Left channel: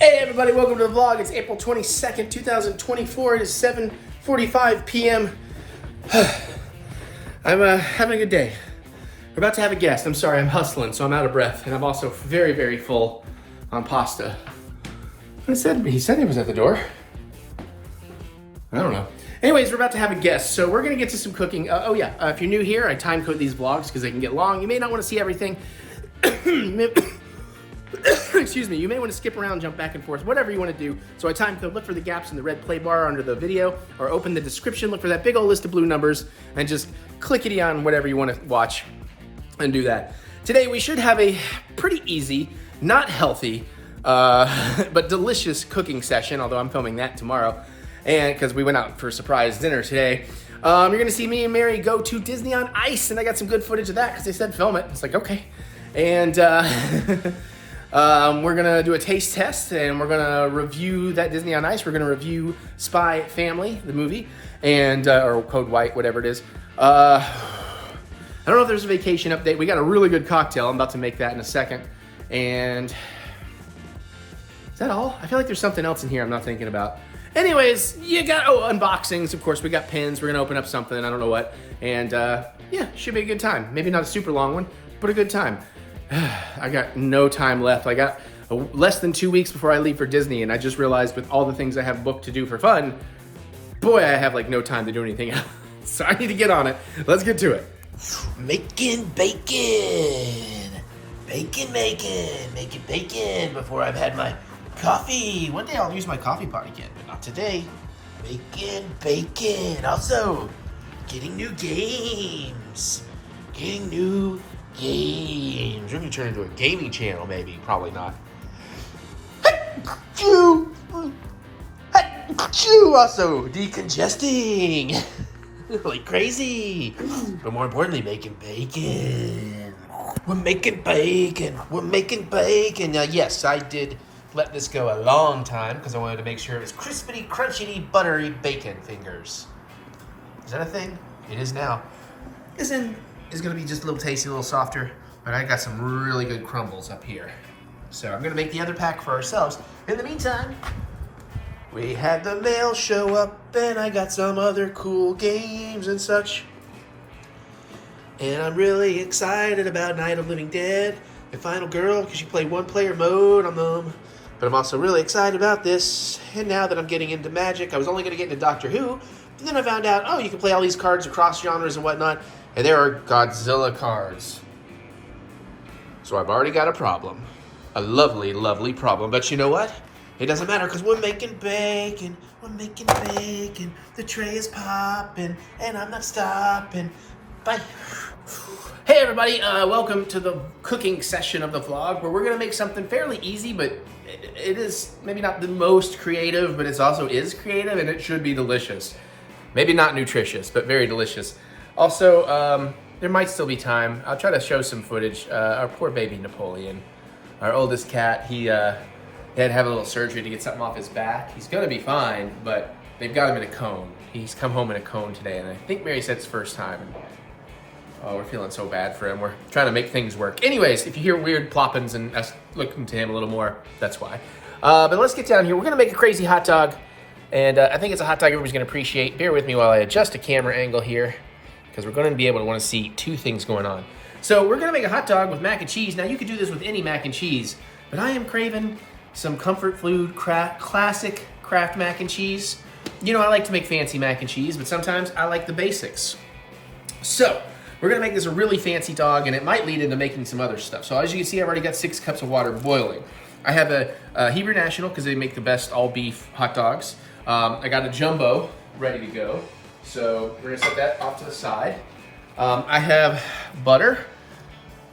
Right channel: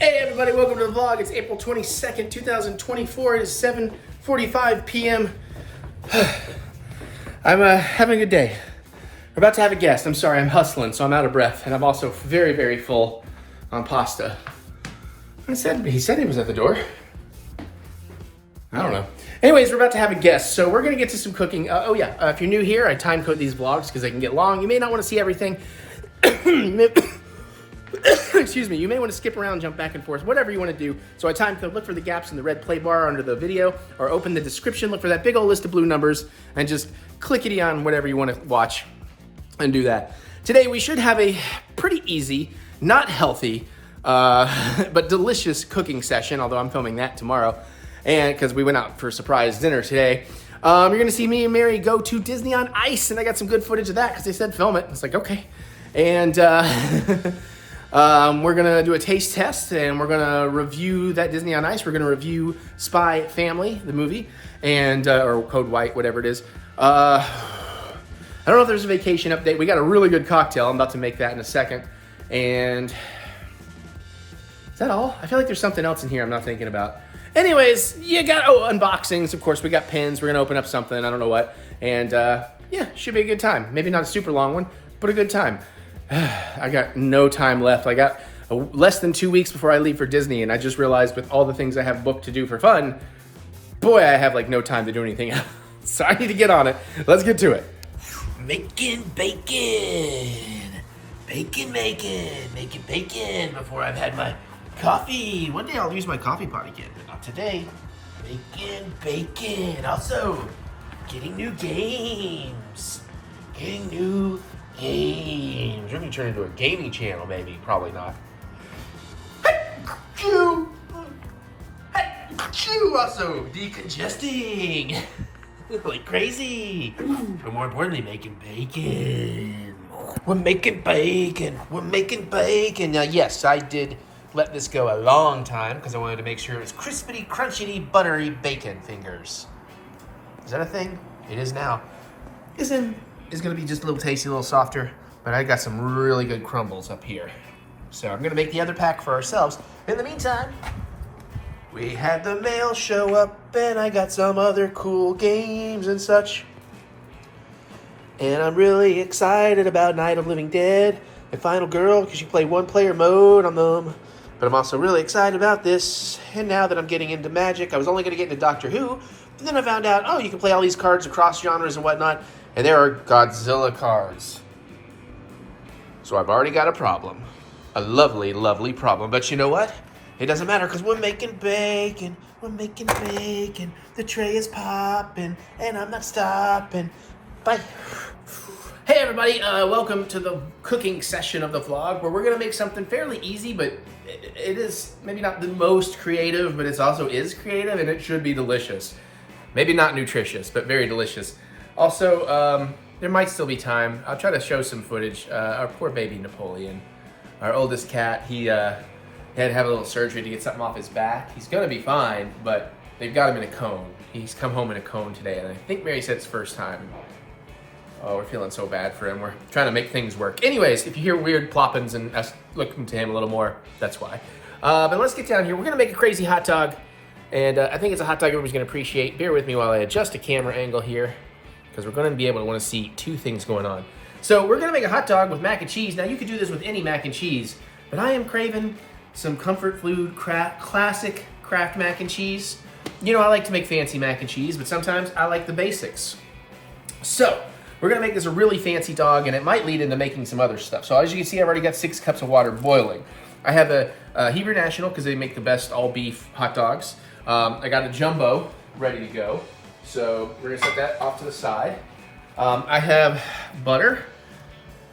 Hey everybody, welcome to the vlog. It's April 22nd, 2024. It is 7:45 p.m. I'm having a good day. We're about to have a guest. I'm sorry, I'm hustling, so I'm out of breath. And I'm also very, very full on pasta. He said he was at the door. I don't know. Anyways, we're about to have a guest, so we're gonna get to some cooking. If you're new here, I time code these vlogs because they can get long. You may not want to see everything. Excuse me, you may want to skip around, jump back and forth, whatever you want to do. So I time code, look for the gaps in the red play bar under the video, or open the description, look for that big old list of blue numbers, and just clickety on whatever you want to watch and do that. Today we should have a pretty easy, not healthy, but delicious cooking session, although I'm filming that tomorrow, and because we went out for a surprise dinner today. You're gonna see me and Mary go to Disney on Ice, and I got some good footage of that because they said film it. It's like, okay. And we're gonna do a taste test, and we're gonna review that Disney on Ice. We're gonna review Spy Family, the movie, and or Code White, whatever it is. I don't know if there's a vacation update. We got a really good cocktail. I'm about to make that in a second. And is that all? I feel like there's something else in here I'm not thinking about. Anyways, you got unboxings. Of course, we got pins. We're gonna open up something. I don't know what. And yeah, should be a good time. Maybe not a super long one, but a good time. I got no time left. I got less than 2 weeks before I leave for Disney, and I just realized with all the things I have booked to do for fun, boy, I have like no time to do anything else. So I need to get on it. Let's get to it. Making bacon. Making bacon before I've had my coffee. One day I'll use my coffee part again, but not today. Making bacon. Also, getting new games. We're gonna turn into a gaming channel, maybe. Probably not. Also, decongesting. Like crazy. But more importantly, making bacon. We're making bacon. Now, yes, I did let this go a long time because I wanted to make sure it was crispity, crunchy, buttery bacon fingers. Is that a thing? It is now. It's gonna be just a little tasty, a little softer, but I got some really good crumbles up here. So I'm gonna make the other pack for ourselves. In the meantime, we had the mail show up, and I got some other cool games and such. And I'm really excited about Night of Living Dead and Final Girl, because you play one-player mode on them. But I'm also really excited about this. And now that I'm getting into Magic, I was only gonna get into Doctor Who, but then I found out, oh, you can play all these cards across genres and whatnot. And there are Godzilla cards. So I've already got a problem. A lovely, lovely problem. But you know what? It doesn't matter because we're making bacon. The tray is popping and I'm not stopping. Bye. Hey everybody, welcome to the cooking session of the vlog where we're gonna make something fairly easy, but it is maybe not the most creative, but it also is creative and it should be delicious. Maybe not nutritious, but very delicious. Also, there might still be time. I'll try to show some footage. Our poor baby Napoleon, our oldest cat, he had to have a little surgery to get something off his back. He's gonna be fine, but they've got him in a cone. He's come home in a cone today, and I think Mary said it's first time. And, oh, we're feeling so bad for him. We're trying to make things work. Anyways, if you hear weird ploppings and us looking to him a little more, that's why. But let's get down here. We're gonna make a crazy hot dog, and I think it's a hot dog everybody's gonna appreciate. Bear with me while I adjust a camera angle here, because we're going to be able to want to see two things going on. So we're going to make a hot dog with mac and cheese. Now you could do this with any mac and cheese, but I am craving some comfort food, classic Kraft mac and cheese. You know, I like to make fancy mac and cheese, but sometimes I like the basics. So we're going to make this a really fancy dog, and it might lead into making some other stuff. So as you can see, I've already got 6 cups of water boiling. I have a Hebrew National because they make the best all beef hot dogs. I got a jumbo ready to go. So we're gonna set that off to the side. I have butter.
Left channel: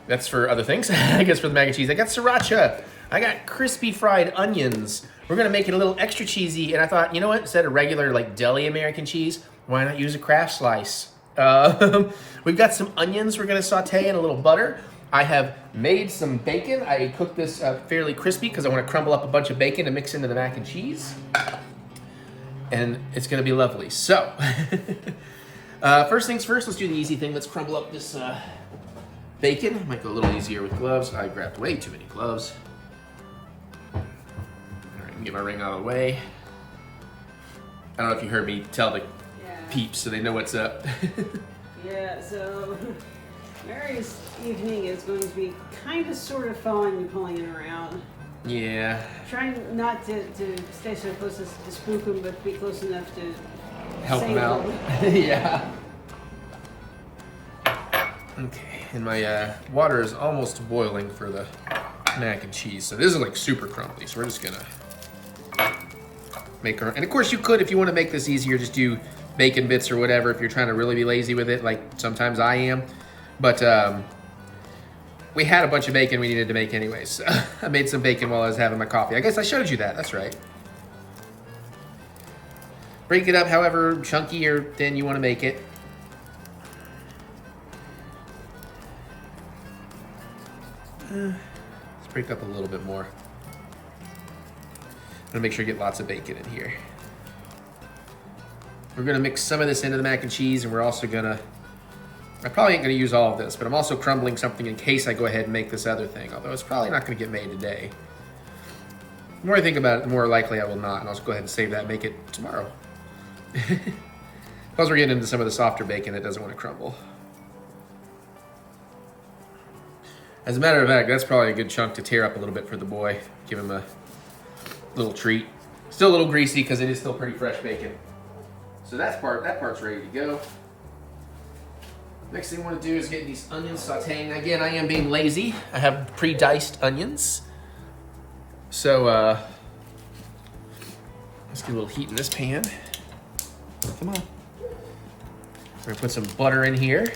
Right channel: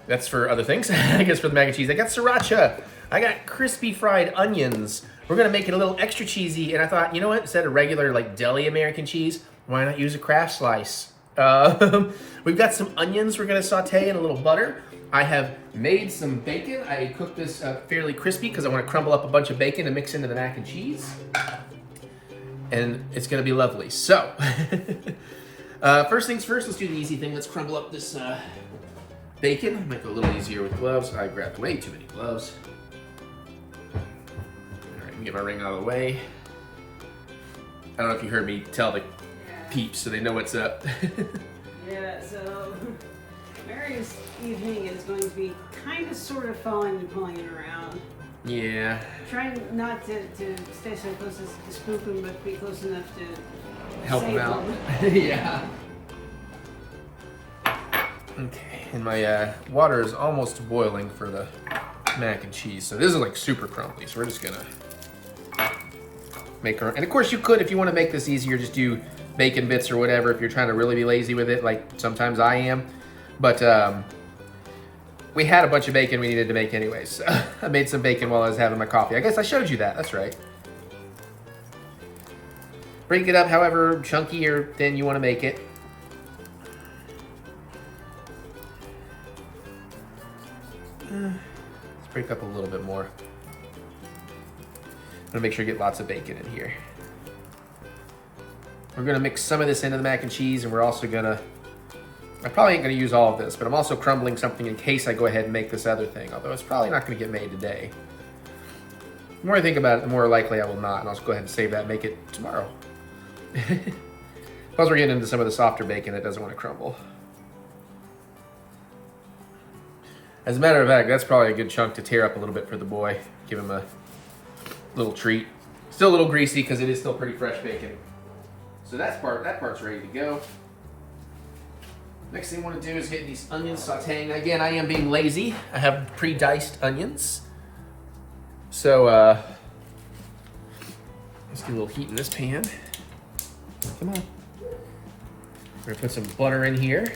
That's for other things, I guess for the mac and cheese. I got sriracha. I got crispy fried onions. We're gonna make it a little extra cheesy, and I thought, you know what? Instead of regular like deli American cheese, why not use a Kraft slice? We've got some onions we're gonna saute in a little butter. I have made some bacon. I cooked this fairly crispy because I wanna crumble up a bunch of bacon to mix into the mac and cheese. And it's gonna be lovely. So, first things first, let's do the easy thing. Let's crumble up this bacon. Make it a little easier with gloves. I grabbed way too many gloves. All get my ring out of the way. I don't know if you heard me tell the peeps so they know what's up. Yeah, so Mary's evening is going to be kind of sort of falling and pulling around. Yeah. Trying not to stay so close as to spook him, but be close enough to Help him out. Yeah. Okay, and my water is almost boiling for the mac and cheese. So this is like super crumbly, so we're just gonna make our, and of course you could, if you want to make this easier, just do bacon bits or whatever if you're trying to really be lazy with it, like sometimes I am. But we had a bunch of bacon we needed to make anyways, so I made some bacon while I was having my coffee. I guess I showed you that, that's right. Break it up however chunky or thin you want to make it. Let's break up a little bit more. I'm gonna make sure you get lots of bacon in here. We're gonna mix some of this into the mac and cheese, and we're also gonna, I probably ain't gonna use all of this, but I'm also crumbling something in case I go ahead and make this other thing, although it's probably not gonna get made today. The more I think about it, the more likely I will not, and I'll just go ahead and save that and make it tomorrow. Plus we're getting into some of the softer bacon that doesn't want to crumble. As a matter of fact, that's probably a good chunk to tear up a little bit for the boy. Give him a little treat. Still a little greasy because it is still pretty fresh bacon. So that part's ready to go. Next thing I want to do is get these onions sauteing. Again, I am being lazy. I have pre-diced onions. So let's get a little heat in this pan. Come on. We're gonna put some butter in here.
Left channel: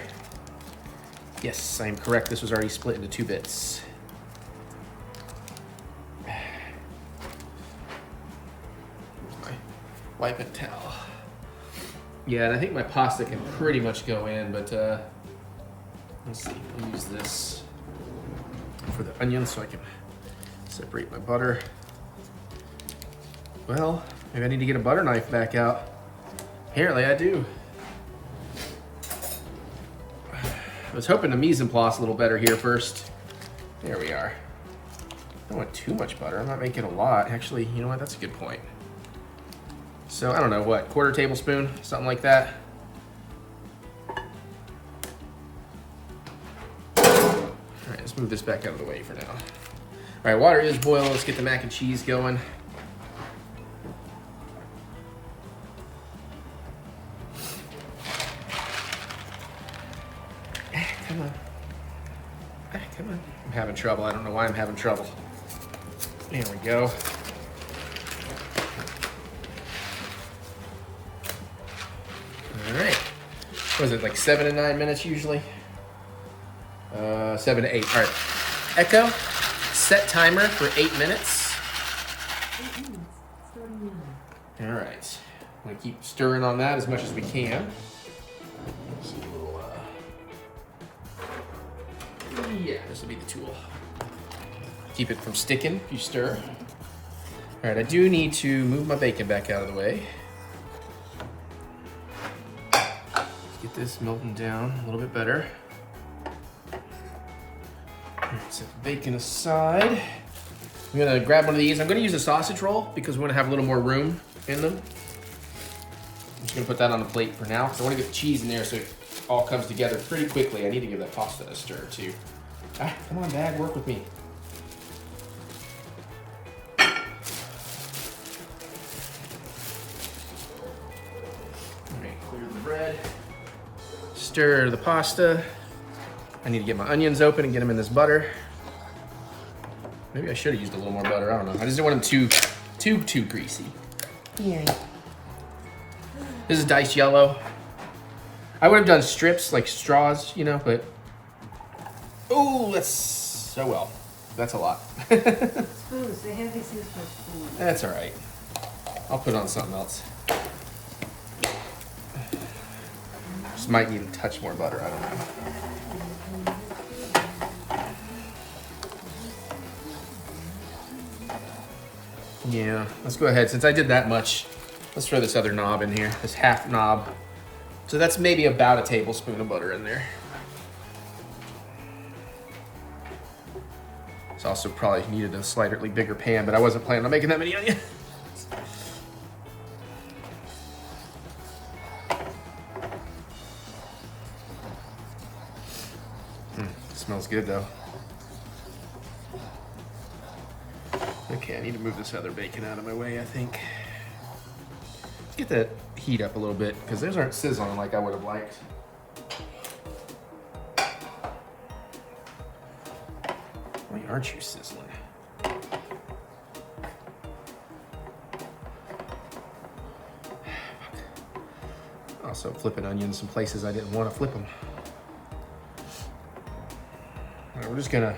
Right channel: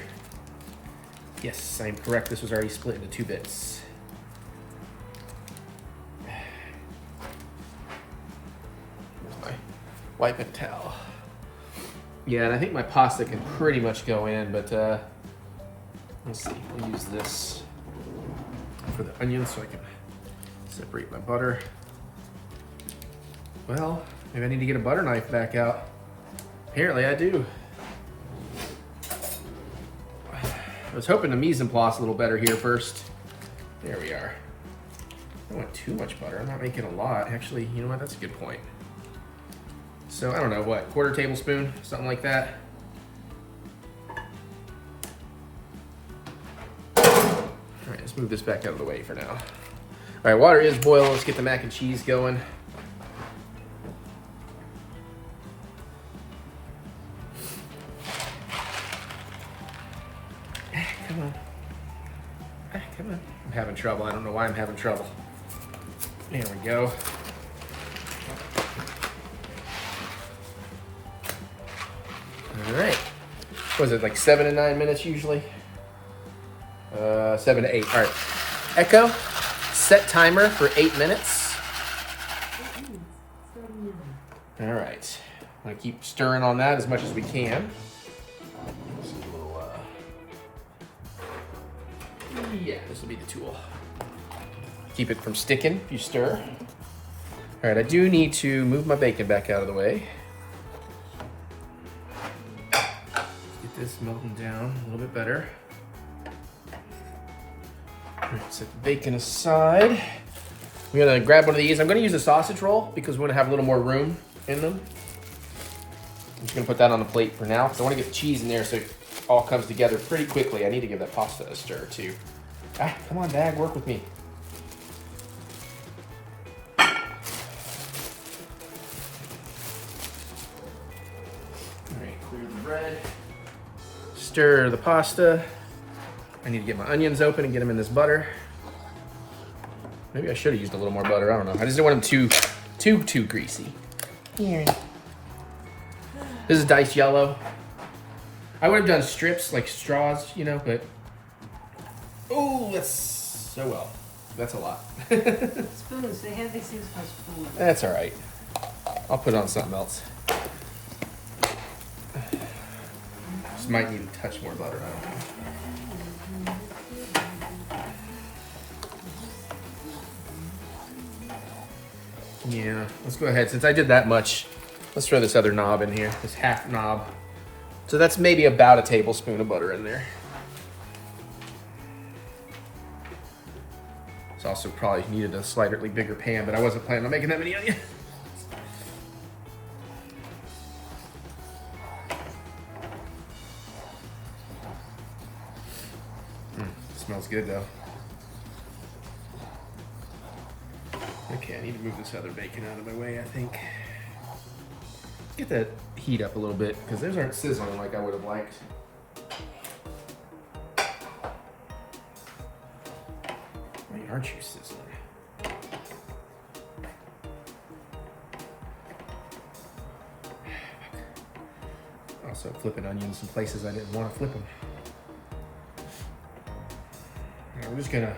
Yes, I am correct. This was already split into 2 bits. Wiping towel. Yeah, and I think my pasta can pretty much go in, but let's see. We'll use this for the onions so I can separate my butter. Well, maybe I need to get a butter knife back out. Apparently I do. I was hoping to mise en place a little better here first. There we are. I don't want too much butter. I'm not making a lot. Actually, you know what? That's a good point. So, I don't know, what, 1/4 tablespoon? Something like that. All right, let's move this back out of the way for now. All right, water is boiling. Let's get the mac and cheese going. Come on. Come on. I'm having trouble. I don't know why I'm having trouble. There we go. All right. What is it, like 7 to 9 minutes usually? 7 to 8. All right. Echo, set timer for 8 minutes. All right. I'm gonna keep stirring on that as much as we can. Yeah, this will be the tool. Keep it from sticking if you stir. All right, I do need to move my bacon back out of the way. Get this melting down a little bit better. Set the bacon aside. I'm gonna grab one of these. I'm gonna use a sausage roll because we wanna have a little more room in them. I'm just gonna put that on the plate for now because I wanna get the cheese in there so it all comes together pretty quickly. I need to give that pasta a stir too. Ah, come on, Dad, work with me. All right, clear the bread. Stir the pasta. I need to get my onions open and get them in this butter. Maybe I should have used a little more butter. I don't know. I just didn't want them too greasy. Yeah. This is diced yellow. I would have done strips like straws, you know, but oh, that's that's a lot. Spoons, they have these things called spoons. That's all right. I'll put it on something else. This might need a touch more butter. I don't know. Yeah, let's go ahead. Since I did that much, let's throw this other knob in here, this half knob. So that's maybe about a tablespoon of butter in there. It's also probably needed a slightly bigger pan, but I wasn't planning on making that many onions. good though. Okay, I need to move this other bacon out of my way, I think. Get that heat up a little bit, because those aren't sizzling like I would have liked. Why aren't you sizzling? Also flipping onions in places I didn't want to flip them. All right, we're just gonna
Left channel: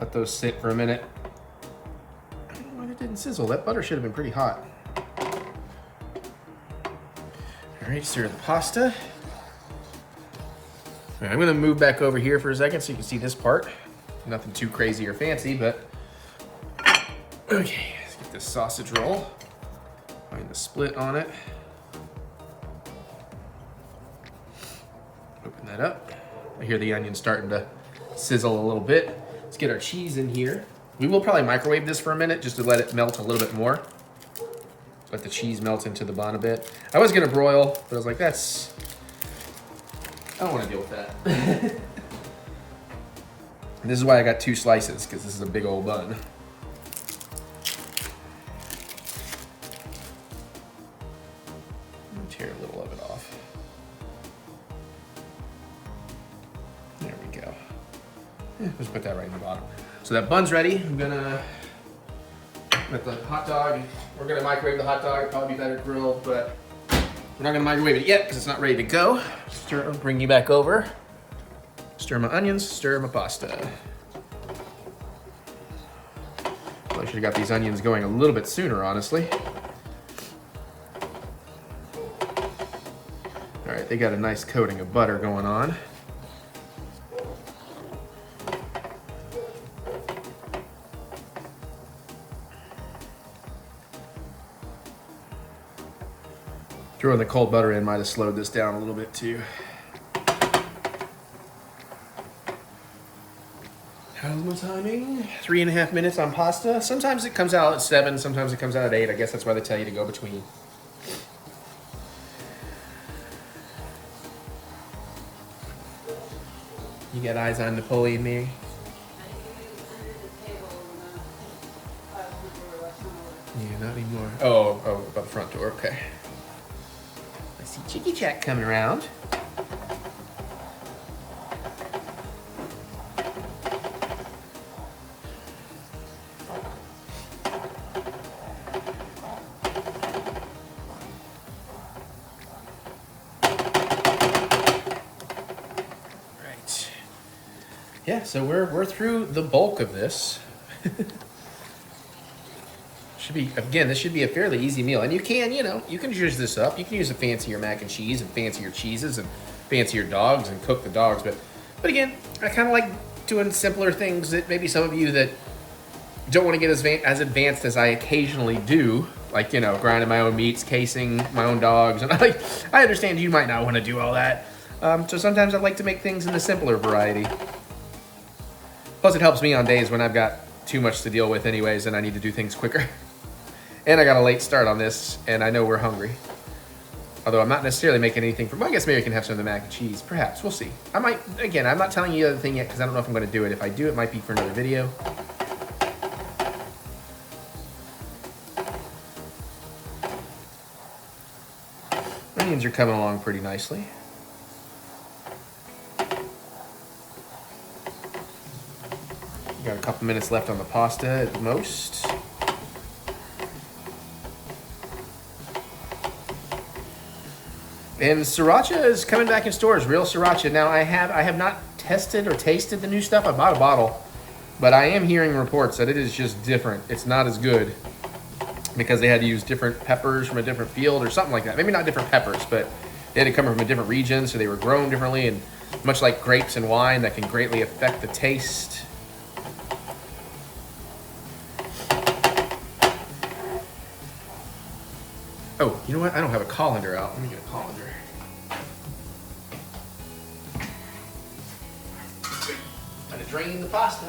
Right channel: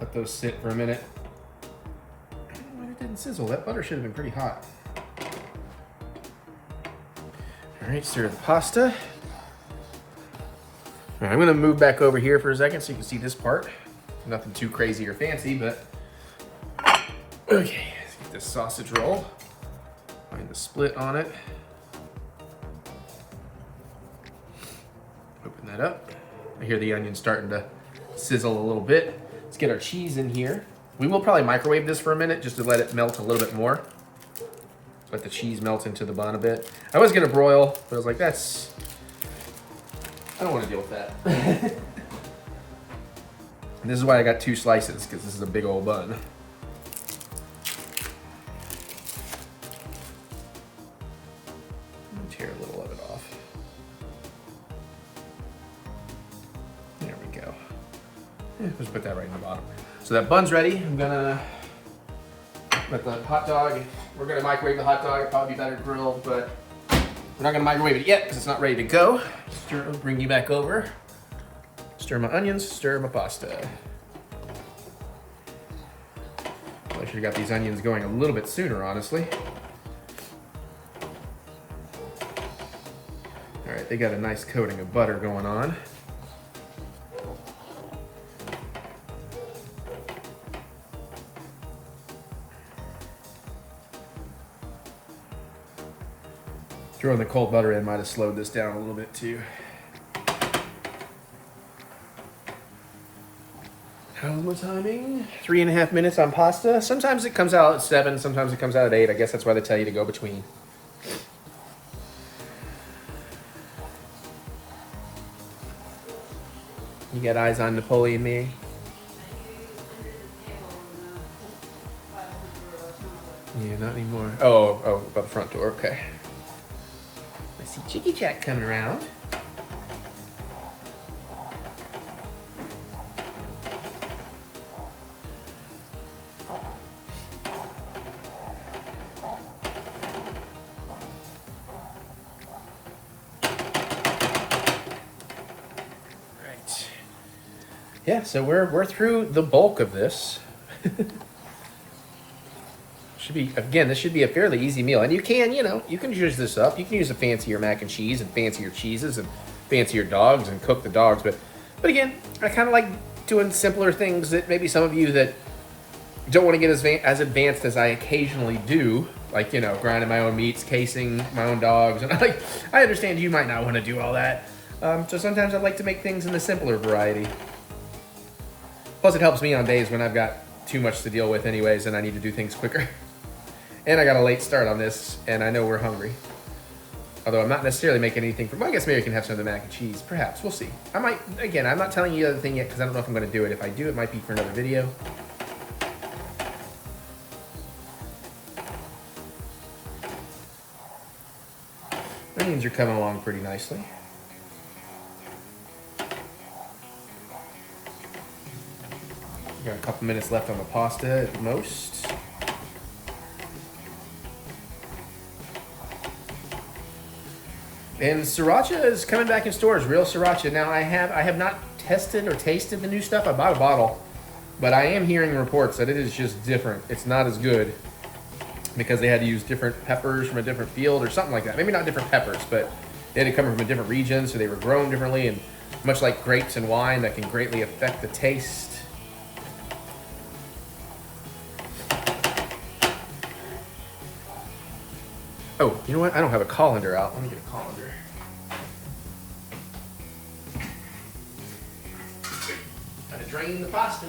let those sit for a minute. I don't know why it didn't sizzle. That butter should have been pretty hot. All right, stir the pasta. All right, I'm gonna move back over here for a second so you can see this part. Nothing too crazy or fancy, but okay, let's get this sausage roll. Find the split on it. Open that up. I hear the onion starting to sizzle a little bit. Let's get our cheese in here. We will probably microwave this for a minute just to let it melt a little bit more. Let the cheese melt into the bun a bit. I was gonna broil, but I was like, I don't wanna deal with that. And this is why I got 2 slices, because this is a big old bun. Tear a little of it off. There we go. Yeah, let's put that right in the bottom. So that bun's ready. I'm gonna let the hot dog, we're gonna microwave the hot dog. It'd probably be better grilled, but we're not gonna microwave it yet because it's not ready to go. Bring you back over. Stir my onions, stir my pasta. Well, I should have got these onions going a little bit sooner, honestly. All right, they got a nice coating of butter going on. Throwing the cold butter in might have slowed this down a little bit too. How's my timing? 3.5 minutes on pasta. Sometimes it comes out at 7, sometimes it comes out at 8. I guess that's why they tell you to go between. You got eyes on Napoleon, me? Yeah, not anymore. Oh, about the front door, okay. I see Chicky Jack coming around. Yeah, so we're through the bulk of this. This should be a fairly easy meal. And you can use this up. You can use a fancier mac and cheese and fancier cheeses and fancier dogs and cook the dogs. But again, I kind of like doing simpler things that maybe some of you that don't want to get as advanced as I occasionally do, like, grinding my own meats, casing my own dogs. And I understand you might not want to do all that. So sometimes I like to make things in the simpler variety. Plus, it helps me on days when I've got too much to deal with anyways and I need to do things quicker. And I got a late start on this, and I know we're hungry. Although I'm not necessarily making anything I guess maybe I can have some of the mac and cheese. Perhaps, we'll see. I'm not telling you the other thing yet because I don't know if I'm gonna do it. If I do, it might be for another video. Onions are coming along pretty nicely. Got a couple minutes left on the pasta at most. And sriracha is coming back in stores, real sriracha. Now I have not tested or tasted the new stuff. I bought a bottle, but I am hearing reports that it is just different. It's not as good because they had to use different peppers from a different field or something like that. Maybe not different peppers, but they had to come from a different region, so they were grown differently, and much like grapes and wine, that can greatly affect the taste. Oh, you know what? I don't have a colander out. Let me get a colander. Time to drain the pasta.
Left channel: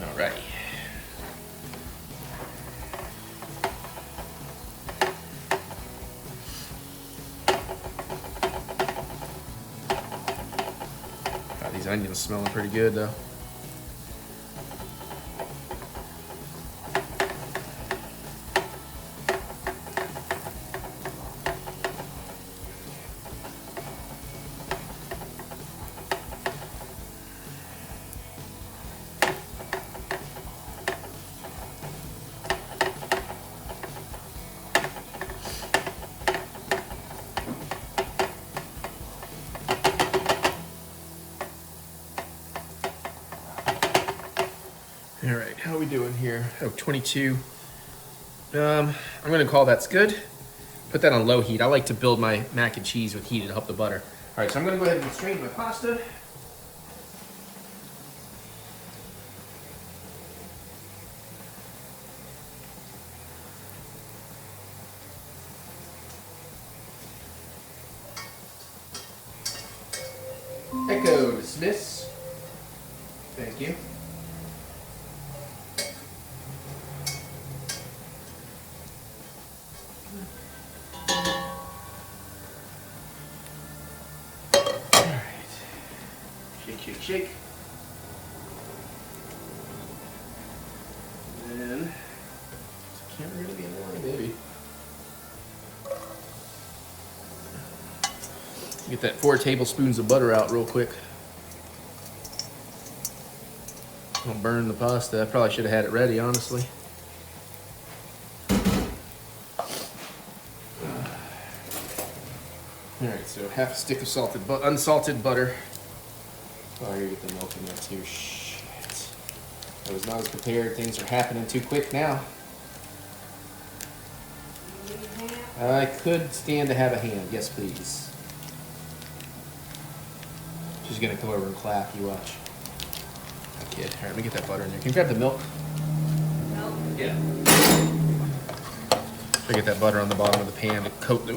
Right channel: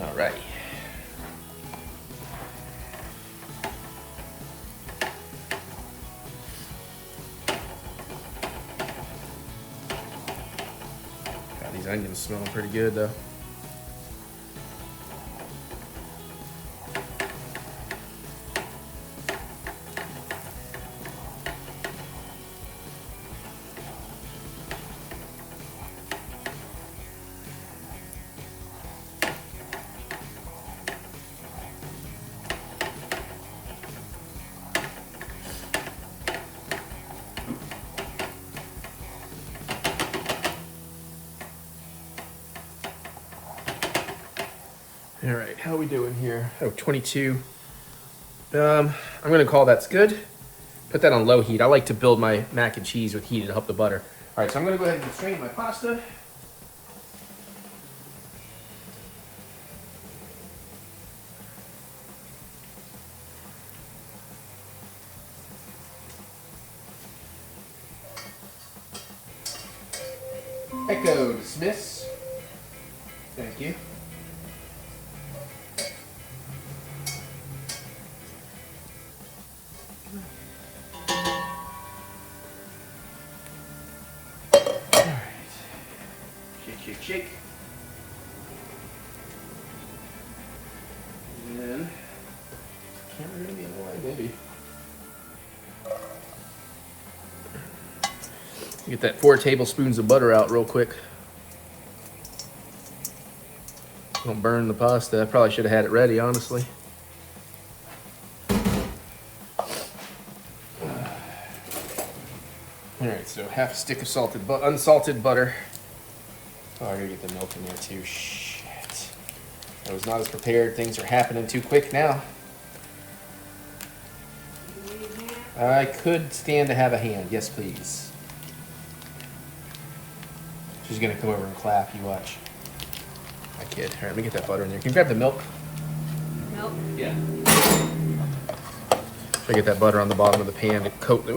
Alrighty. onions smelling pretty good though. All right, how are we doing here? Oh, 22. I'm gonna call that's good. Put that on low heat. I like to build my mac and cheese with heat to help the butter. All right, so I'm gonna go ahead and strain my pasta. Echo dismiss. Thank you. Shake, shake. And then, camera gonna be in the way, baby. Get that 4 tablespoons of butter out real quick. Don't burn the pasta. I probably should have had it ready, honestly. All right, so half a stick of unsalted butter. Oh, I gotta get the milk in there too. Shit. I was not as prepared. Things are happening too quick now. I could stand to have a hand. Yes, please. She's gonna come over and clap. You watch. I kid. All right, let me get that butter in there. Can you grab the milk? Milk? Yeah. So I get that butter on the bottom of the pan to coat the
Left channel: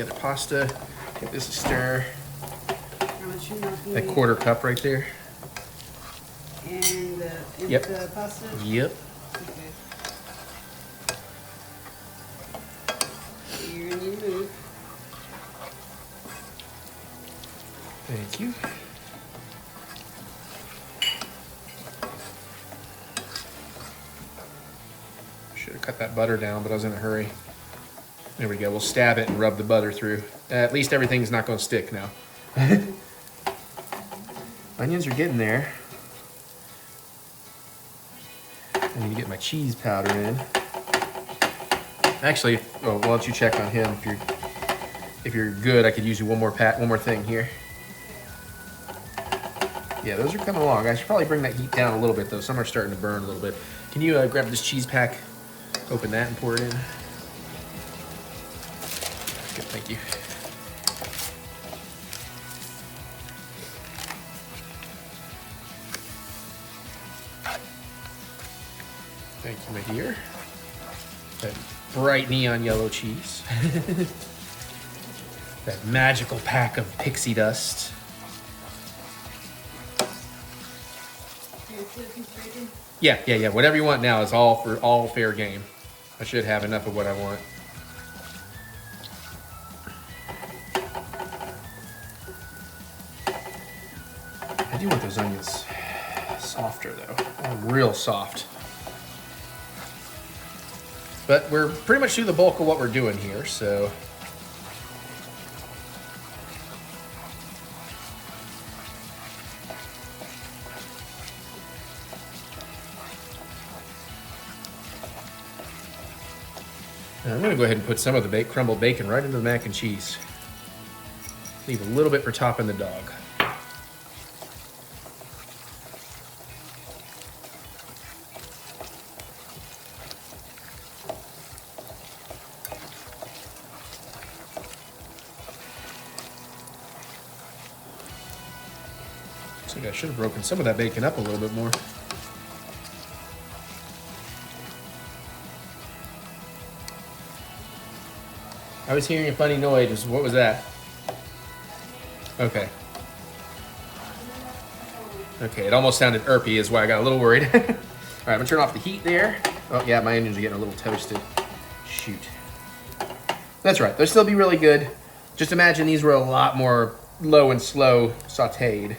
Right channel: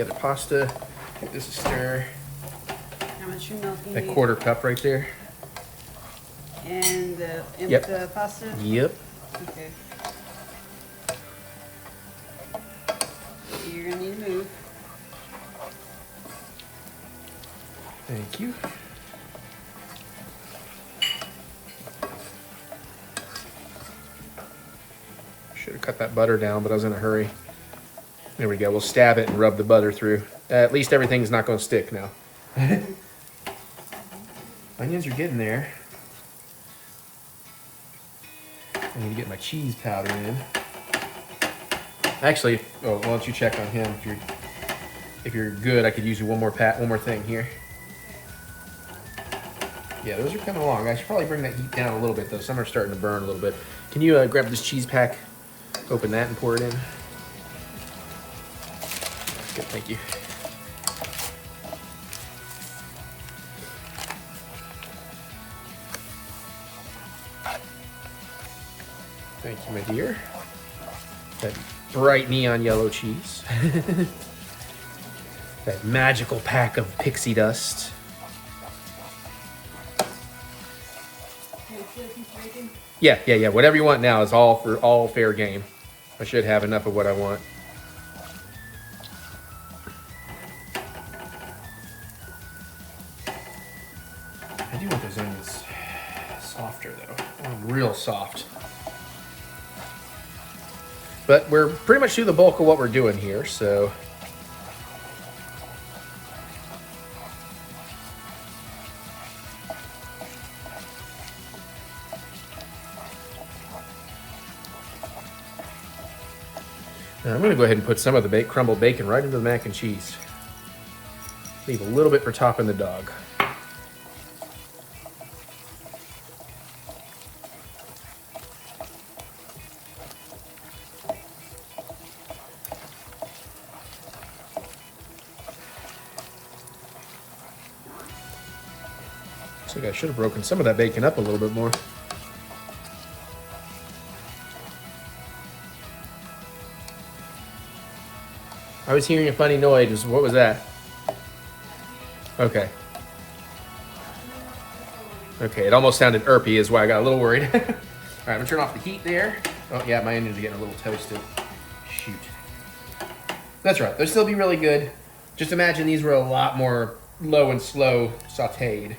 other pasta. Give this a stir. How much milk you That need? 1/4 cup right there. And Yep. the pasta? Yep. Okay. You're gonna need to move. Thank you. Should have cut that butter down, but I was in a hurry. There we go. We'll stab it and rub the butter through. At least everything's not going to stick now. Onions are getting there. I need to get my cheese powder in. Actually, why don't you check on him? If you're good, I could use you one more thing here. Yeah, those are coming along. I should probably bring that heat down a little bit though. Some are starting to burn a little bit. Can you grab this cheese pack, open that, and pour it in? Good, thank you. Thank you, my dear. That bright neon yellow cheese. That magical pack of pixie dust. Yeah. Whatever you want now is all fair game. I should have enough of what I want. I do want those onions softer though. Real soft. But we're pretty much through the bulk of what we're doing here, so. Now I'm gonna go ahead and put some of the crumbled bacon right into the mac and cheese. Leave a little bit for topping the dog. I should have broken some of that bacon up a little bit more. I was hearing a funny noise. What was that? Okay. Okay, it almost sounded irpy is why I got a little worried. All right, I'm gonna turn off the heat there. Oh yeah, my onions are getting a little toasted. Shoot. That's right, they'll still be really good. Just imagine these were a lot more low and slow sauteed.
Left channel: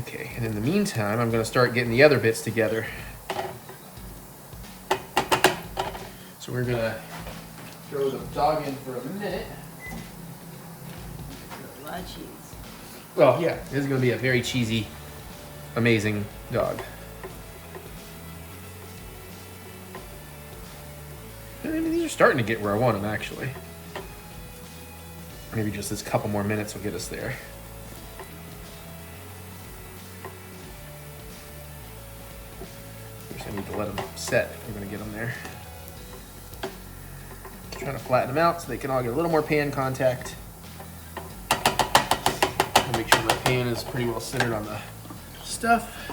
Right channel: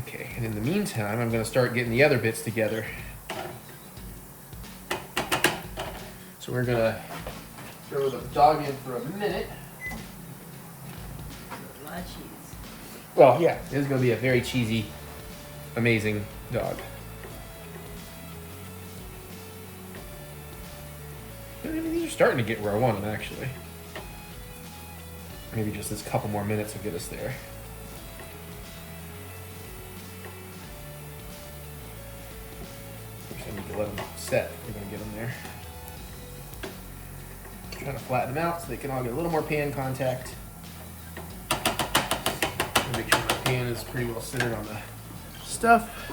Okay, and in the meantime, I'm gonna start getting the other bits together. So we're gonna throw the dog in for a minute. A lot of cheese. Oh yeah, this is gonna be a very cheesy, amazing dog. I mean, these are starting to get where I want them, actually. Maybe just this couple more minutes will get us there. I need to let them set if I'm gonna get them there. Just trying to flatten them out so they can all get a little more pan contact. And make sure my pan is pretty well centered on the stuff.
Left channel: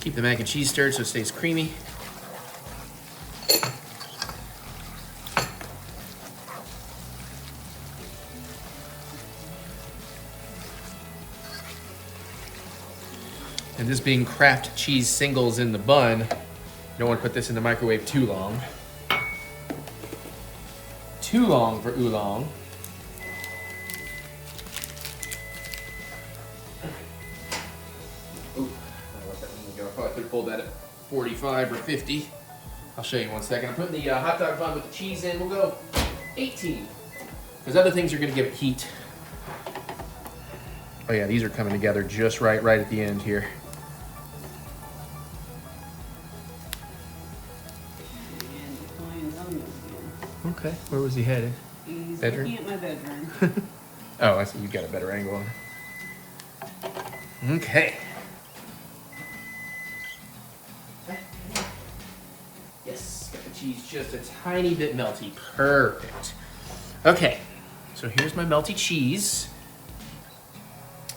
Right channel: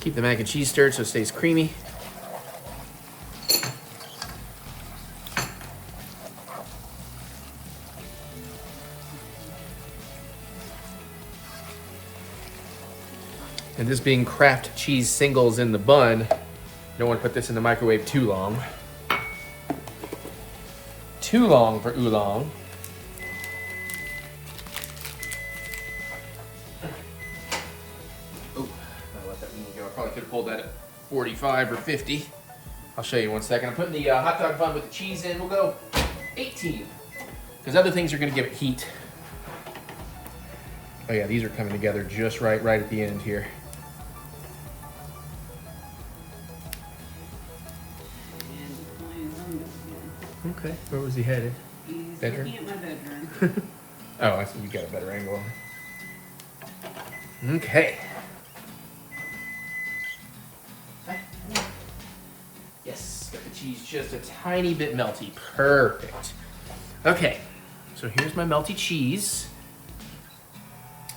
Keep the mac and cheese stirred so it stays creamy. And this being Kraft cheese singles in the bun, you don't want to put this in the microwave too long. Too long for oolong. Ooh, I'll let that one go. I probably could have pulled that at 45 or 50. I'll show you in 1 second. I'm putting the hot dog bun with the cheese in. We'll go 18. Because other things are going to give it heat. Oh yeah, these are coming together just right at the end here. Okay, where was he headed? He's Bedroom? looking at my bedroom. Oh, I see. You got a better angle on it. Okay. Yes, got the cheese just a tiny bit melty. Perfect. Okay, so here's my melty cheese.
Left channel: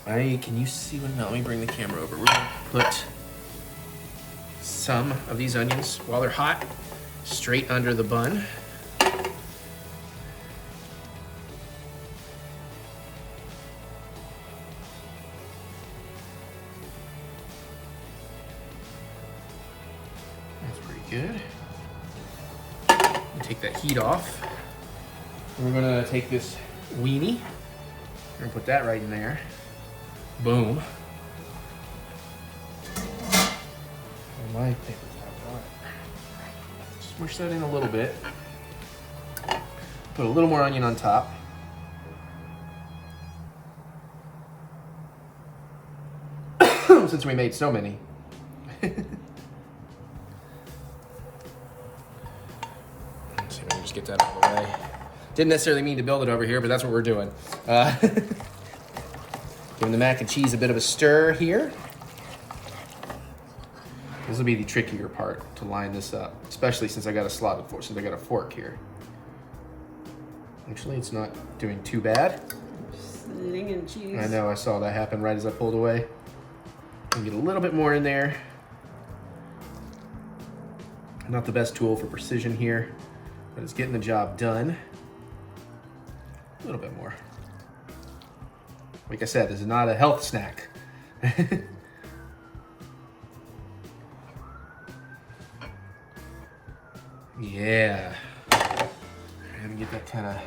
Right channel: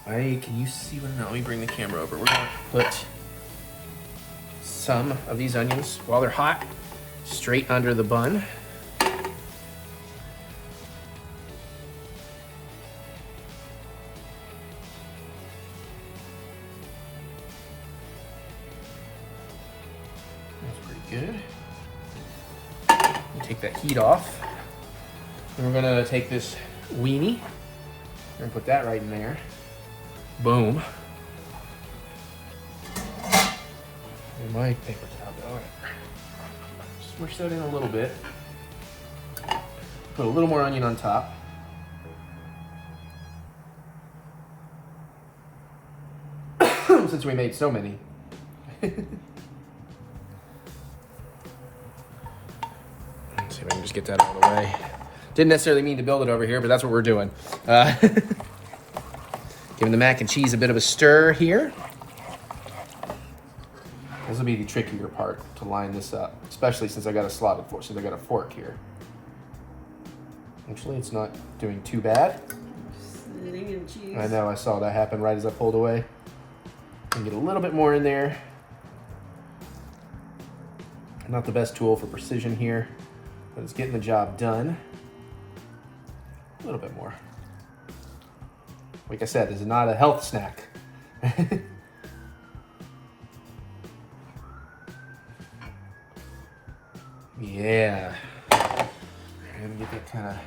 Can you see what? No, let me bring the camera over. We're gonna put some of these onions while they're hot straight under the bun. Good. Take that heat off. And we're gonna take this weenie. We're gonna put that right in there. Boom. My paper towel. Smush that in a little bit. Put a little more onion on top. Since we made so many. Just get that out of the way. Didn't necessarily mean to build it over here, but that's what we're doing. Giving the mac and cheese a bit of a stir here. This will be the trickier part to line this up, especially since I got a slotted fork, since I got a fork here. Actually, it's not doing too bad. Slinging cheese. I know, I saw that happen right as I pulled away. And get a little bit more in there. Not the best tool for precision here, but it's getting the job done. A little bit more. Like I said, this is not a health snack. Yeah. And get that kind of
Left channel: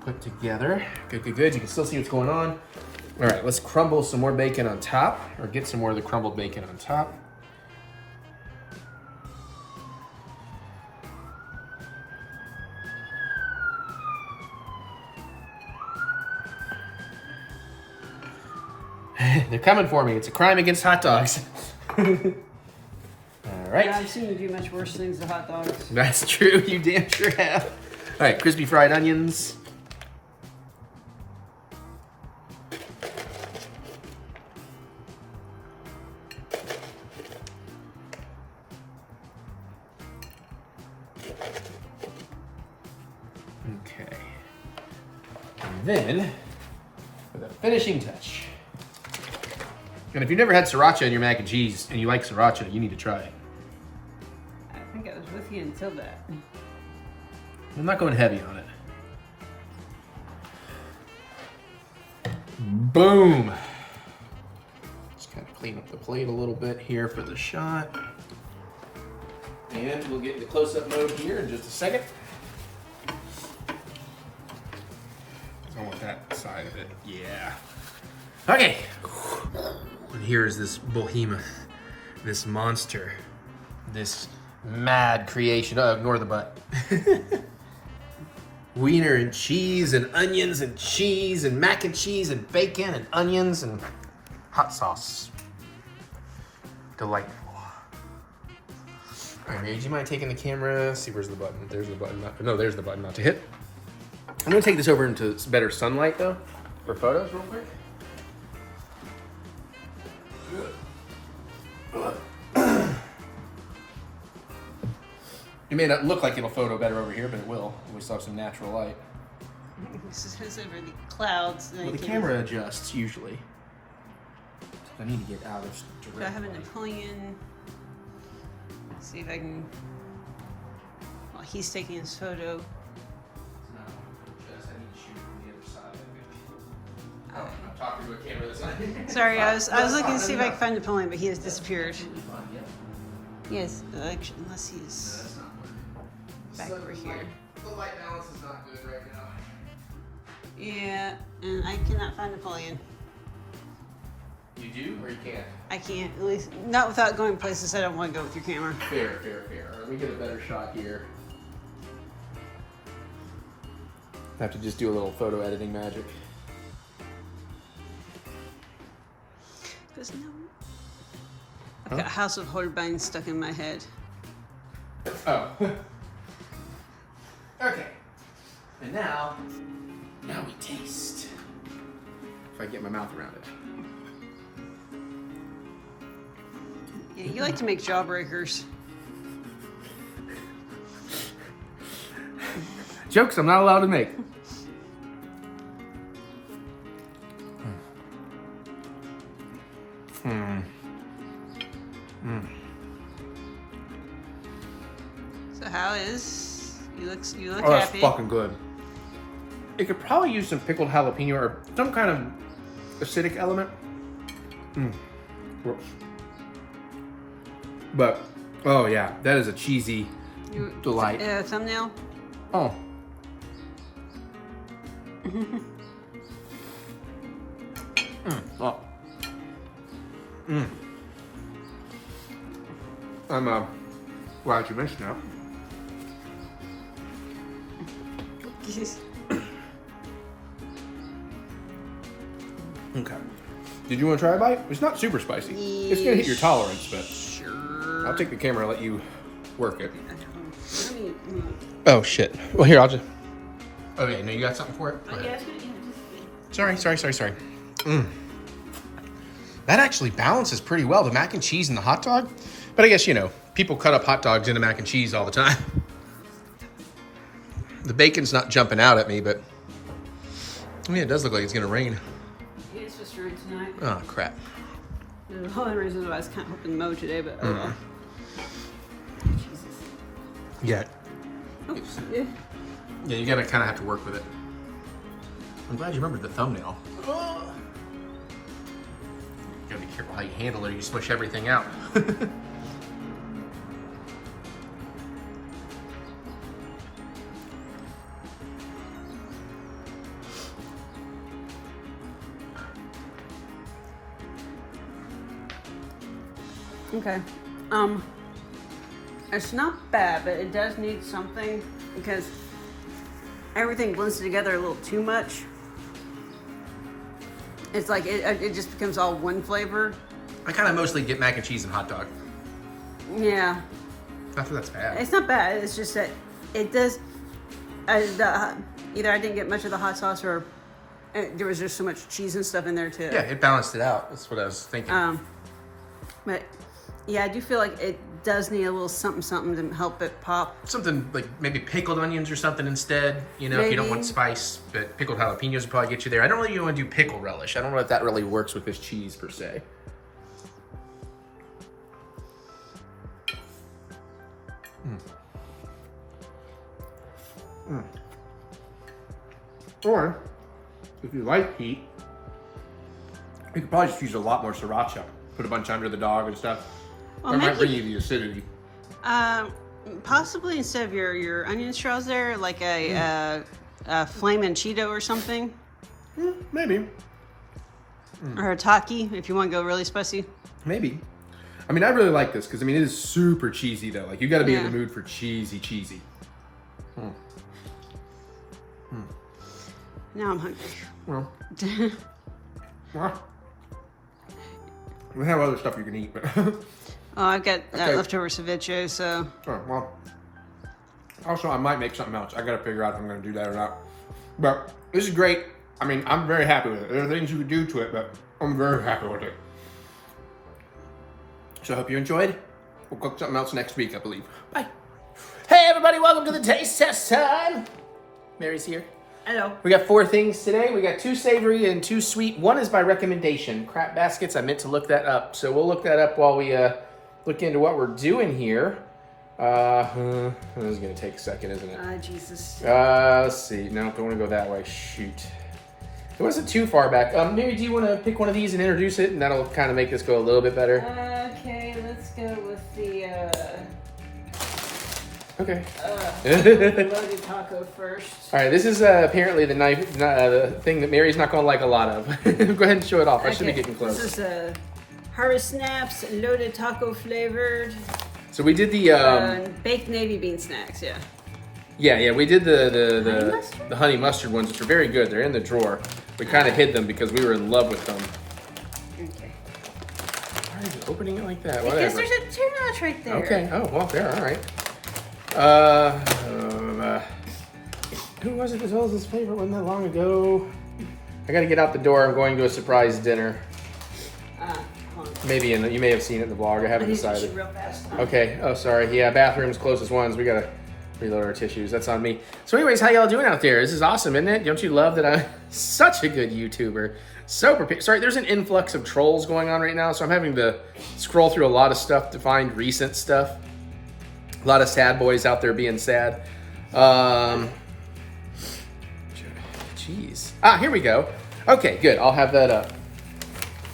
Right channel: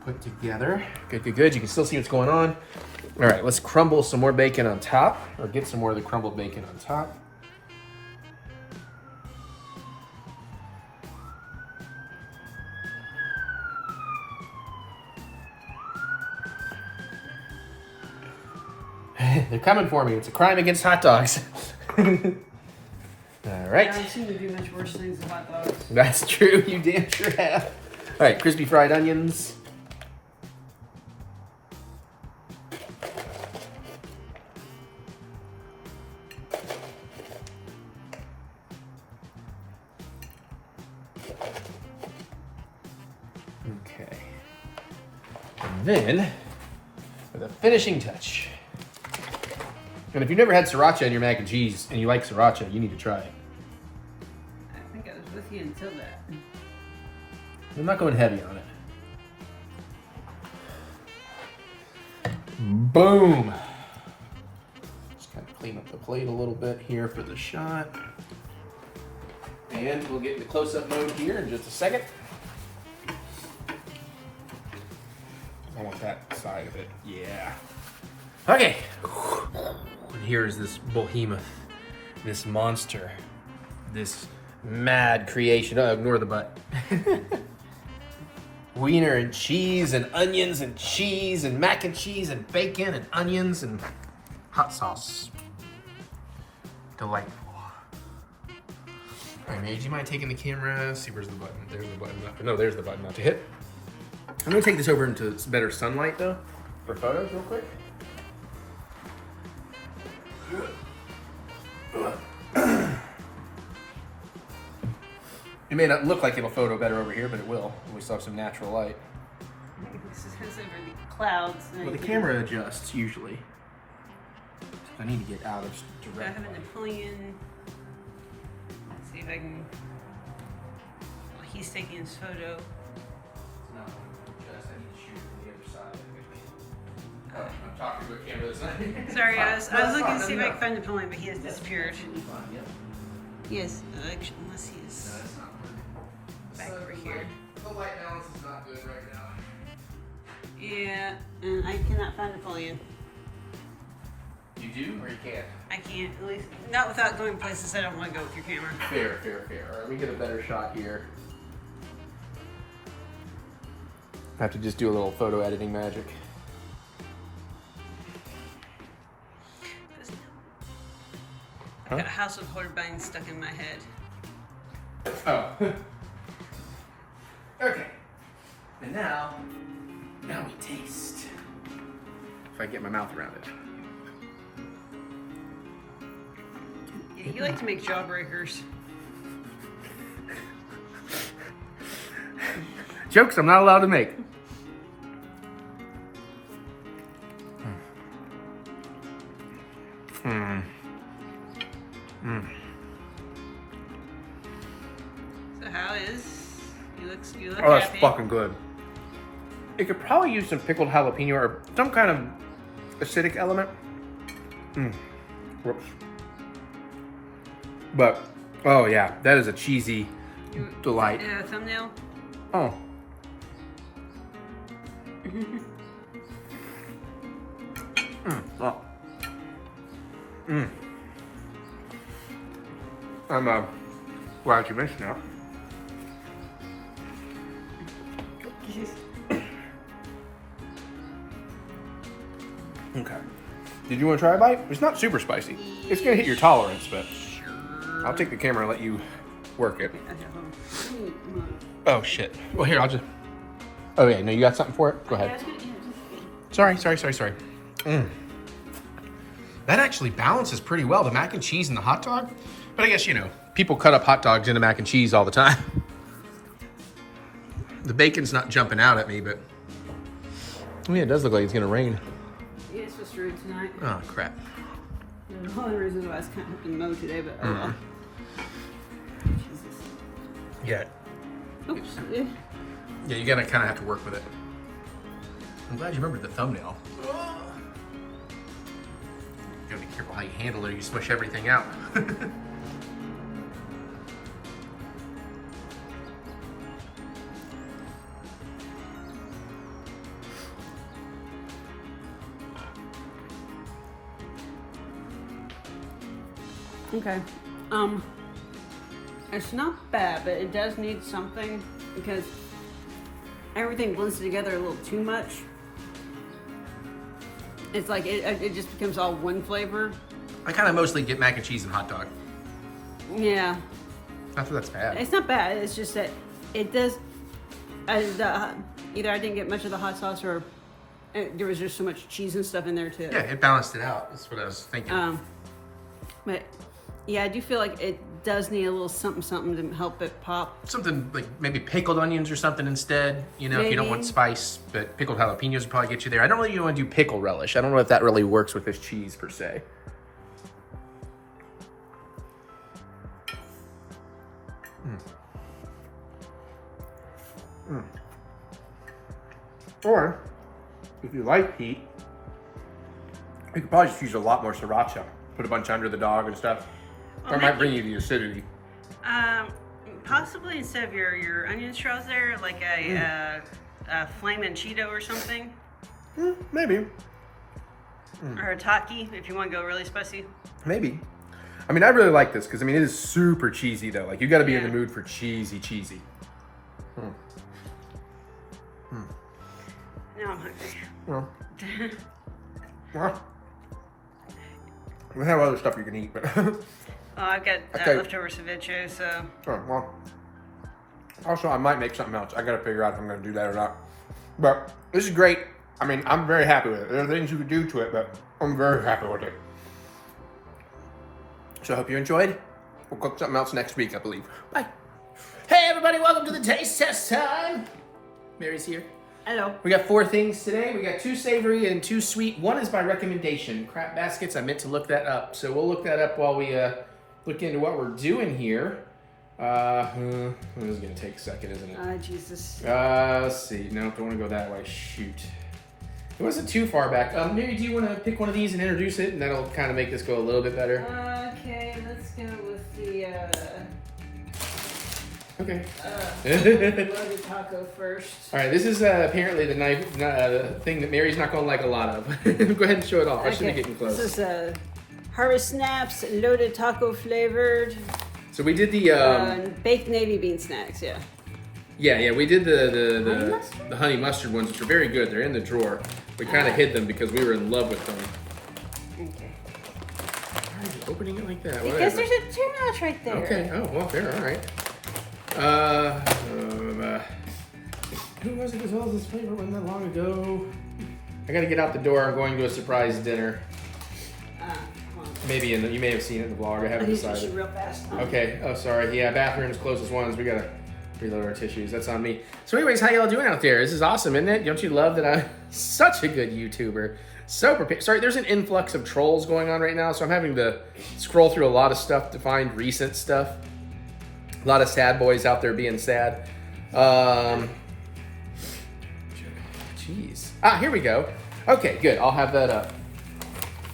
put together. Good, good, good. You can still see what's going on. All right, let's crumble some more bacon on top, or get some more of the crumbled bacon on top. They're coming for me. It's a crime against hot dogs. All right. Yeah, I've seen you do much worse things to hot dogs. That's true. You damn sure have. All right, crispy fried onions. Okay. And then, for the finishing touch. And if you've never had sriracha in your mac and cheese and you like sriracha, you need to try it. I think I was with you until that. I'm not going heavy on it. Boom. Just kind of clean up the plate a little bit here for the shot. And we'll get into close-up mode here in just a second. I want that side of it. Yeah. Okay. And here is this behemoth, this monster, this mad creation. Oh, ignore the butt. Wiener and cheese and onions and cheese and mac and cheese and bacon and onions and hot sauce. Delightful. All right, Mary, do you mind taking the camera? Let's see, where's the button? There's the button. No, there's the button not to hit. I'm gonna take this over into better sunlight though, for photos real quick. It may not look like it'll photo better over here, but it will. We still have some natural light. This is over the clouds. Well, the camera adjusts usually. I need to get out of I direct have a light. Napoleon. See if I can. While he's taking his photo. No, I need to shoot from the other side. Oh, I'm talking to a camera that's not. Sorry, I was looking to see if I could find Napoleon, but he has disappeared. Yes, actually, unless he's back over here. The light balance is not good right now. Yeah, and I cannot find Napoleon. You do or you can't? I can't, at least not without going places I don't want to go with your camera. Fair. All right, let me get a better shot here. Have to just do a little photo editing magic. There's no. I've got House of Horribine stuck in my head. Oh. Okay. And now we taste. If I can get my mouth around it. Yeah, you like to make jawbreakers. Jokes I'm not allowed to make. So how is? You look Oh, that's happy. fucking good. It could probably use some pickled jalapeno or some kind of acidic element. Whoops. But, oh yeah, that is a cheesy delight. Thumbnail. Oh. Oh. I'm glad you mentioned that. Okay. Did you want to try a bite? It's not super spicy. It's gonna hit your tolerance, but Sure. I'll take the camera and let you work it. Let me move. Oh shit. Well, here, I'll just. Oh yeah, no, you got something for it? Go ahead. Sorry. That actually balances pretty well, the mac and cheese and the hot dog. But I guess, you know, people cut up hot dogs into mac and cheese all the time. The bacon's not jumping out at me, but I mean, it does look like it's gonna rain. Yeah, it's supposed to rain tonight. Oh crap. The only reason why I was kind of hoping to mow today, but oh well. Jesus. Yeah. Oops. Yeah. Yeah, you gotta kind of have to work with it. I'm glad you remembered the thumbnail. You gotta be careful how you handle it or you smush everything out. Okay. It's not bad, but it does need something because everything blends together a little too much. It's like it just becomes all one flavor. I kind of mostly get mac and cheese and hot dog. Yeah. Not that that's bad. It's not bad. It's just that it does. Either I didn't get much of the hot sauce, or there was just so much cheese and stuff in there too. Yeah, it balanced it out. That's what I was thinking. But yeah, I do feel like it does need a little something to help it pop. Something like maybe pickled onions or something instead. You know, if you don't want Maybe. spice, but pickled jalapenos would probably get you there. I don't really want to do pickle relish. I don't know if that really works with this cheese per se. Or, if you like heat, you could probably just use a lot more sriracha. Put a bunch under the dog and stuff. Well, That might maybe- bring you the acidity. Possibly instead of your onion straws there, like a flamin' Cheeto or something. Maybe. Or a taki, if you want to go really spicy. Maybe. I mean, I really like this because, I mean, it is super cheesy, though. Like, you got to be in the mood for cheesy. Now I'm hungry. Well, we have other stuff you can eat, but... Oh, I've got Okay. leftover ceviche, so... Oh, well. Also, I might make something else. I got to figure out if I'm going to do that or not. But this is great. I mean, I'm very happy with it. There are things you could do to it, but I'm very happy with it. So I hope you enjoyed. We'll cook something else next week, I believe. Bye. Hey, everybody. Welcome to the taste test time. Mary's here. Hello. We got 4 things today. We got 2 savory and 2 sweet. 1 is by recommendation. Crap baskets. I meant to look that up. So we'll look that up while we look into what we're doing here. This is going to take a second, isn't it? Jesus. Let's see. No, don't want to go that way. Shoot. It wasn't too far back. Mary, do you want to pick one of these and introduce it? And that'll kind of make this go a little bit better. Okay, let's go with the... Okay. loaded taco first. All right, this is apparently the knife, the thing that Mary's not going to like a lot of. Go ahead and show it off. I should be getting close. This is Harvest Snaps, loaded taco flavored. So we did the baked navy bean snacks, yeah. yeah, we did Honey mustard? the honey mustard ones, which are very good. They're in the drawer. We kind of hid them because we were in love with them. Okay. Why are you opening it like that? Because Whatever. there's a tuna notch right there. Okay. Oh well, there. All right. Who was it that told us this flavor wasn't that long ago? I got to get out the door. I'm going to a surprise dinner. Hold on. Maybe you may have seen it in the vlog. I haven't I need to shoot decided. real fast. Okay. Oh, sorry. Yeah, bathroom's closest ones. We gotta reload our tissues. That's on me. So, anyways, how y'all doing out there? This is awesome, isn't it? Don't you love that I'm such a good YouTuber? So prepared. Sorry, there's an influx of trolls going on right now, so I'm having to scroll through a lot of stuff to find recent stuff. A lot of sad boys out there being sad. Jeez. Here we go. Okay, good. I'll have that up.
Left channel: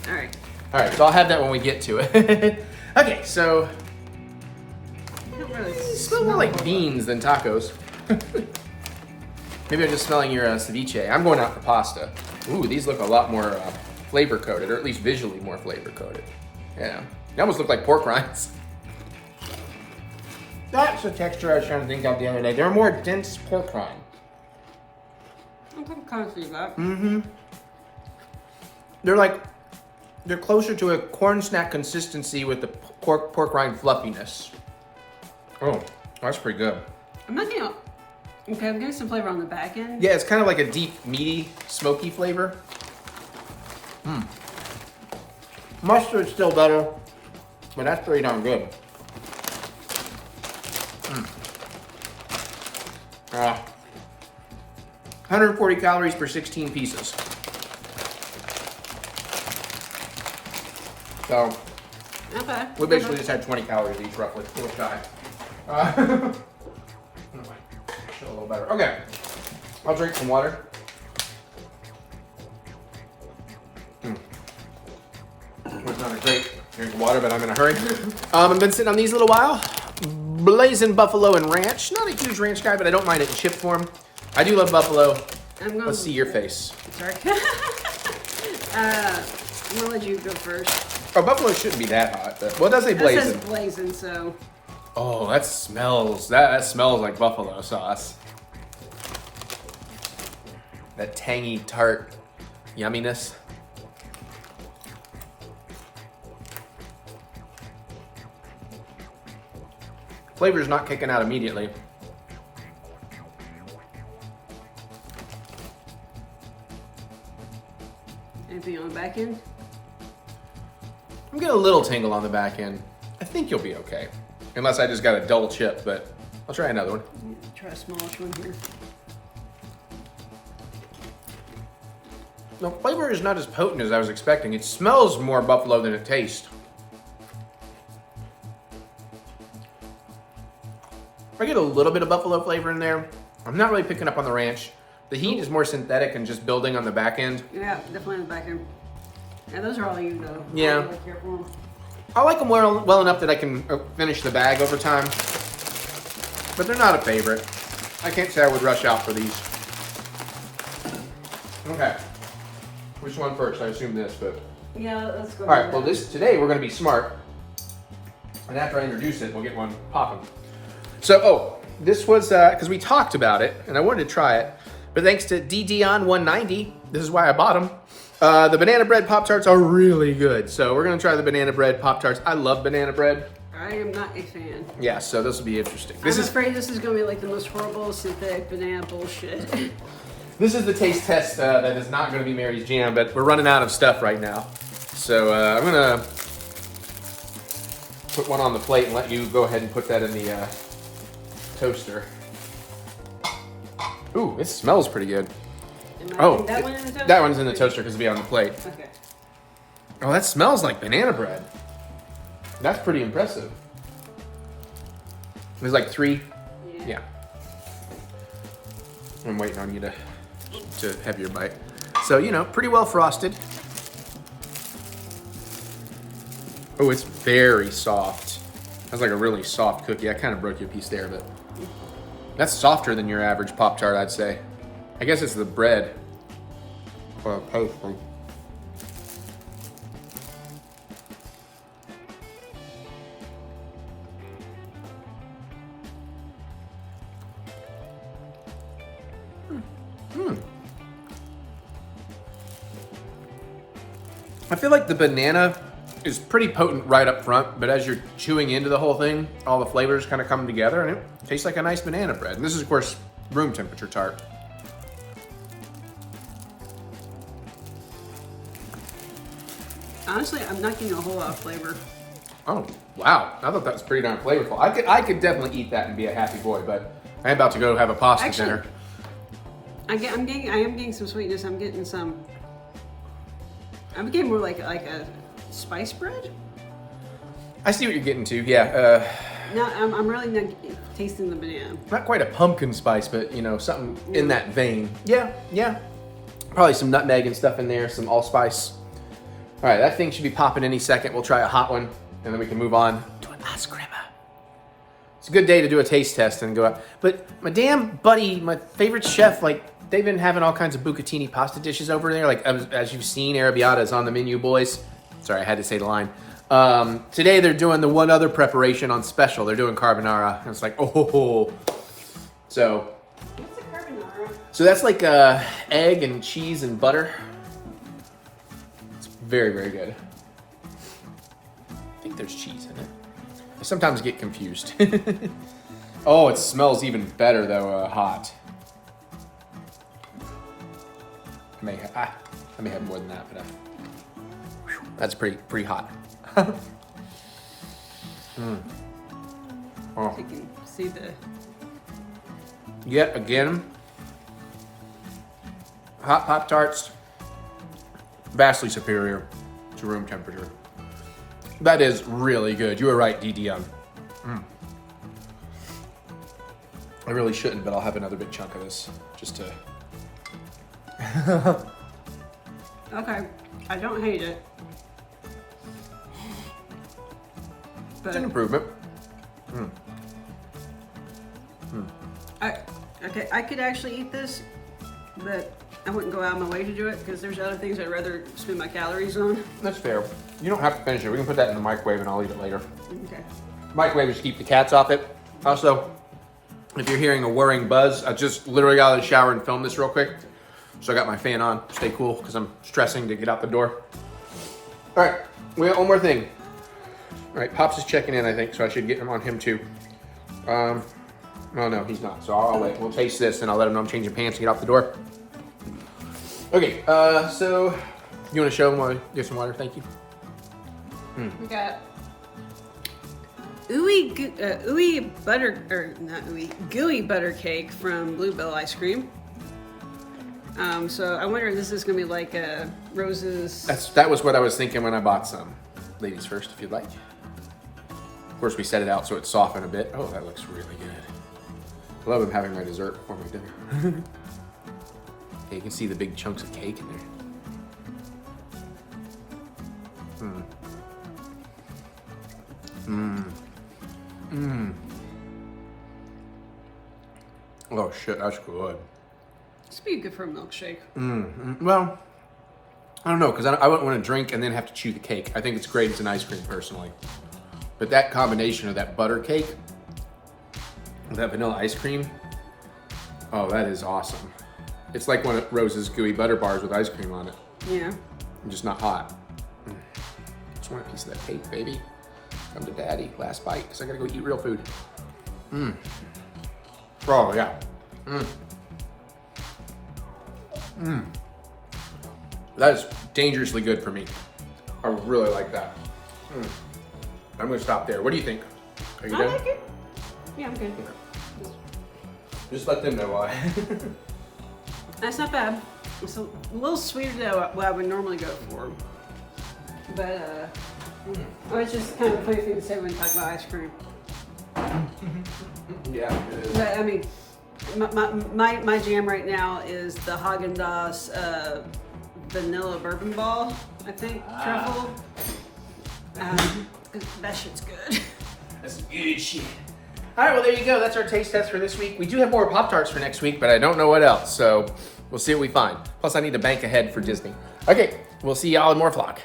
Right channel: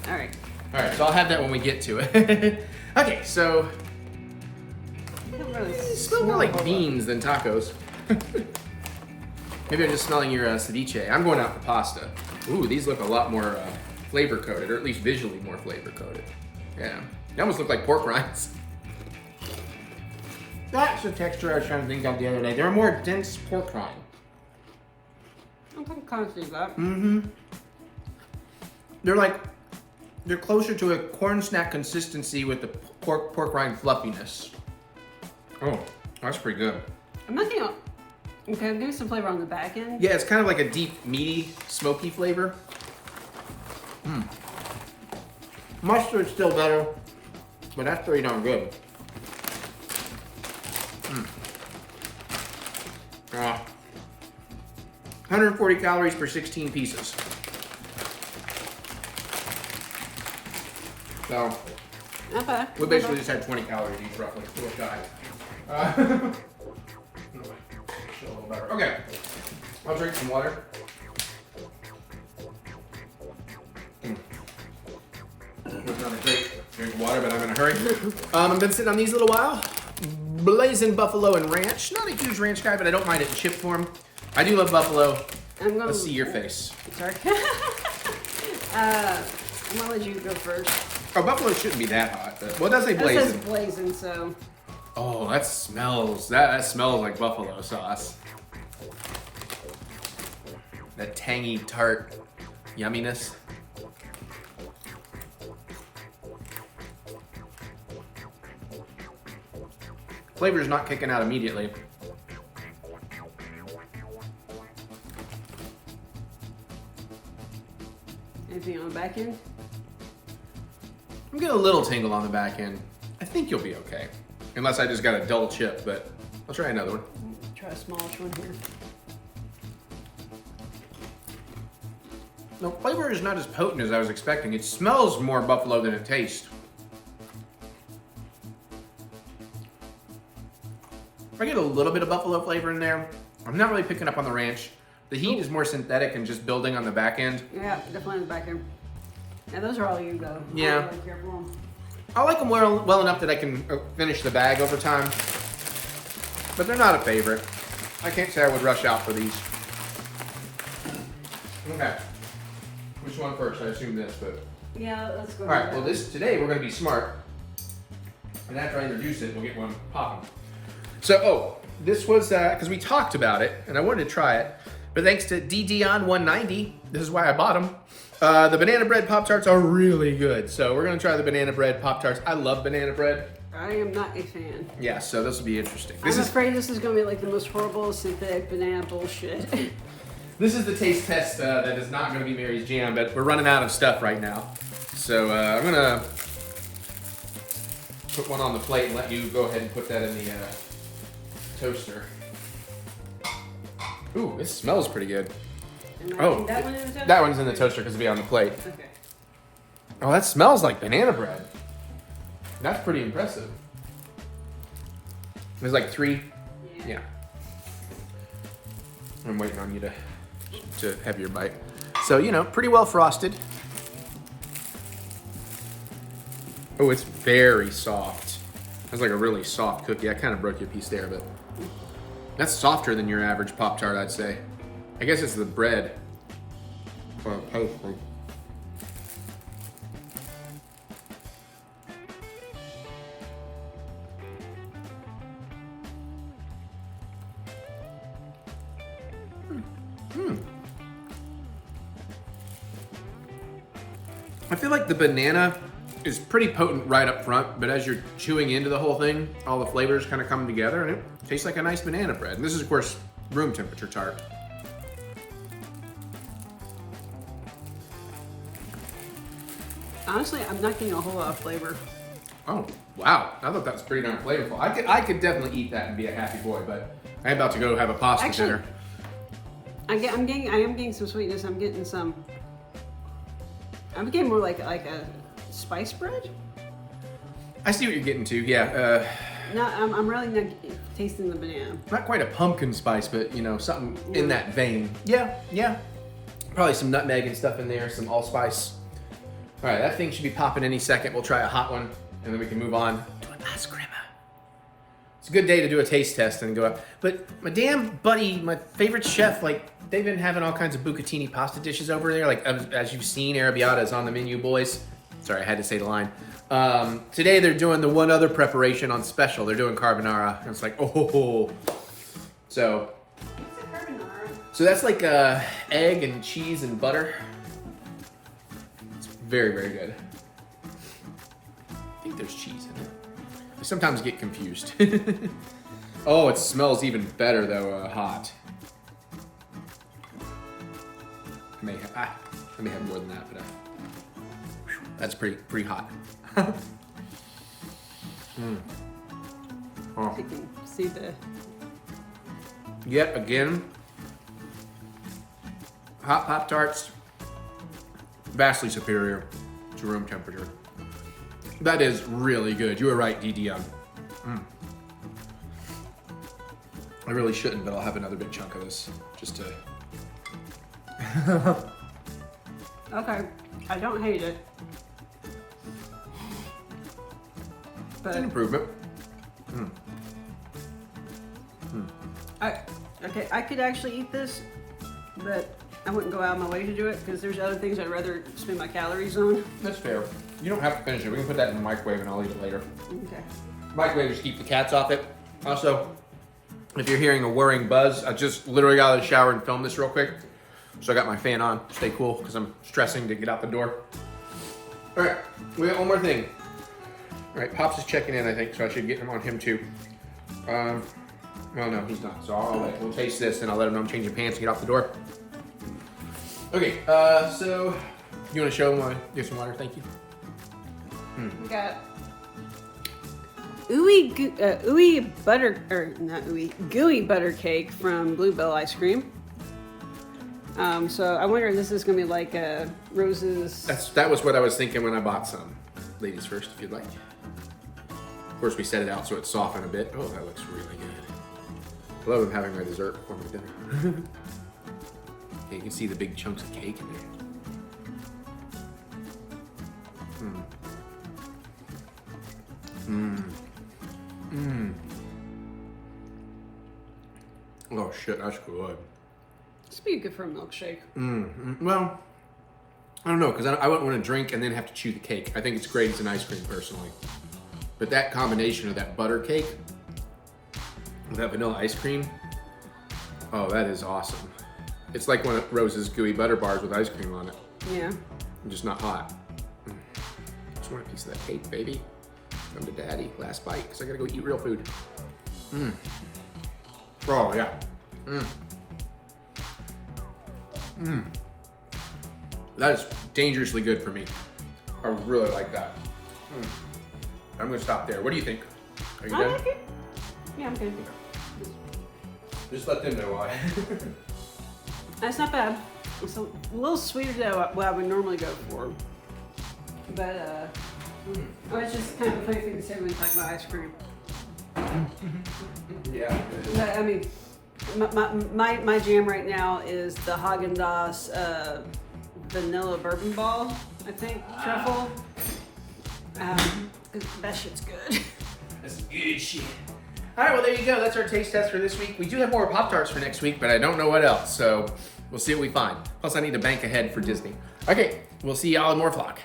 All right. All right, so I'll have that when we get to it. Okay, so I don't really smell more like beans than tacos. Maybe I'm just smelling your ceviche. I'm going out for pasta. Ooh, these look a lot more flavor coated, or at least visually more flavor coated. Yeah, they almost look like pork rinds. That's the texture I was trying to think of the other day. They're a more dense pork rind. I can kind of see that. Mm-hmm. They're closer to a corn snack consistency with the pork rind fluffiness. Oh, that's pretty good. I'm not gonna... Okay, I'm getting some flavor on the back end. Yeah, it's kind of like a deep, meaty, smoky flavor. Mustard's still better, but that's pretty darn good. 140 calories per 16 pieces. So, Okay. we basically just had 20 calories each, roughly. So it's died. Anyway, a little better. Okay, I'll drink some water. Was not a great drink of water, but I'm in a hurry. I've been sitting on these a little while. Blazing buffalo and ranch. Not a huge ranch guy, but I don't mind it in chip form. I do love buffalo. Let's see your face. Sorry. I'm gonna let you go first. Oh, buffalo shouldn't be that hot, but well, it does say That says blazing. blazing, so. Oh, that smells like buffalo sauce. That tangy, tart yumminess. Flavor's not kicking out immediately. Anything on the back end? I'm getting a little tingle on the back end. I think you'll be okay. Unless I just got a dull chip, but I'll try another one. Try a smallish one here. No, flavor is not as potent as I was expecting. It smells more buffalo than it tastes. I get a little bit of buffalo flavor in there. I'm not really picking up on the ranch. The heat is more synthetic and just building on the back end. Yeah, definitely on the back end. Yeah, those are all you though. Yeah. I'm really careful. I like them well enough that I can finish the bag over time. But they're not a favorite. I can't say I would rush out for these. Okay. Which one first? I assume this, but. Yeah, let's go. All right. Well, today we're gonna be smart, and after I introduce it, we'll get one popping. So, this was because we talked about it, and I wanted to try it, but thanks to DDon190, this is why I bought them. The banana bread Pop-Tarts are really good, so we're gonna try the banana bread Pop-Tarts. I love banana bread. I am not a fan. Yeah, so this will be interesting. I'm afraid this is gonna be like the most horrible synthetic banana bullshit. This is the taste test that is not going to be Mary's jam, but we're running out of stuff right now. So I'm going to put one on the plate and let you go ahead and put that in the toaster. Ooh, it smells pretty good. Oh, that one in the toaster? That one's in the toaster because it'll be on the plate. Okay. Oh, that smells like banana bread. That's pretty impressive. There's like 3. Yeah. I'm waiting on you to have your bite. So, you know, pretty well frosted. Oh, it's very soft. That's like a really soft cookie. I kind of broke you a piece there, but that's softer than your average Pop-Tart, I'd say. I guess it's the bread. Pastry. I feel like the banana is pretty potent right up front, but as you're chewing into the whole thing, all the flavors kind of come together and it tastes like a nice banana bread. And this is, of course, room temperature tart. Honestly, I'm not getting a whole lot of flavor. Oh, wow. I thought that was pretty darn flavorful. I could definitely eat that and be a happy boy, but I'm about to go have a pasta dinner. I am getting some sweetness. I'm getting more like a spice bread. I see what you're getting to, yeah. No, I'm really not tasting the banana. Not quite a pumpkin spice, but you know, something in that vein. Yeah. Probably some nutmeg and stuff in there, some allspice. All right, that thing should be popping any second. We'll try a hot one, and then we can move on to an ice cream. It's a good day to do a taste test and go out. But my damn buddy, my favorite chef, like, they've been having all kinds of bucatini pasta dishes over there. Like, as you've seen, arrabbiata is on the menu, boys. Sorry, I had to say the line. Today they're doing the one other preparation on special. They're doing carbonara. And it's like, oh. So that's like egg and cheese and butter. It's very, very good. I think there's cheese in it. I sometimes get confused. Oh, it smells even better though, hot. I may have more than that, but that's pretty hot. Oh. You can see the. Yet again, hot Pop-Tarts, vastly superior to room temperature. That is really good. You were right, DDM. I really shouldn't, but I'll have another big chunk of this just to. Okay, I don't hate it. But It's an improvement. I could actually eat this, but I wouldn't go out of my way to do it because there's other things I'd rather spend my calories on. That's fair. You don't have to finish it. We can put that in the microwave and I'll eat it later. Okay. Microwave just keep the cats off it. Also, if you're hearing a whirring buzz, I just literally got out of the shower and filmed this real quick. So I got my fan on. Stay cool because I'm stressing to get out the door. All right, we got one more thing. All right, Pops is checking in, I think, so I should get him on him too. Well, no, he's not, so I'll wait. We'll taste this and I'll let him know I'm changing pants and get out the door. Okay, so you want to show him or get some water? Thank you. We got gooey butter, or not ooey, gooey butter cake from Bluebell Ice Cream. So I wonder if this is gonna be like Rose's. That was what I was thinking when I bought some. Ladies first, if you'd like. Of course, we set it out so it's softened a bit. Oh, that looks really good. I love them having their dessert before my dinner. You can see the big chunks of cake in it. Oh shit, that's good. This would be good for a milkshake. Well, I don't know, because I wouldn't want to drink and then have to chew the cake. I think it's great as an ice cream, personally. But that combination of that butter cake with that vanilla ice cream, oh, that is awesome. It's like one of Rose's gooey butter bars with ice cream on it. Yeah. I'm just not hot. Just want a piece of that cake, baby. Come to daddy. Last bite, because I gotta go eat real food. Oh, yeah. That is dangerously good for me. I really like that. I'm gonna stop there. What do you think? Are you I done? like it. Yeah, I'm good. Okay. Just let them know why. That's not bad. It's a little sweeter than what I would normally go for. But, oh, it's just kind of a funny thing to say when you talk about ice cream. Yeah. But, I mean, my jam right now is the Haagen-Dazs vanilla bourbon ball, I think, truffle. That shit's good. That's good shit. All right, well, there you go. That's our taste test for this week. We do have more Pop-Tarts for next week, but I don't know what else, so we'll see what we find. Plus, I need to bank ahead for Disney. Okay, we'll see y'all in more vlog.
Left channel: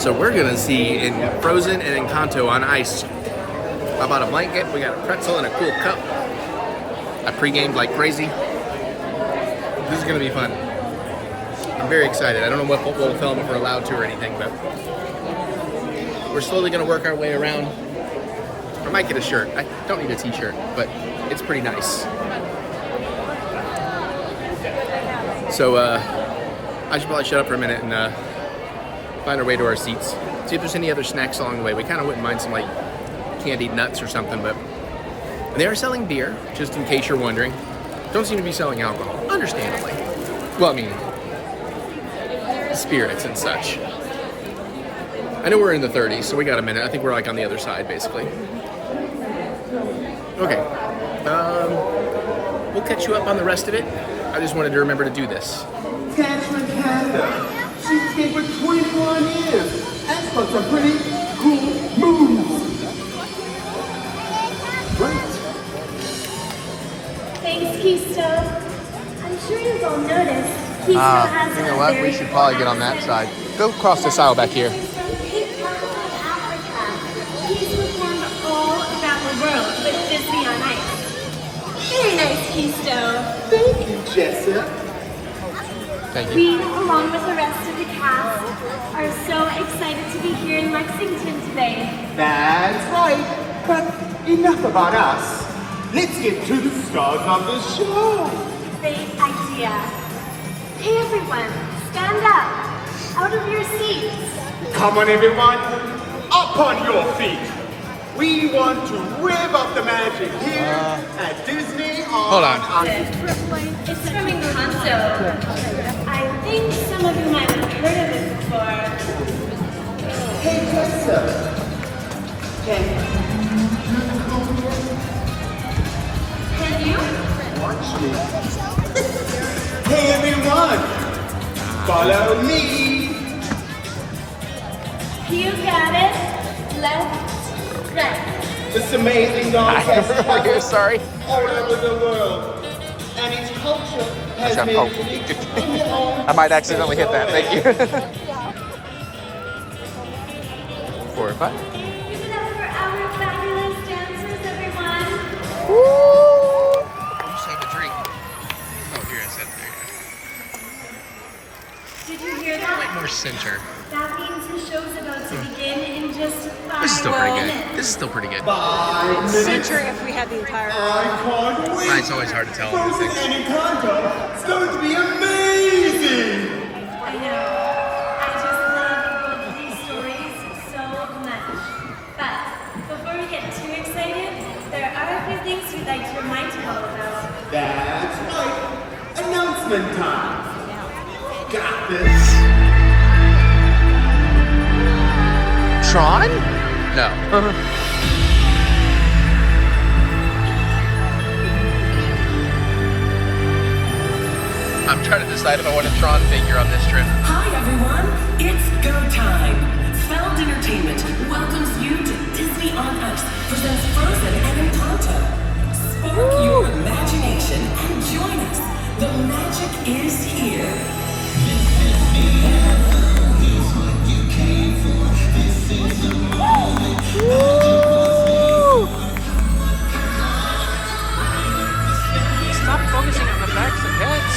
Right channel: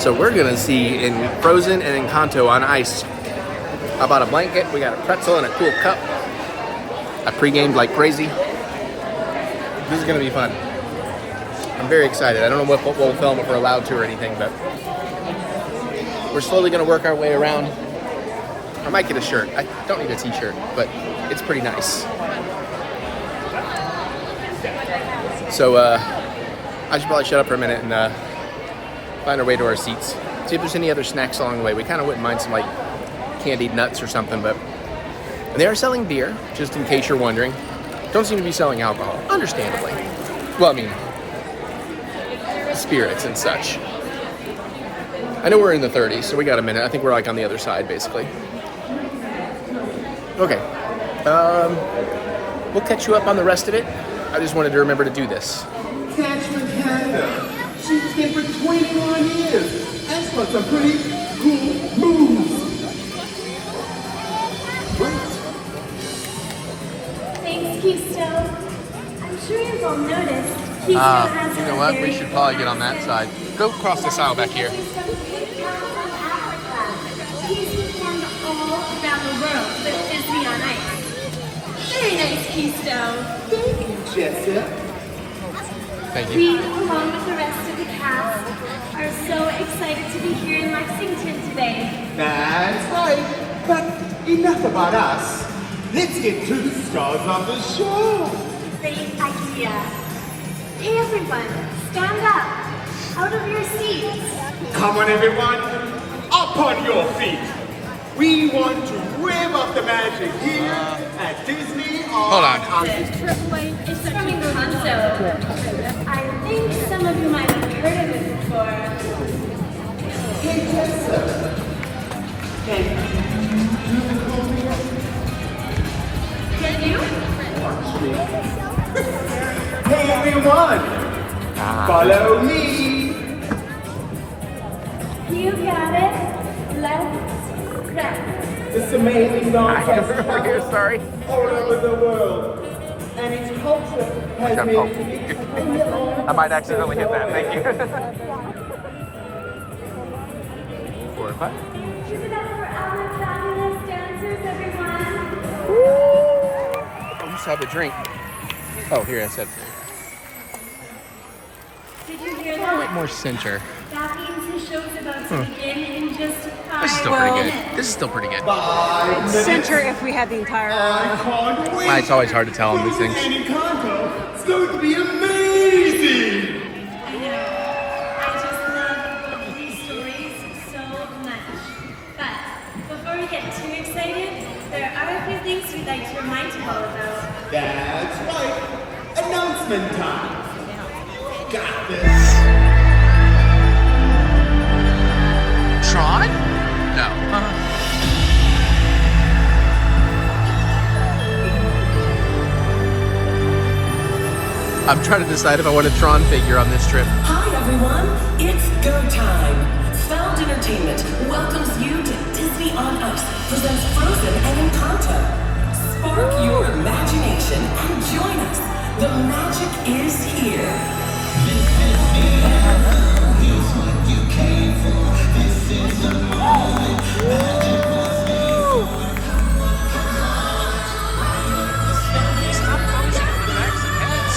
So we're gonna see in Frozen and Encanto on ice. I bought a blanket, we got a pretzel and a cool cup. I pre-gamed like crazy. This is gonna be fun. I'm very excited. I don't know what we'll film if we're allowed to or anything, but we're slowly gonna work our way around. I might get a shirt. I don't need a t-shirt, but it's pretty nice. So I should probably shut up for a minute and find our way to our seats. See if there's any other snacks along the way. We kind of wouldn't mind some like candied nuts or something, but they are selling beer, just in case you're wondering. Don't seem to be selling alcohol, understandably. Well, I mean, spirits and such. I know we're in the 30s, so we got a minute. I think we're like on the other side, basically. Okay. We'll catch you up on the rest of it. I just wanted to remember to do this. She's been for 21 years. That's got some pretty cool moves. Right. Thanks, Keystone. I'm sure you've all noticed. Keystone has You know what? We should probably get on that side. Go across this aisle back here. He's performed all around the world with Disney on Ice. Very nice, Keystone. Thank you, Jessica. Thank you. We, along with the rest of the cast, are so excited to be here in Lexington today. That's right. But enough about us. Let's get to the stars of the show. Great idea. Hey everyone, stand up. Out of your seats. Come on, everyone. Up on your feet. We want to rev up the magic here at Disney Hold on. It's from Encanto. I think some of you might have heard of it before. Hey, Jessica. Can you? Actually. Hey, everyone. Follow me. You got it. Left, right. This amazing dog has Sorry. all over the world. And its culture has Shut made up. it in their own. I might accidentally hit that. Thank you. 4 or 5. Give it up for our fabulous dancers, everyone. I used to have a drink. Oh, here, I said there. Did you hear that? More center. That means the show's about to begin in just 5 This is still pretty good. minutes. This is still pretty good. 5 minutes. Center if we had the entire. I can't wait. It's always hard to tell on these Frozen things. and Encanto. It's going to be amazing. I know. I just love both of these stories so much. But before we get too excited, there are a few things we'd like to remind you all about. That's right. Announcement time. Got this. Tron? No. I'm trying to decide if I want a Tron figure on this trip. Hi everyone, it's go time. Found Entertainment welcomes you to Disney on Ice presents Frozen and Encanto. Spark your imagination and join us. The magic is here. Stop focusing on the backs of heads.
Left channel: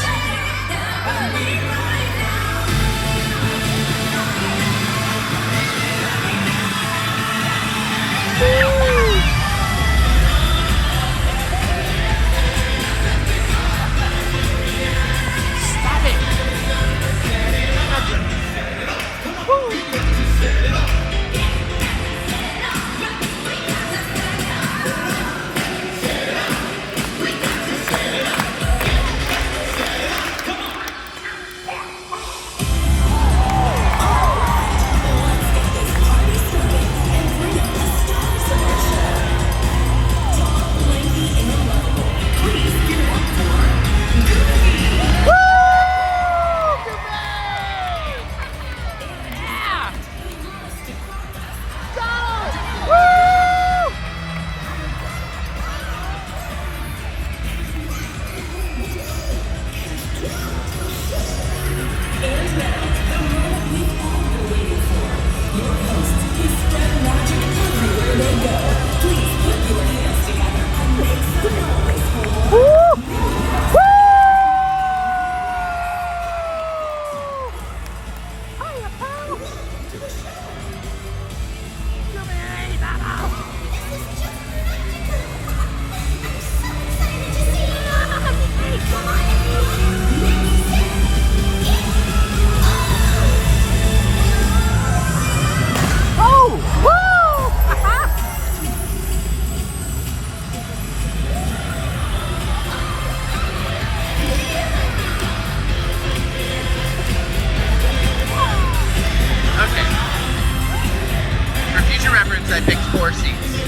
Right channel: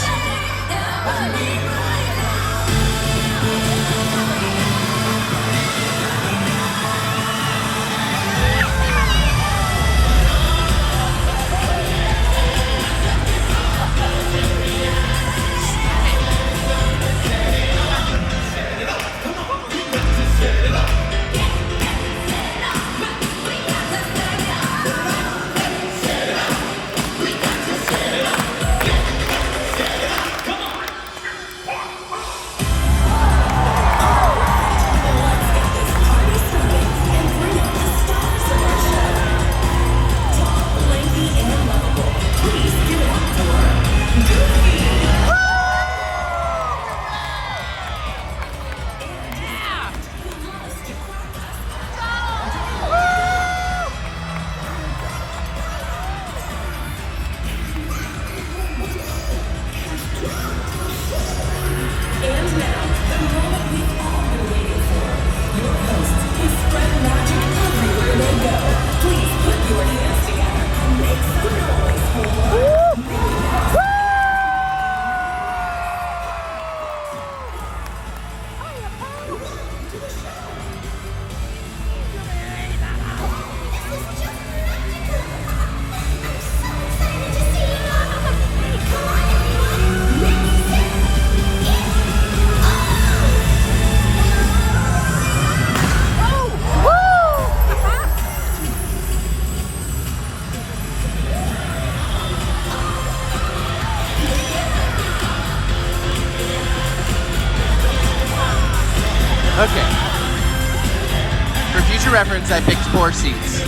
Reference, I picked 4 seats.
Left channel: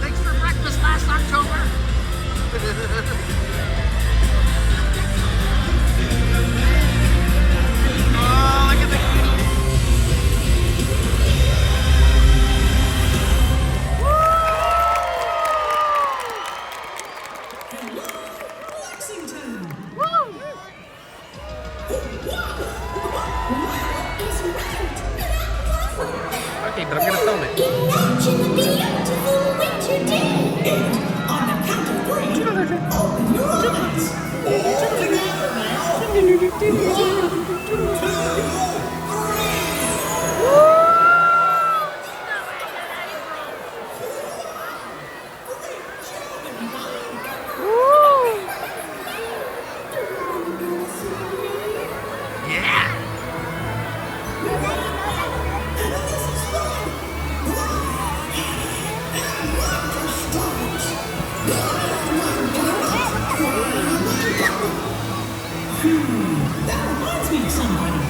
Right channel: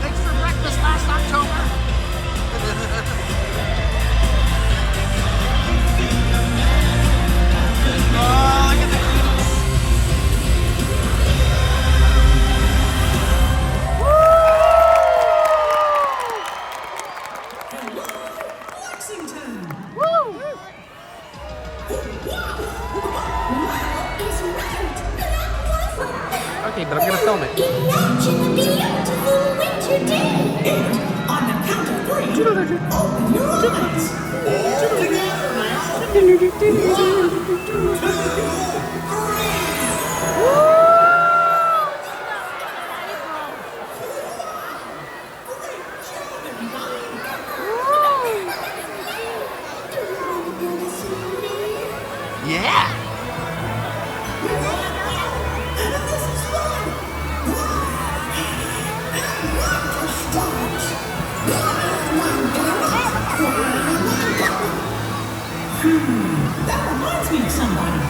Thanks for breakfast last October. Oh, look at the okay, but I'm gonna film it. Imagine the beautiful winter day. And on the count of 3, open your eyes. All together now. 1, 2, 3. That reminds me of somebody.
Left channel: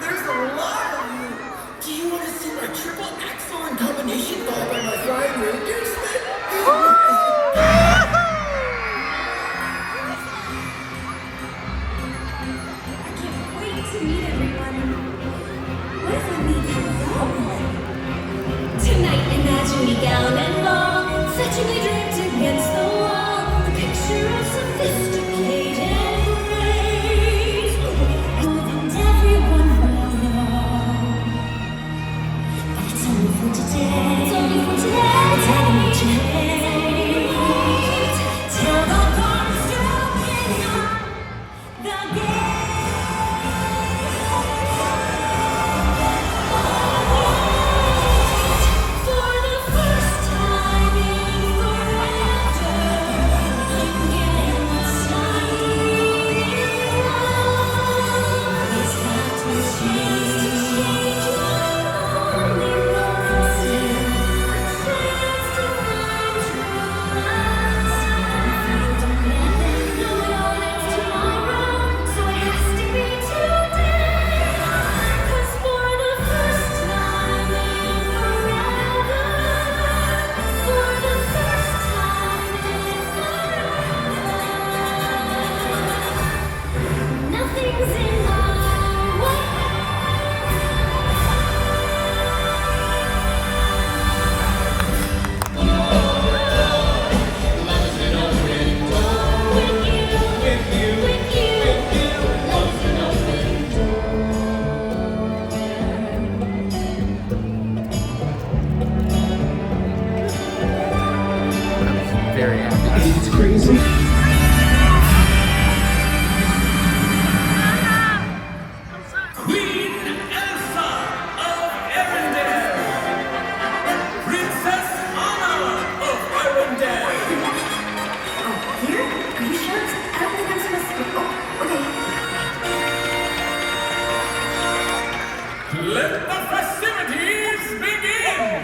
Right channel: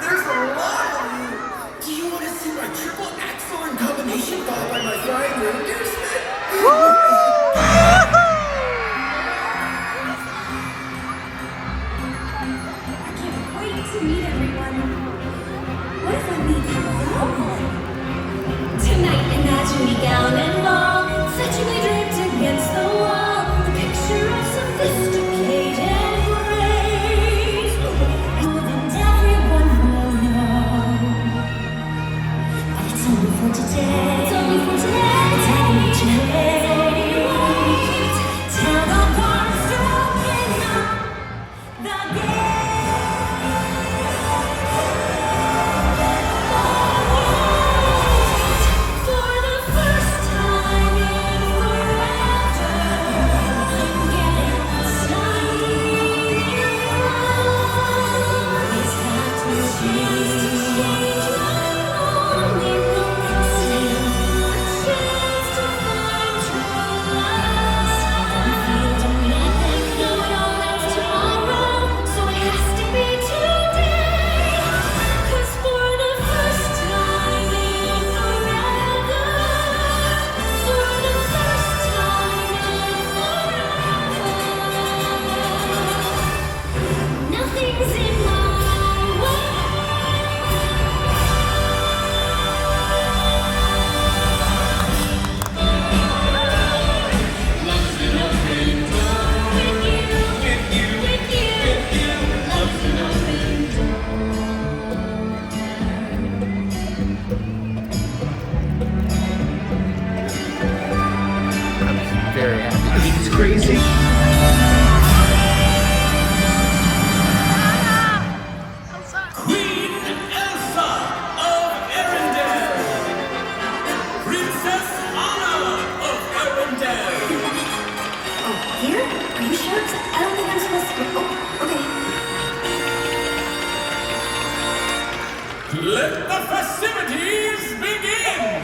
There's a lot of you. Do you want to see my triple excellent combination followed by my flying reinforcement? I can't wait to meet everyone. What if I meet you? Tonight, imagine me gown and ball, fetchingly draped against the wall, a picture of sophisticated grace. And everyone will know. But it's only for today. It's only for today. It's only for today. Tell the barns to open up the gate. For the first time. very happy. I think it's crazy. Queen Elsa of Arendelle. Princess Anna of Arendelle. Here? Are you sure? 'Cause I don't think I'm supposed to. Oh, okay. Let the festivities begin!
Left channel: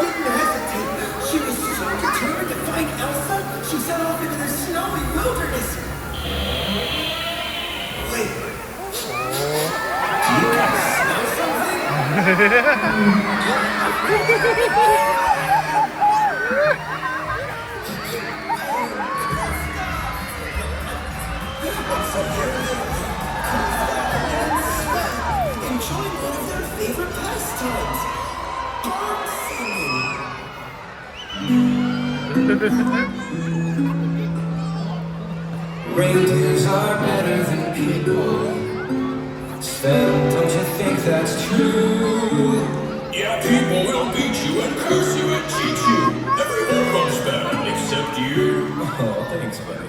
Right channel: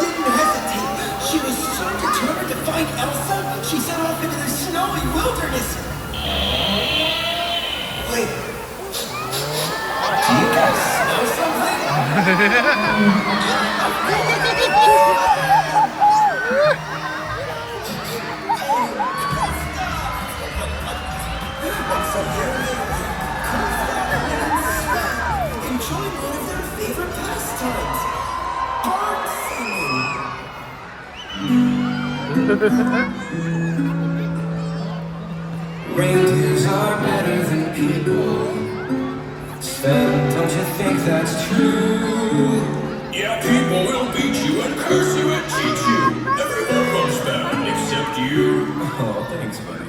Didn't hesitate. She was so determined to find Elsa, she set off into the snowy wilderness. Wait. Do you guys smell something? Enjoying one of their favorite pastimes. Bird singing. Reindeers are better than people. Sven, don't you think that's true? Yeah, people will beat you and curse you and cheat you. Everyone goes bad except you. Oh, thanks, buddy.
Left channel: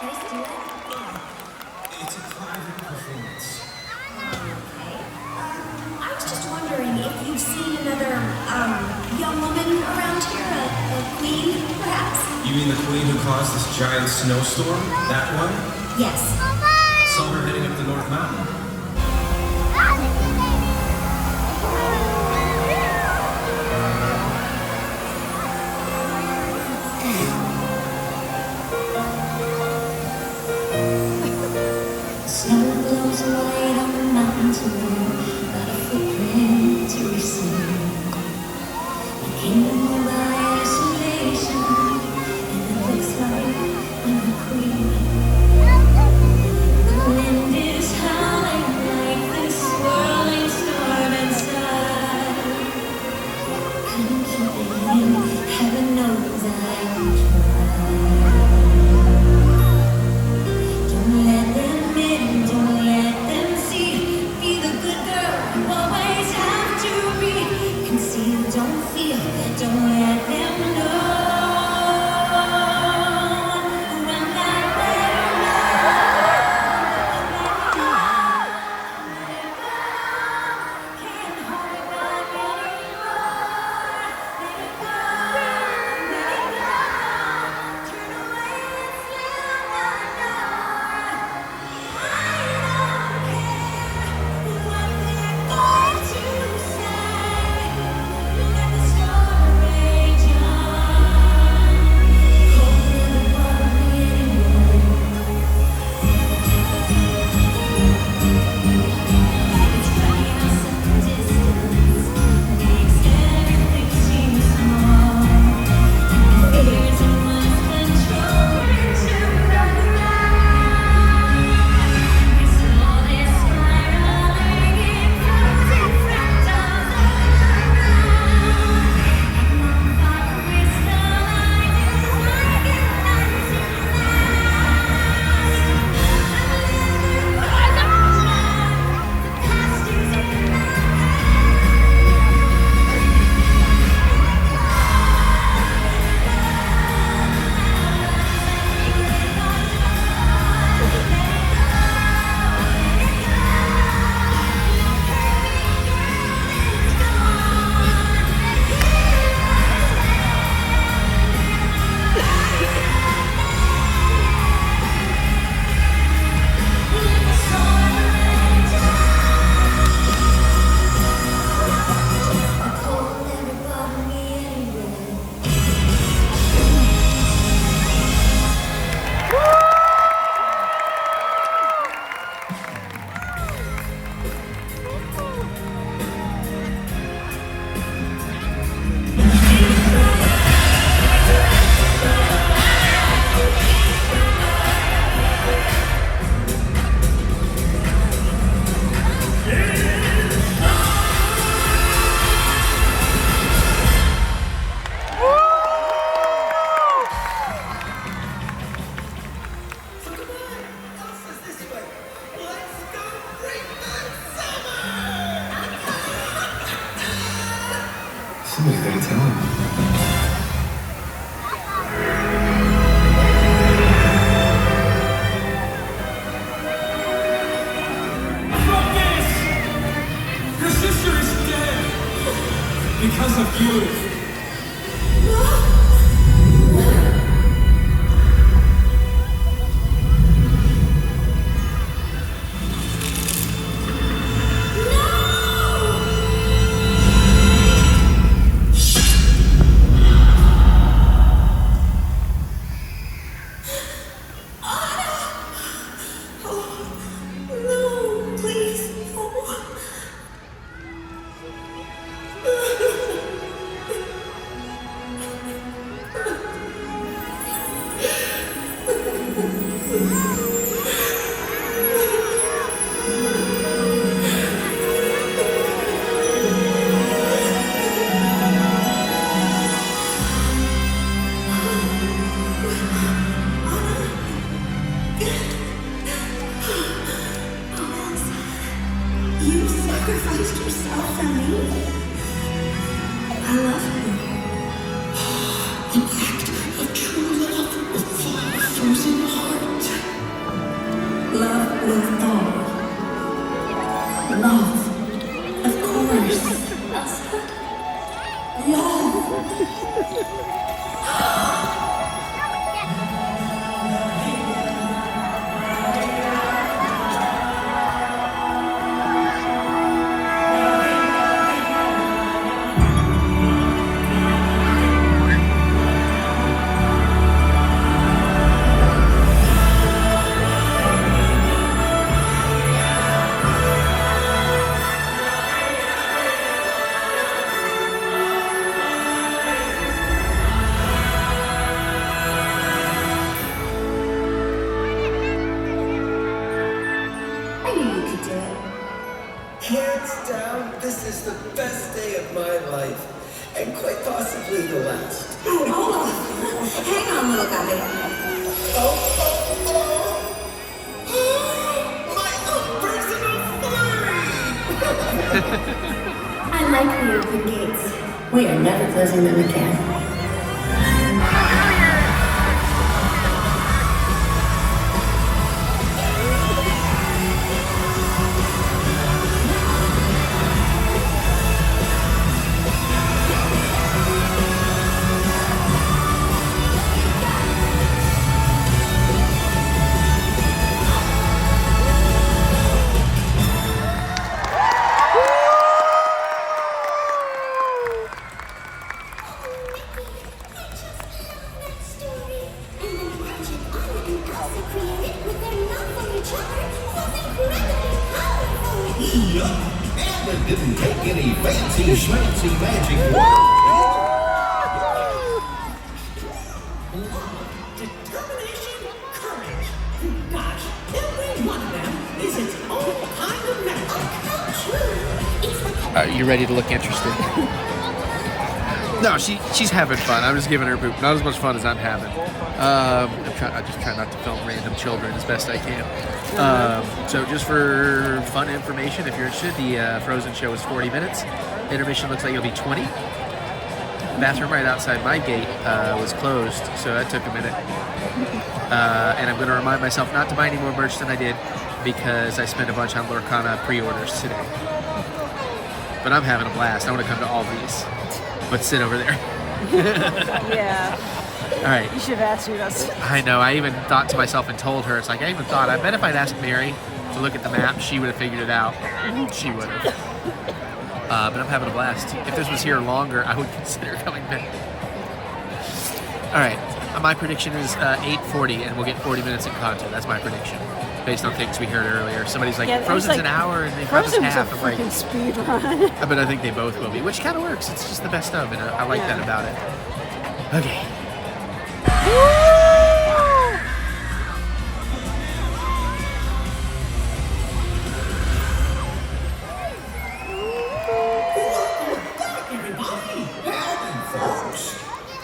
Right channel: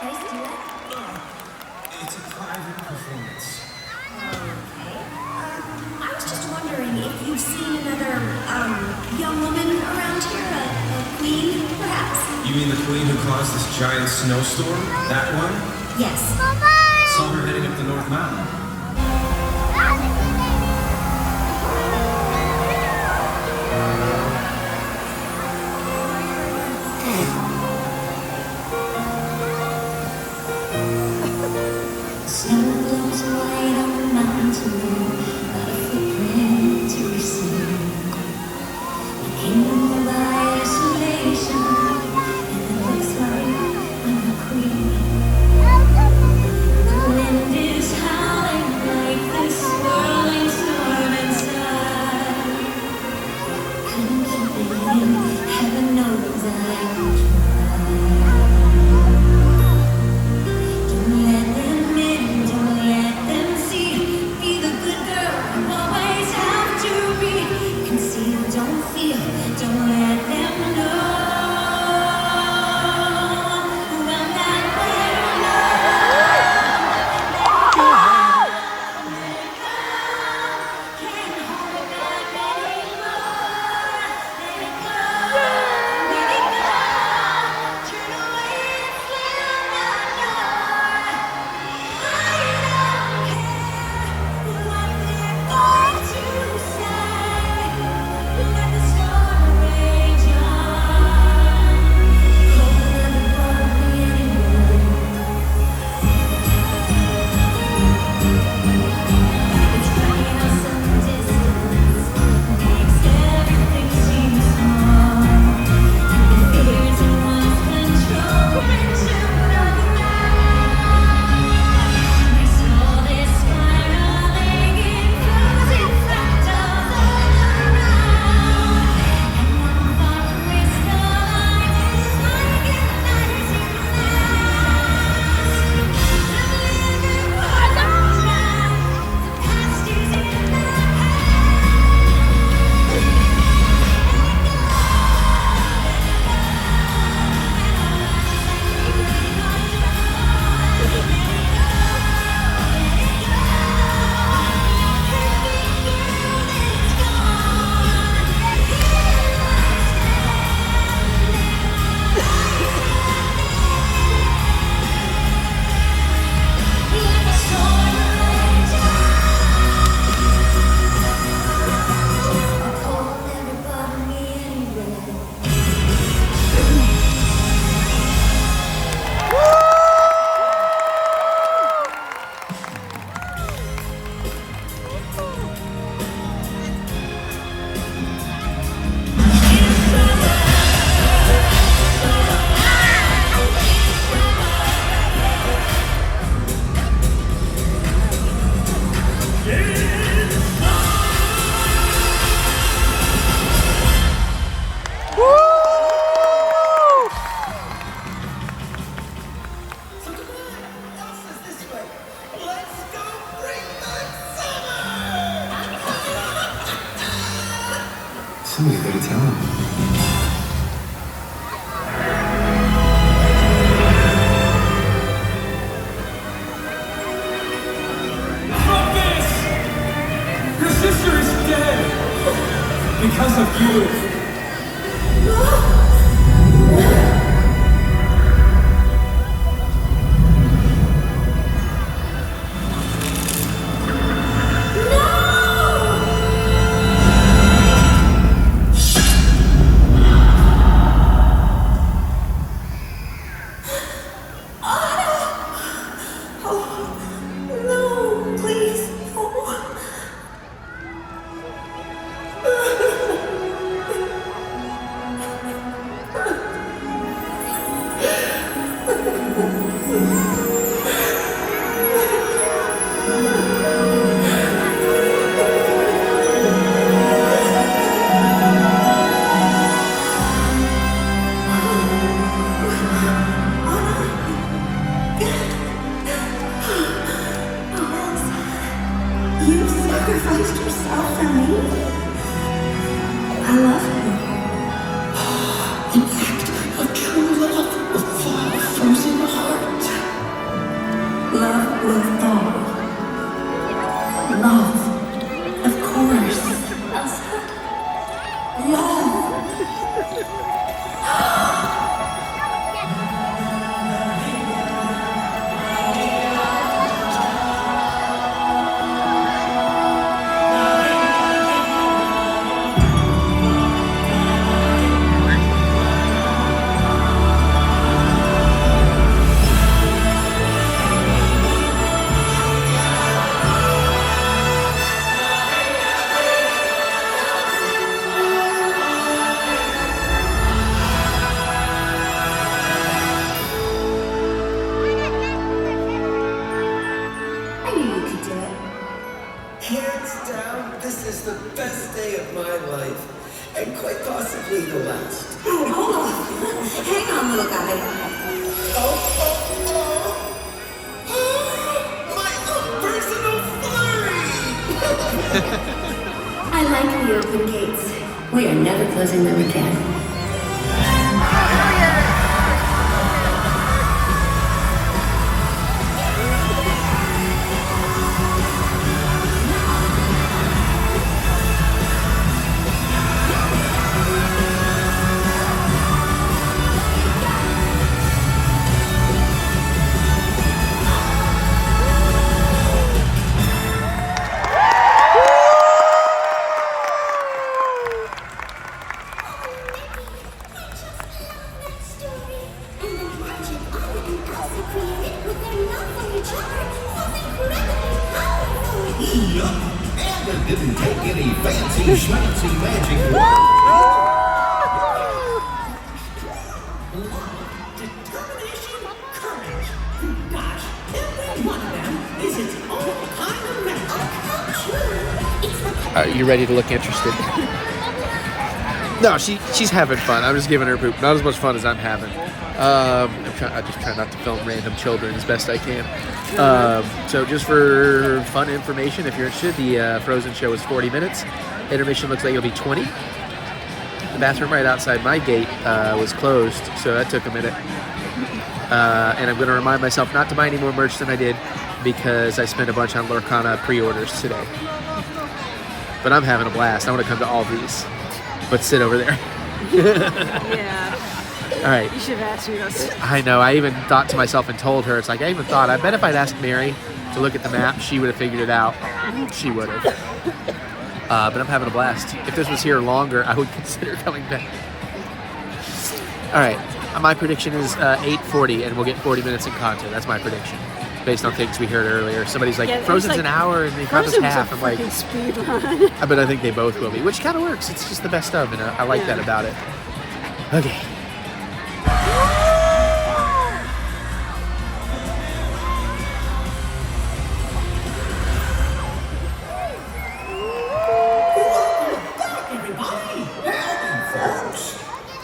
Nice to do it. It's a private performance. I was just wondering if you've seen another, young woman around here, a queen, perhaps? You mean the queen who caused this giant snowstorm? That one? Yes. Saw her heading up the North Mountain. Snow glows white on the mountains below, not a footprint to be seen. The kingdom by isolation, and it looks like I'm the queen. The wind is howling Somebody's gotta tell him. Fuck this! Your sister is dead! Because of you! No, please. You sacrificed yourself for me. I love you. An act of true love will thaw a frozen heart. Love will thaw. Love, of course. Love. I knew you could do it. Hands down, this is the best day of my life. And quite possibly the last. Oh, hold on. Hang on, little guy. My own personal flurry! I like the open gates. We are never closing them again. Yup, and it didn't take any fancy schmancy magic. Determination, courage. Gosh, every one of them is its own kind of magic. You ready to look interested? No, she's having fun. I'm just giving her poop. Not as much fun as I'm having. I just try not to film random children as best I can. So just for fun information, if you're interested, the Frozen show is 40 minutes. Intermission looks like it'll be 20. The bathroom right outside my gate was closed, so that took a minute. And I'm going to remind myself not to buy any more merch than I did because I spent a bunch on Lorcana pre-orders today. But I'm having a blast. I want to come to all of these, but sit over there. Yeah. All right. You should have asked me this. I know. I even thought to myself and told her, it's like, I even thought, I bet if I'd asked Mary to look at the map, she would have figured it out. She would have. But I'm having a blast. If this was here longer, I would consider coming back. All right. My prediction is 8:40, and we'll get 40 minutes in content. That's my prediction, based on things we heard earlier. Somebody's like, Yeah, Frozen's like, an hour, and Encanto's half. I'm like, speed run. but I think they both will be, which kind of works. It's just the best of, and I like that about it. Okay. Everybody, howdy, folks.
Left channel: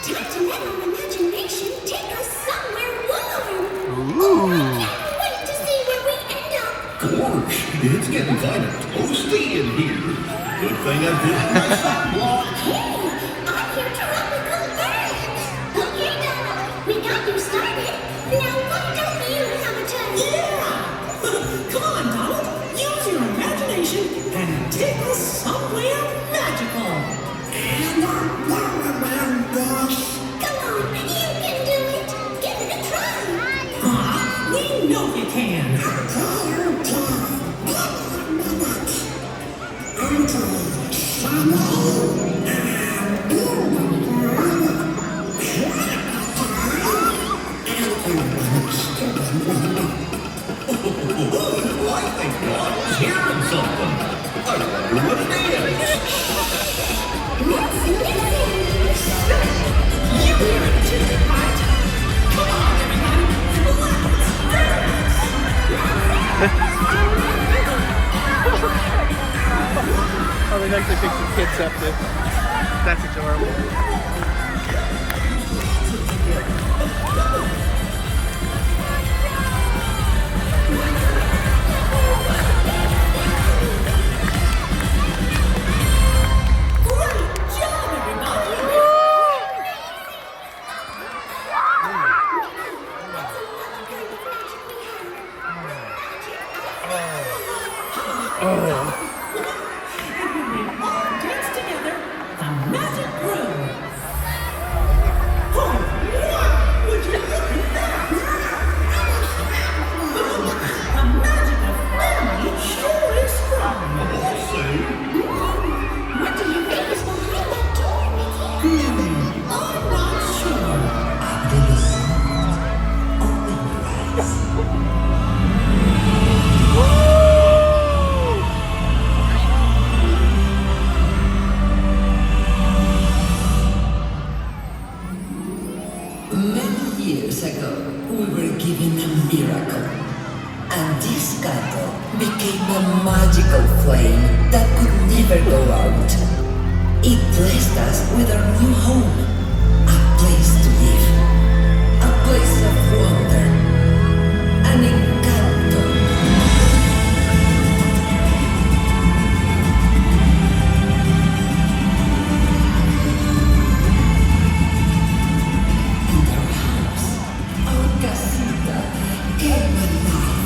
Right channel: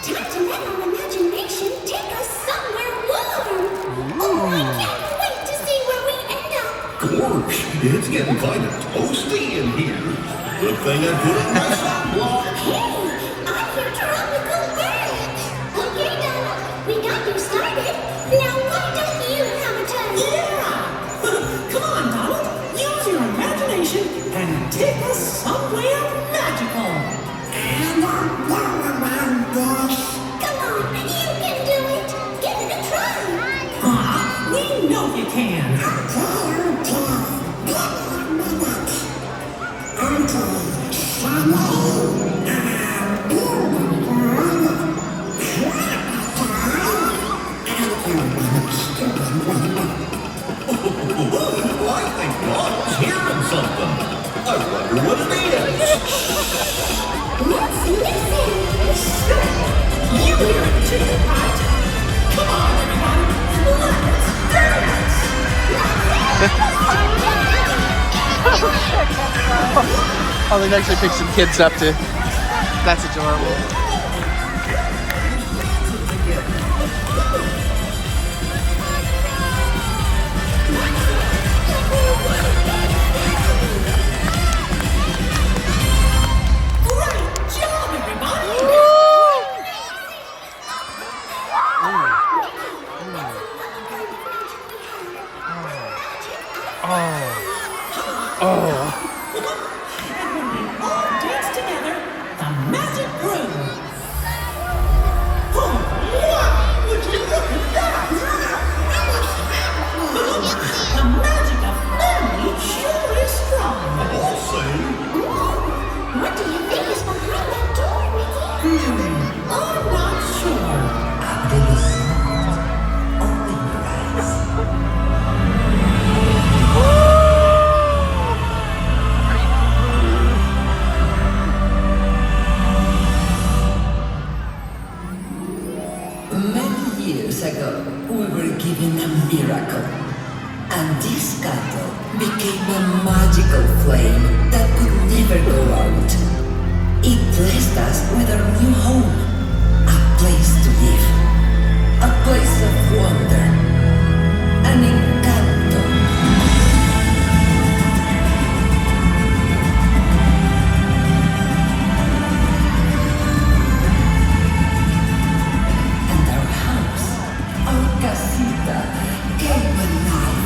Time to let our imagination take us somewhere warm. Ooh. I can't wait to see where we end up. Gosh, it's getting kind of toasty in here. Good thing I put in my sunblock. Hey, And I'm Bomberman, boss. Come on, you can do it. Give it a try. We know you can. I think Ronald's hearing something. I wonder what it is. Let's listen. You hear it too, right? Come on, let's dance. Oh, they actually picked some kids up too. That's adorable. Great job, everybody. Dance together, the magic room. Oh, wow! Would you look at that? The magical family sure is strong. What do you think is behind that door, Mickey? I'm not sure. Many years ago, we were given a miracle. And this candle became a magical flame that could never go out. It blessed us with our new home. A place to live. A place of wonder. An encanto. And our house, our casita, came alive.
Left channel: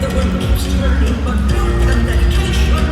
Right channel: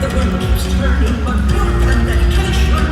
The world keeps turning, but work and dedication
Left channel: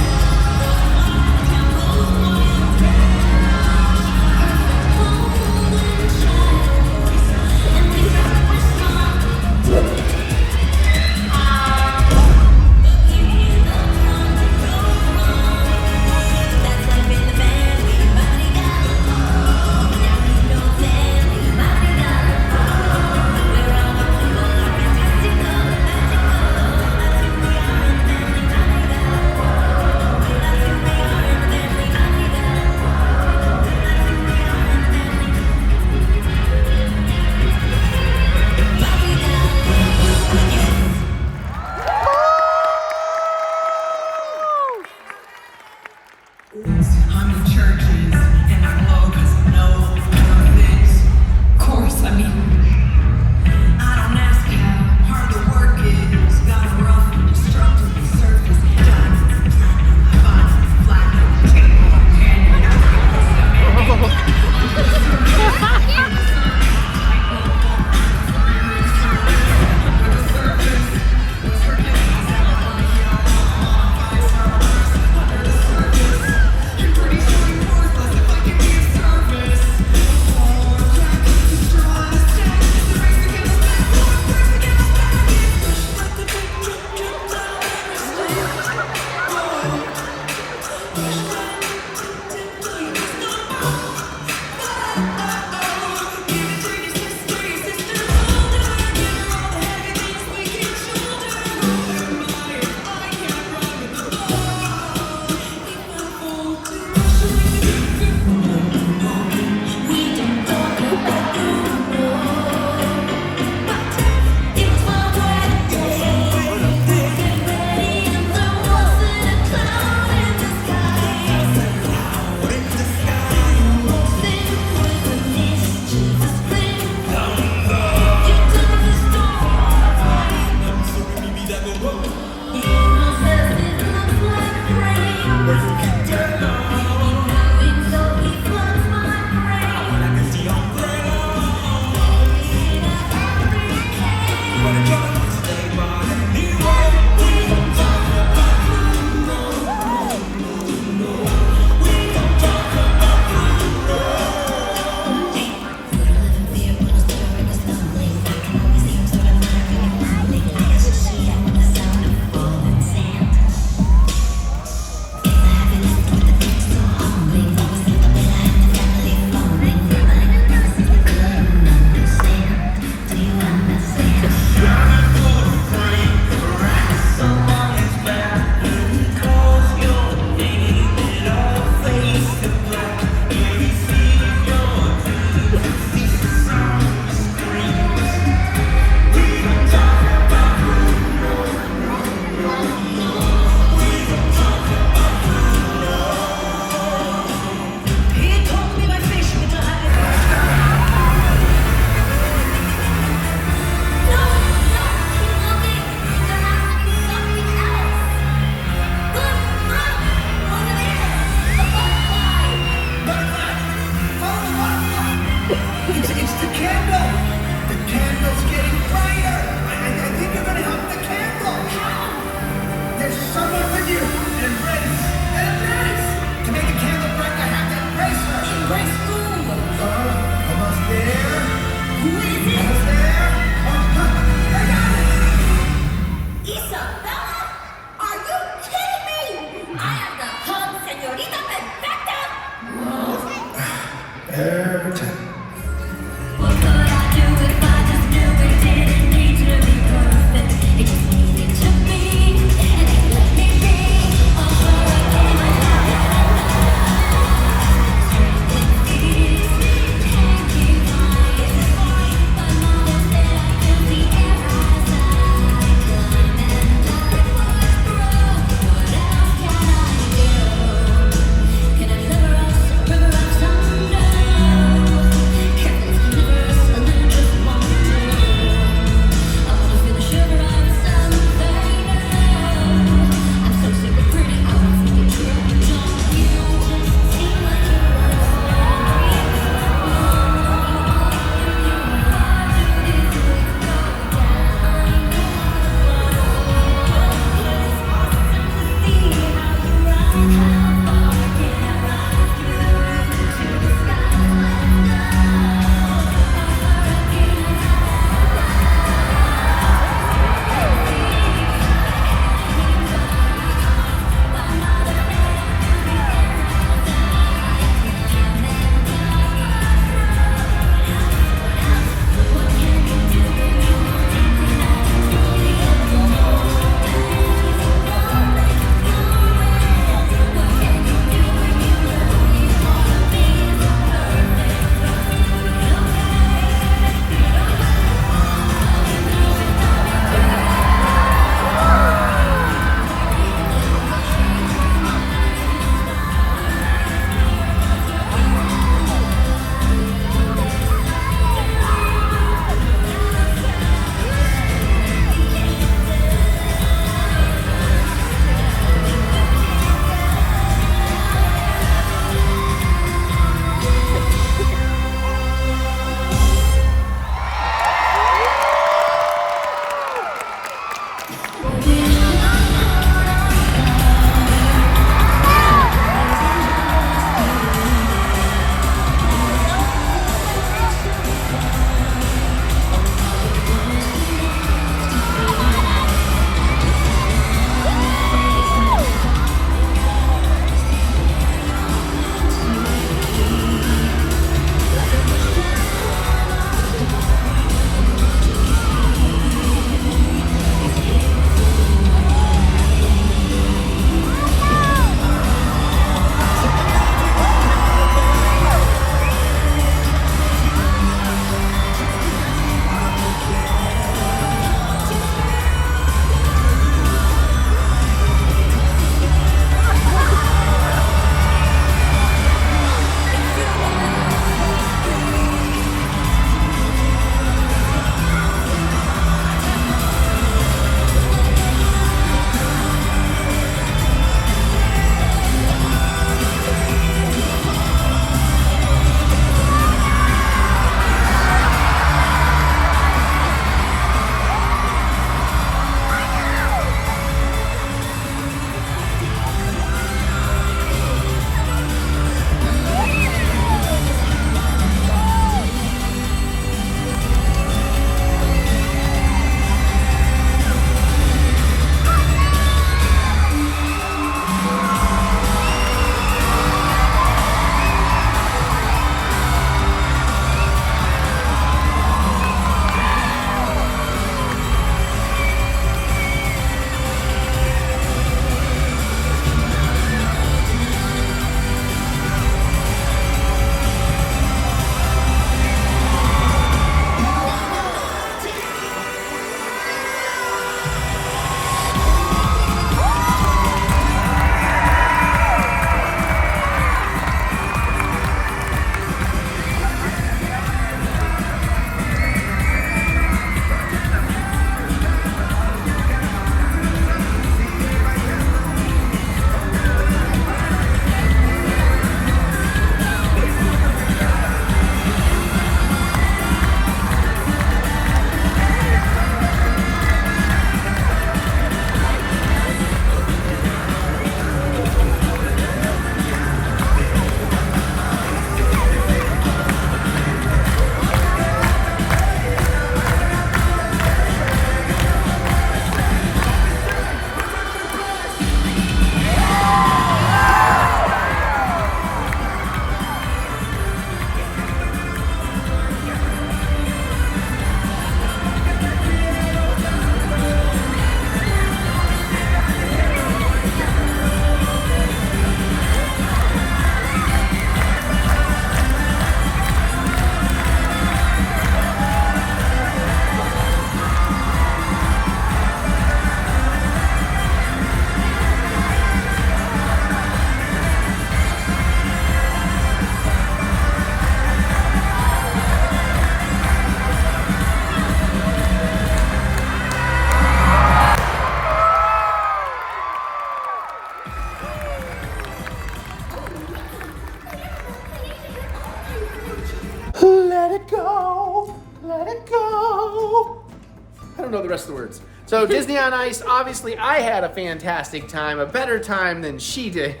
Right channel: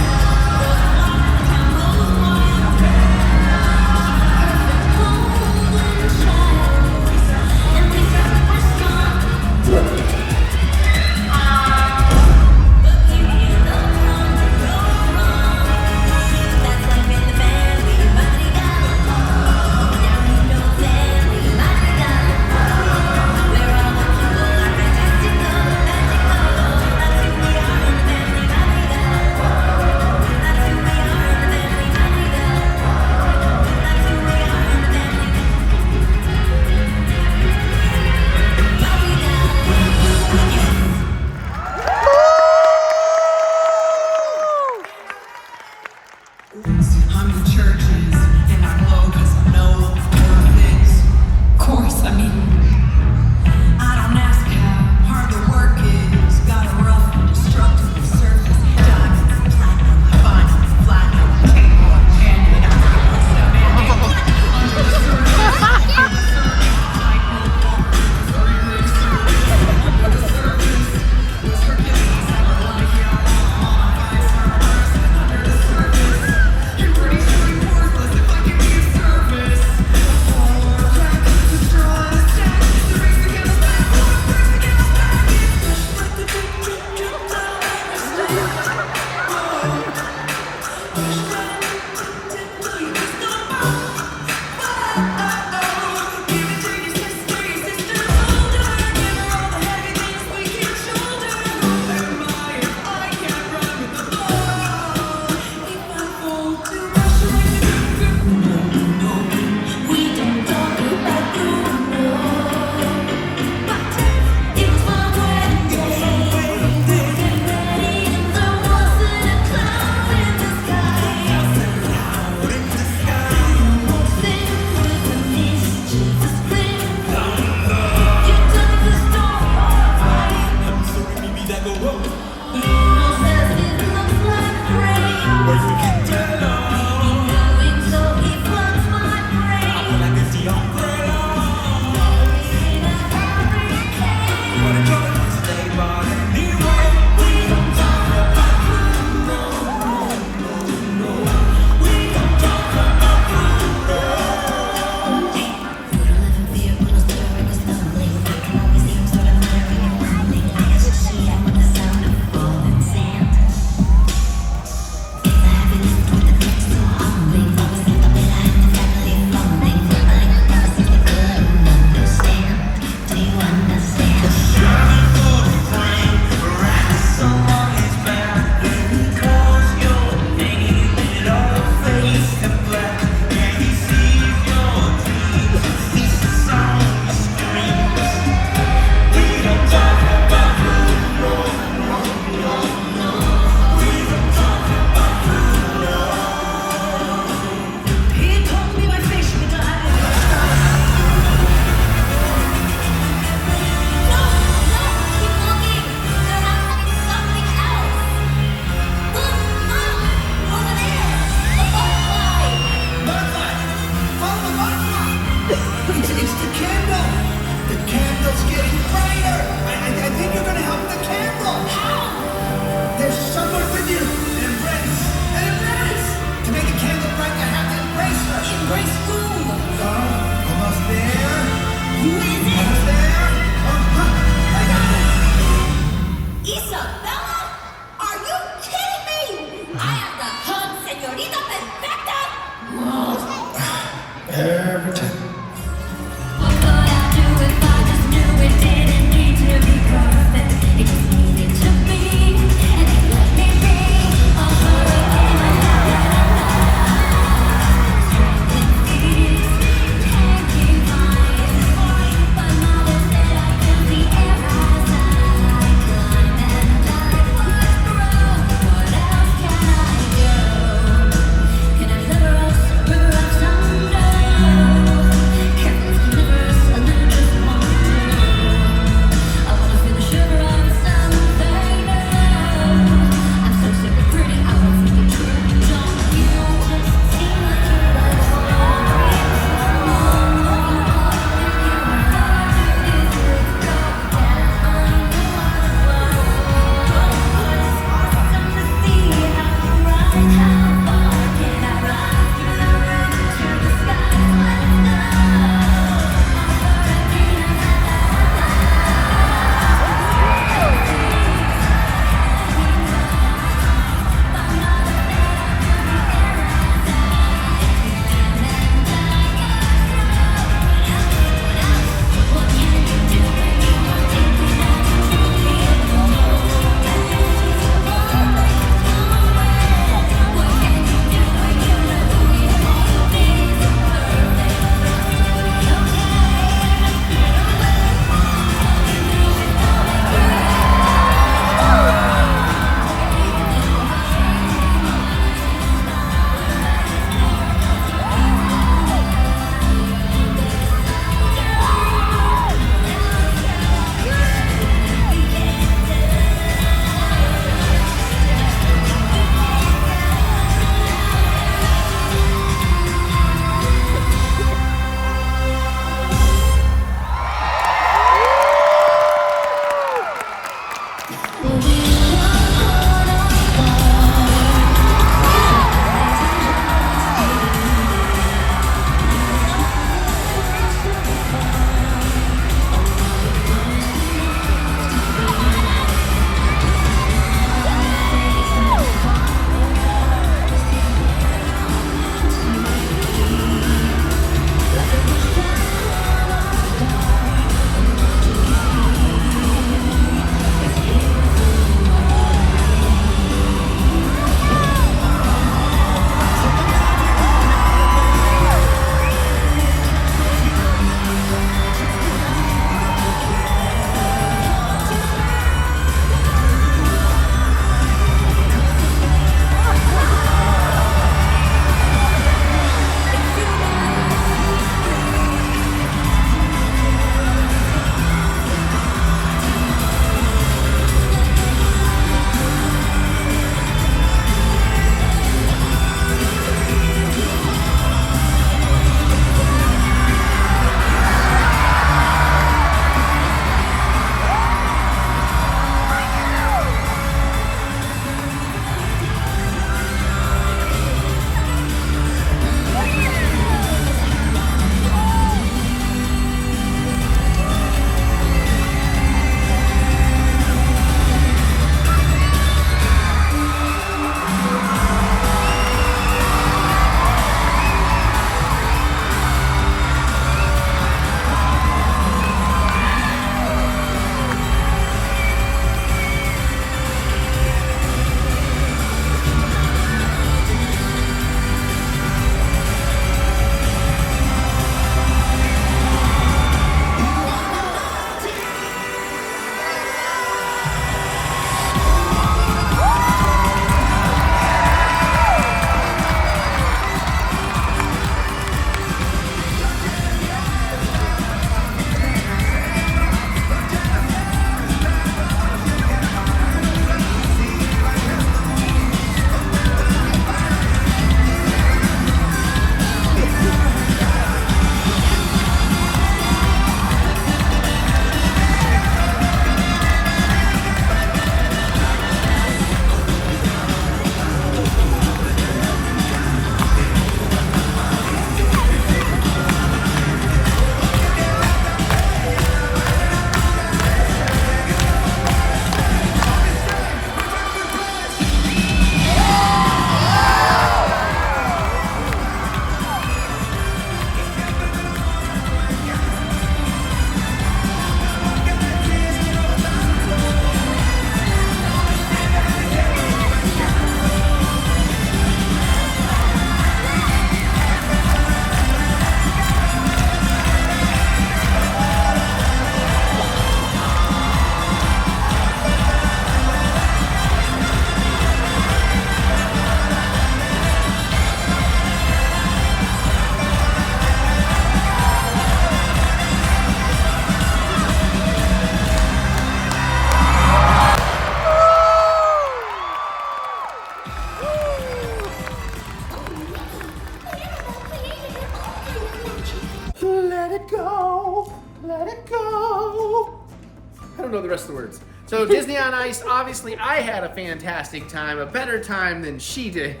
rest of the words. So Disney on Ice, obviously I had a fantastic time, a better time than she did.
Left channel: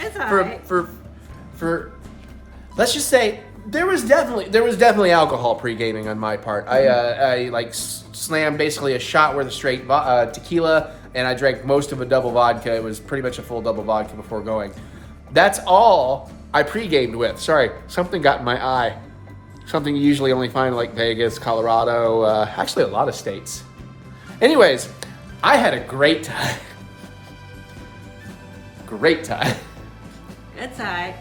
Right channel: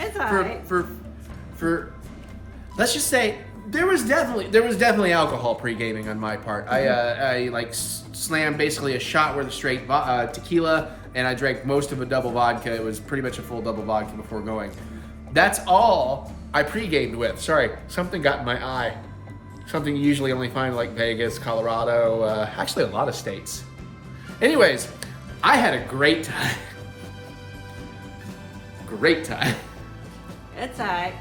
It's alright. For let's just say there was definitely alcohol pre-gaming on my part. I like slammed basically a shot worth of straight tequila, and I drank most of a double vodka. It was pretty much a full double vodka before going. That's all I pre-gamed with. Sorry, something got in my eye. Something you usually only find in like Vegas, Colorado, actually a lot of states. Anyways, I had a great time. Great time. It's alright.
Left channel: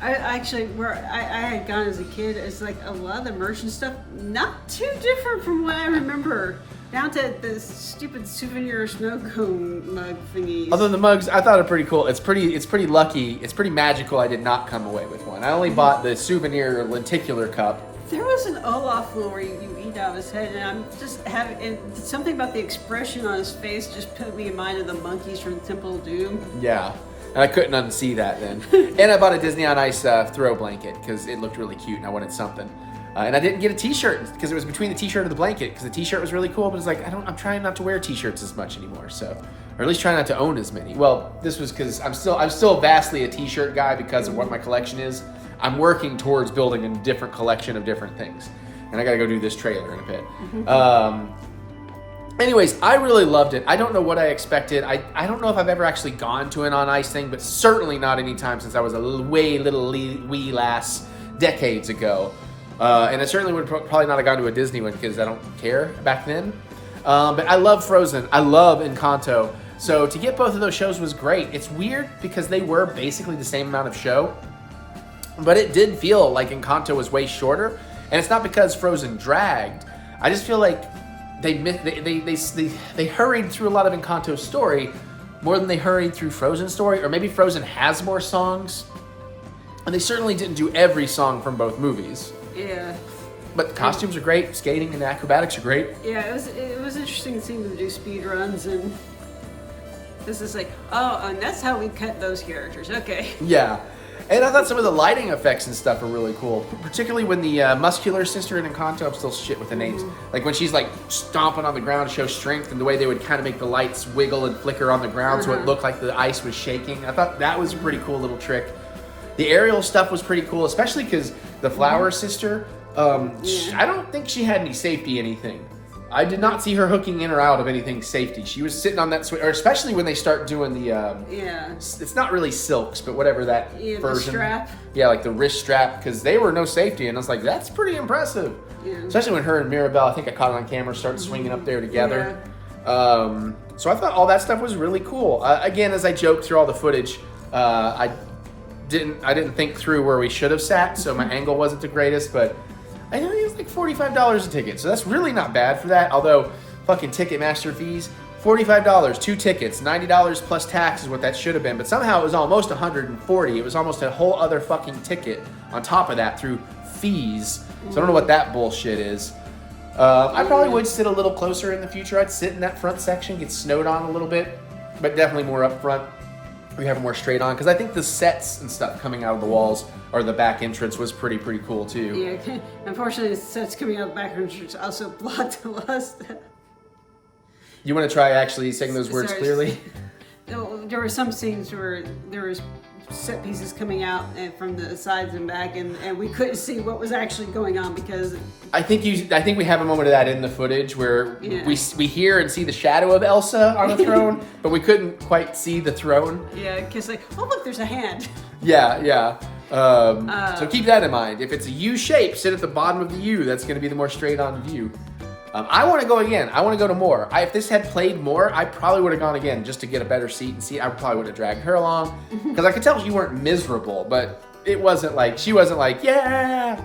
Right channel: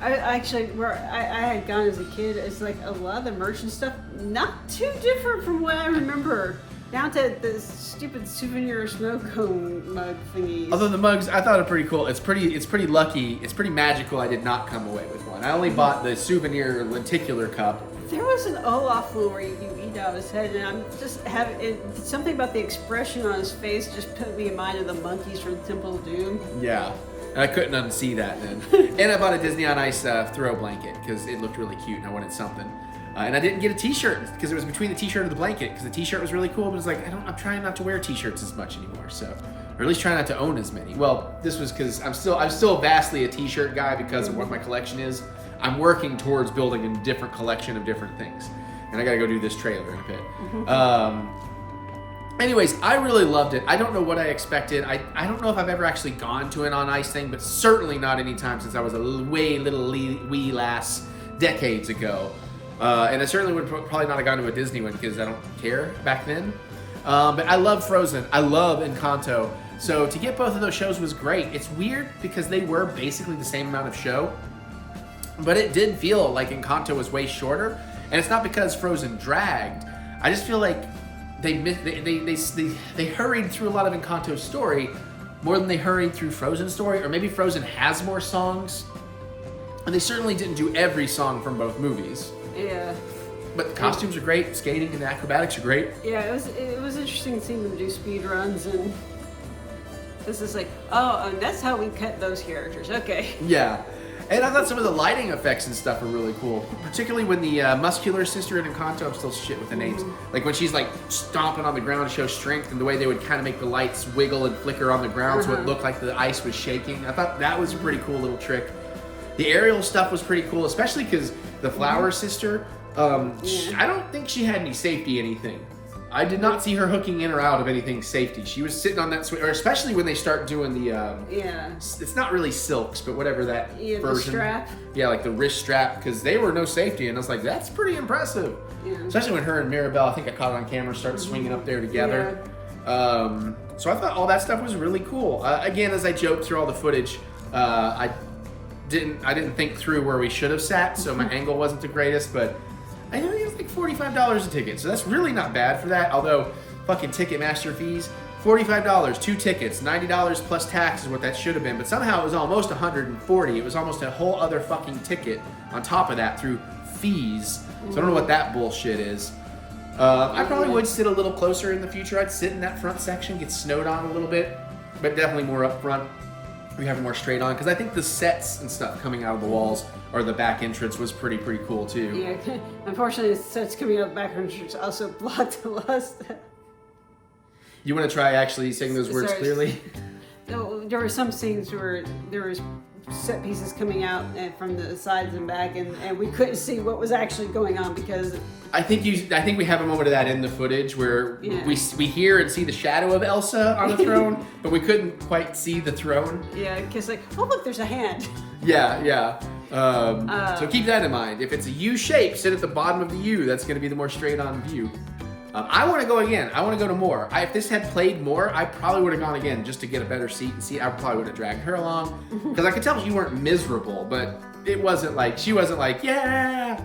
I had gone as a kid. It's like a lot of the merchant stuff, not too different from what I remember. Down to the stupid souvenir snow cone mug thingies. Although the mugs, I thought are pretty cool. It's pretty lucky. It's pretty magical. I did not come away with one. I only bought the souvenir lenticular cup. There was an Olaf one where you eat out of his head, and I'm just having something about the expression on his face just put me in mind of the monkeys from Temple of Doom. Yeah, and I couldn't unsee that then. And I bought a Disney on Ice throw blanket because it looked really cute and I wanted something. And I didn't get a t-shirt because it was between the t-shirt and the blanket because the t-shirt was really cool, but it's like, I'm trying not to wear t-shirts as much anymore, so. Or at least try not to own as many. Well, this was because I'm still vastly a t-shirt guy because of what my collection is. I'm working towards building a different collection of different things. And I gotta go do this trailer in a bit. Anyways, I really loved it. I don't know what I expected. I don't know if I've ever actually gone to an on ice thing, but certainly not any time since I was a wee lass decades ago. And I certainly would probably not have gone to a Disney one because I don't care back then. But I love Frozen. I love Encanto. So to get both of those shows was great. It's weird because they were basically the same amount of show, but it did feel like Encanto was way shorter. And it's not because Frozen dragged. I just feel like they hurried through a lot of Encanto's story more than they hurried through Frozen's story. Or maybe Frozen has more songs. And they certainly didn't do every song from both movies. Yeah. But the costumes are great, skating and the acrobatics are great. Yeah, it was interesting seeing them do speed runs, and this is like, oh, and that's how we cut those characters. Okay. Yeah. And I thought some of the lighting effects and stuff are really cool, particularly when the muscular sister in Encanto, I'm still shit with the names, like when she's like stomping on the ground to show strength, and the way they would kind of make the lights wiggle and flicker on the ground so it looked like the ice was shaking. I thought that was a pretty cool little trick. The aerial stuff was pretty cool, especially because the flower sister, I don't think she had any safety anything. I did not see her hooking in or out of anything safety. She was sitting on that swing, or especially when they start doing the, it's not really silks, but whatever that version. The strap. Yeah, like the wrist strap, because they were no safety, and I was like, that's pretty impressive. Yeah. Especially when her and Mirabelle, I think I caught it on camera, started swinging up there together. Yeah. So I thought all that stuff was really cool. Again, as I joked through all the footage, I didn't think through where we should have sat, so my angle wasn't the greatest, but I think it was like $45 a ticket, so that's really not bad for that, although fucking Ticketmaster fees, $45, 2 tickets, $90 plus tax is what that should have been, but somehow it was almost $140. It was almost a whole other fucking ticket on top of that through fees, so I don't know what that bullshit is. I probably would sit a little closer in the future. I'd sit in that front section, get snowed on a little bit, but definitely more up front. We have more straight on, because I think the sets and stuff coming out of the walls or the back entrance was pretty cool too. Yeah, unfortunately the sets coming out of the back entrance also blocked a lot of stuff. You want to try actually saying those words clearly? There were some scenes where there was set pieces coming out from the sides and back, and we couldn't see what was actually going on because I think we have a moment of that in the footage where we hear and see the shadow of Elsa on the throne, but we couldn't quite see the throne. Yeah, because like, oh look, there's a hand. Yeah. So keep that in mind. If it's a U shape, sit at the bottom of the U. That's going to be the more straight on view. I want to go again. I want to go to more. If this had played more, I probably would have gone again just to get a better seat and see. I probably would have dragged her along because I could tell you weren't miserable, but it wasn't like she wasn't like yeah.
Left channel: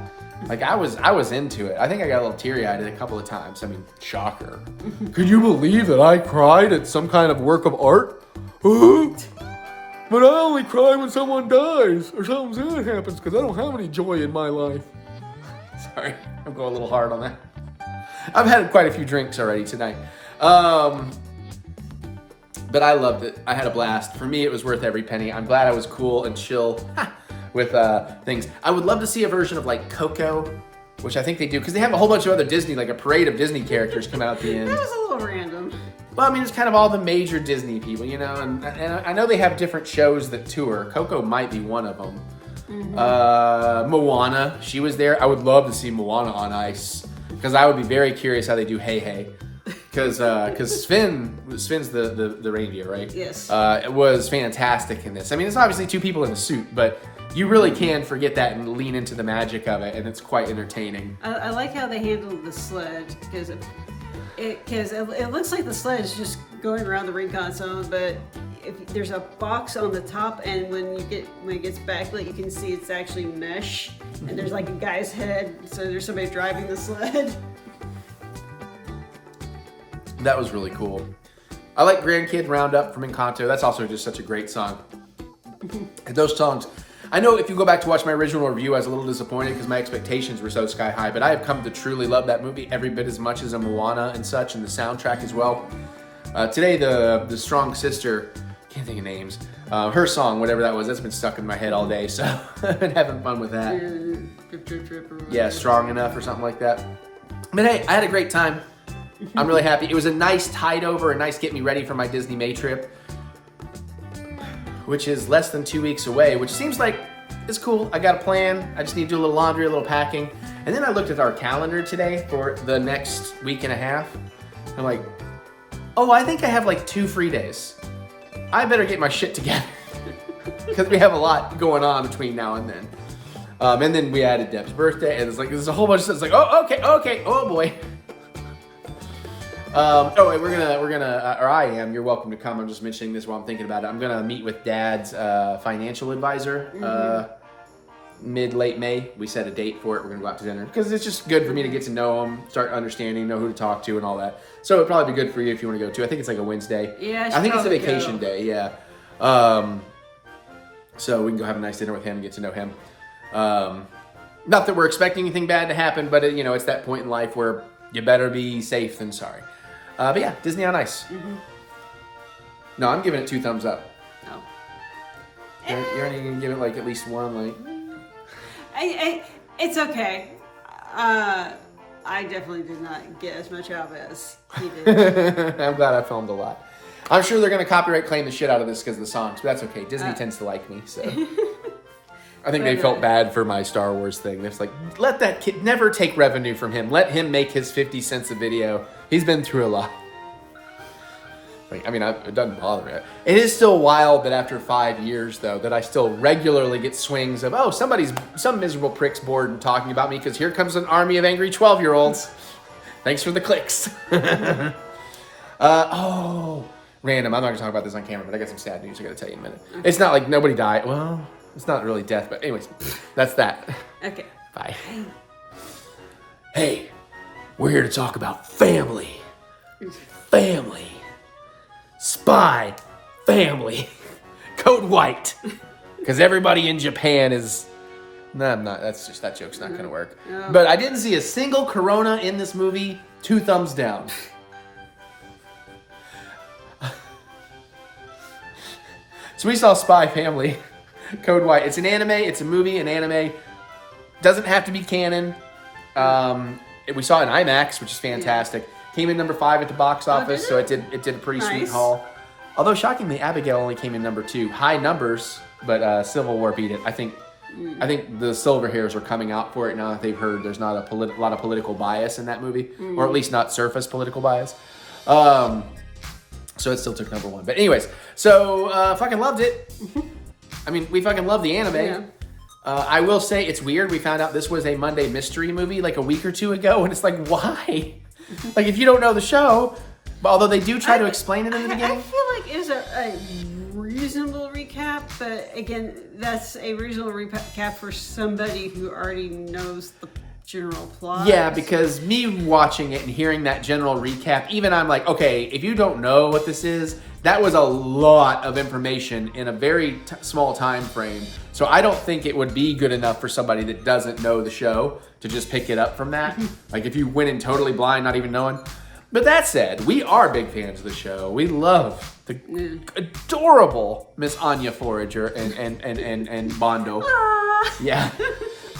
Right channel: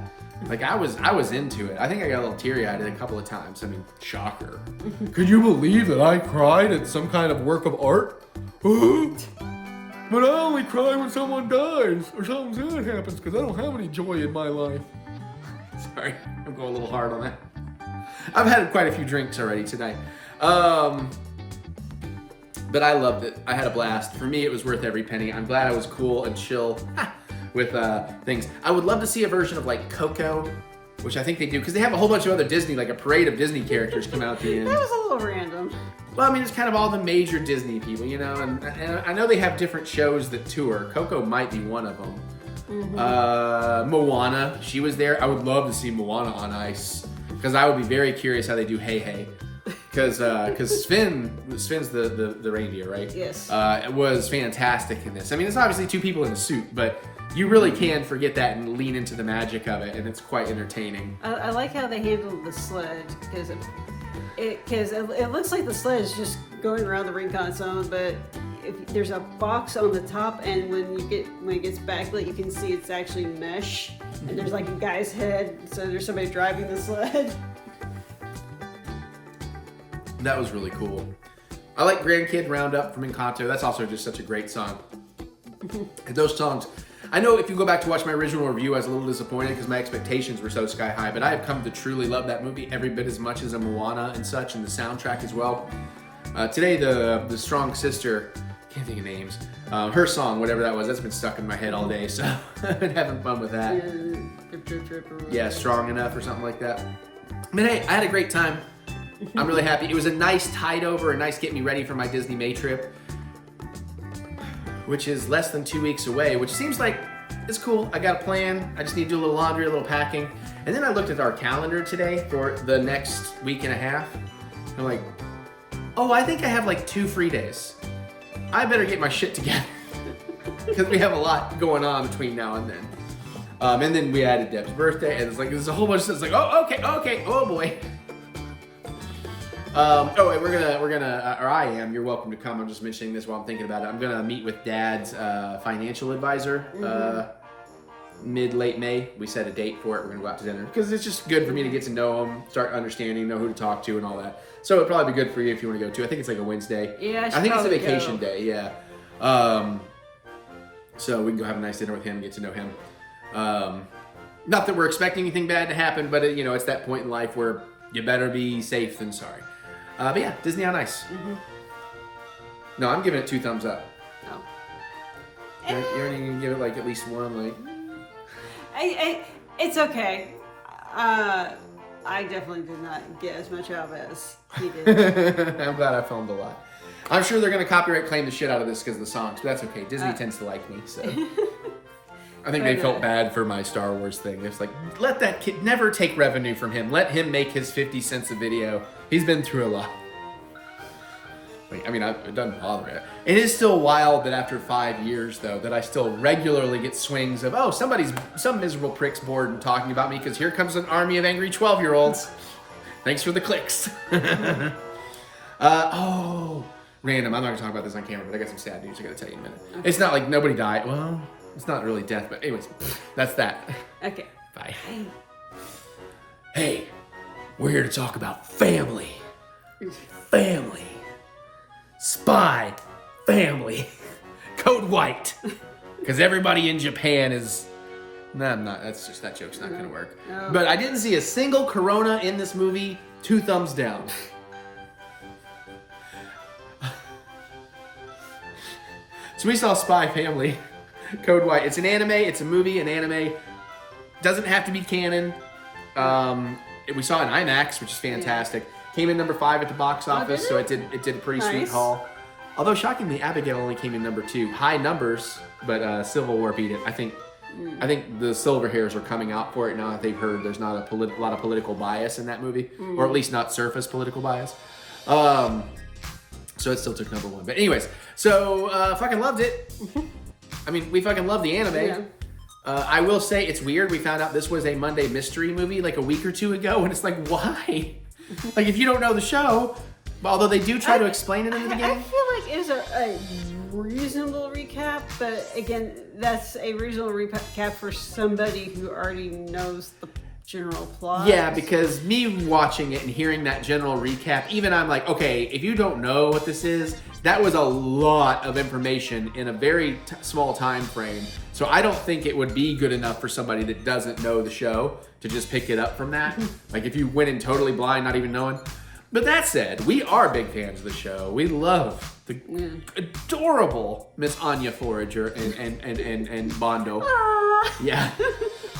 Like I was into it. I think I got a little teary-eyed a couple of times. I mean, shocker. Could you believe that I cried at some kind of work of art? But I only cry when someone dies or something sad happens because I don't have any joy in my life. Sorry, I'm going a little hard on that. I've had quite a few drinks already tonight. But I loved it. I had a blast. For me, it was worth every penny. I'm glad I was cool and chill with things. I would love to see a version of like Coco which I think they do because they have a whole bunch of other Disney, like a parade of Disney characters come out at the end. That was a little random. Well, I mean, it's kind of all the major Disney people, you know, and I know they have different shows that tour. Coco might be one of them. Moana, she was there. I would love to see Moana on ice because I would be very curious how they do Hey Hey. Because Sven's the reindeer, right? Yes. It was fantastic in this. I mean, it's obviously two people in a suit, but you really can forget that and lean into the magic of it, and it's quite entertaining. I like how they handled the sled because it looks like the sled is just going around the rincon zone, but if there's a box on the top, and when it gets backlit, you can see it's actually mesh, and there's like a guy's head, so there's somebody driving the sled. That was really cool. I like Grandkid Roundup from Encanto. That's also just such a great song. And those songs, I know if you go back to watch my original review, I was a little disappointed because my expectations were so sky high, but I have come to truly love that movie every bit as much as a Moana and such, and the soundtrack as well. Today, the Strong Sister, can't think of names, her song, whatever that was, that's been stuck in my head all day, so I've been having fun with that. Yeah, Strong Enough or something like that. But hey, I had a great time. I'm really happy. It was a nice tide over, a nice get me ready for my Disney May trip, which is less than 2 weeks away, which seems like it's cool. I got a plan. I just need to do a little laundry, a little packing. And then I looked at our calendar today for the next week and a half. I'm like, oh, I think I have like 2 free days. I better get my shit together because we have a lot going on between now and then. And then we added Deb's birthday, and it's like, there's a whole bunch of stuff. It's like, oh, okay, oh boy. We're gonna, or I am, you're welcome to come. I'm just mentioning this while I'm thinking about it. I'm gonna meet with Dad's financial advisor mid-late May. We set a date for it. We're gonna go out to dinner because it's just good for me to get to know him, start understanding, know who to talk to and all that. So it'd probably be good for you if you want to go too. I think it's like a Wednesday. Yeah, I think it's a vacation day, yeah. So we can go have a nice dinner with him, get to know him. Not that we're expecting anything bad to happen, but it's that point in life where you better be safe than sorry. But yeah, Disney on Ice. No, I'm giving it 2 thumbs up. Oh. You're only gonna give it like at least 1, like. It's okay. I definitely did not get as much out of it as he did. I'm glad I filmed a lot. I'm sure they're gonna copyright claim the shit out of this because of the songs, but that's okay. Disney tends to like me, so. I think they felt bad for my Star Wars thing. It's like, let that kid, never take revenue from him. Let him make his 50 cents a video. He's been through a lot. Like, I mean, it doesn't bother it. It is still wild that after 5 years, though, that I still regularly get swings of, oh, some miserable prick's bored and talking about me because here comes an army of angry 12-year-olds. Thanks for the clicks. Random. I'm not going to talk about this on camera, but I got some sad news I got to tell you in a minute. Okay. It's not like nobody died. Well, it's not really death, but anyways, that's that. Okay. Bye. Hey, we're here to talk about family. Family. Spy. Family. Code White. Because everybody in Japan is... No, I'm not. That joke's not going to work. No. But I didn't see a single Corona in this movie. 2 thumbs down. So we saw Spy Family. Code White. It's an anime. It's a movie. An anime. Doesn't have to be canon. We saw it in IMAX, which is fantastic. Yeah. Came in number 5 at the box office, so it did a pretty sweet haul. Although shockingly, Abigail only came in number 2. High numbers, but Civil War beat it. I think the silver hairs are coming out for it now that they've heard there's not a lot of political bias in that movie, or at least not surface political bias. So it still took number 1. But anyways, so fucking loved it. I mean, we fucking love the anime. Yeah. I will say it's weird. We found out this was a Monday mystery movie like a week or 2 ago, and it's like, why? Like, if you don't know the show, although they do try to explain it in the beginning. I feel like it's a reasonable recap, but again, that's a reasonable recap for somebody who already knows the general plot. Yeah, because me watching it and hearing that general recap, even I'm like, okay, if you don't know what this is, that was a lot of information in a very small time frame. So I don't think it would be good enough for somebody that doesn't know the show to just pick it up from that. Like if you went in totally blind, not even knowing. But that said, we are big fans of the show. We love the adorable Miss Anya Forager and Bondo. Yeah.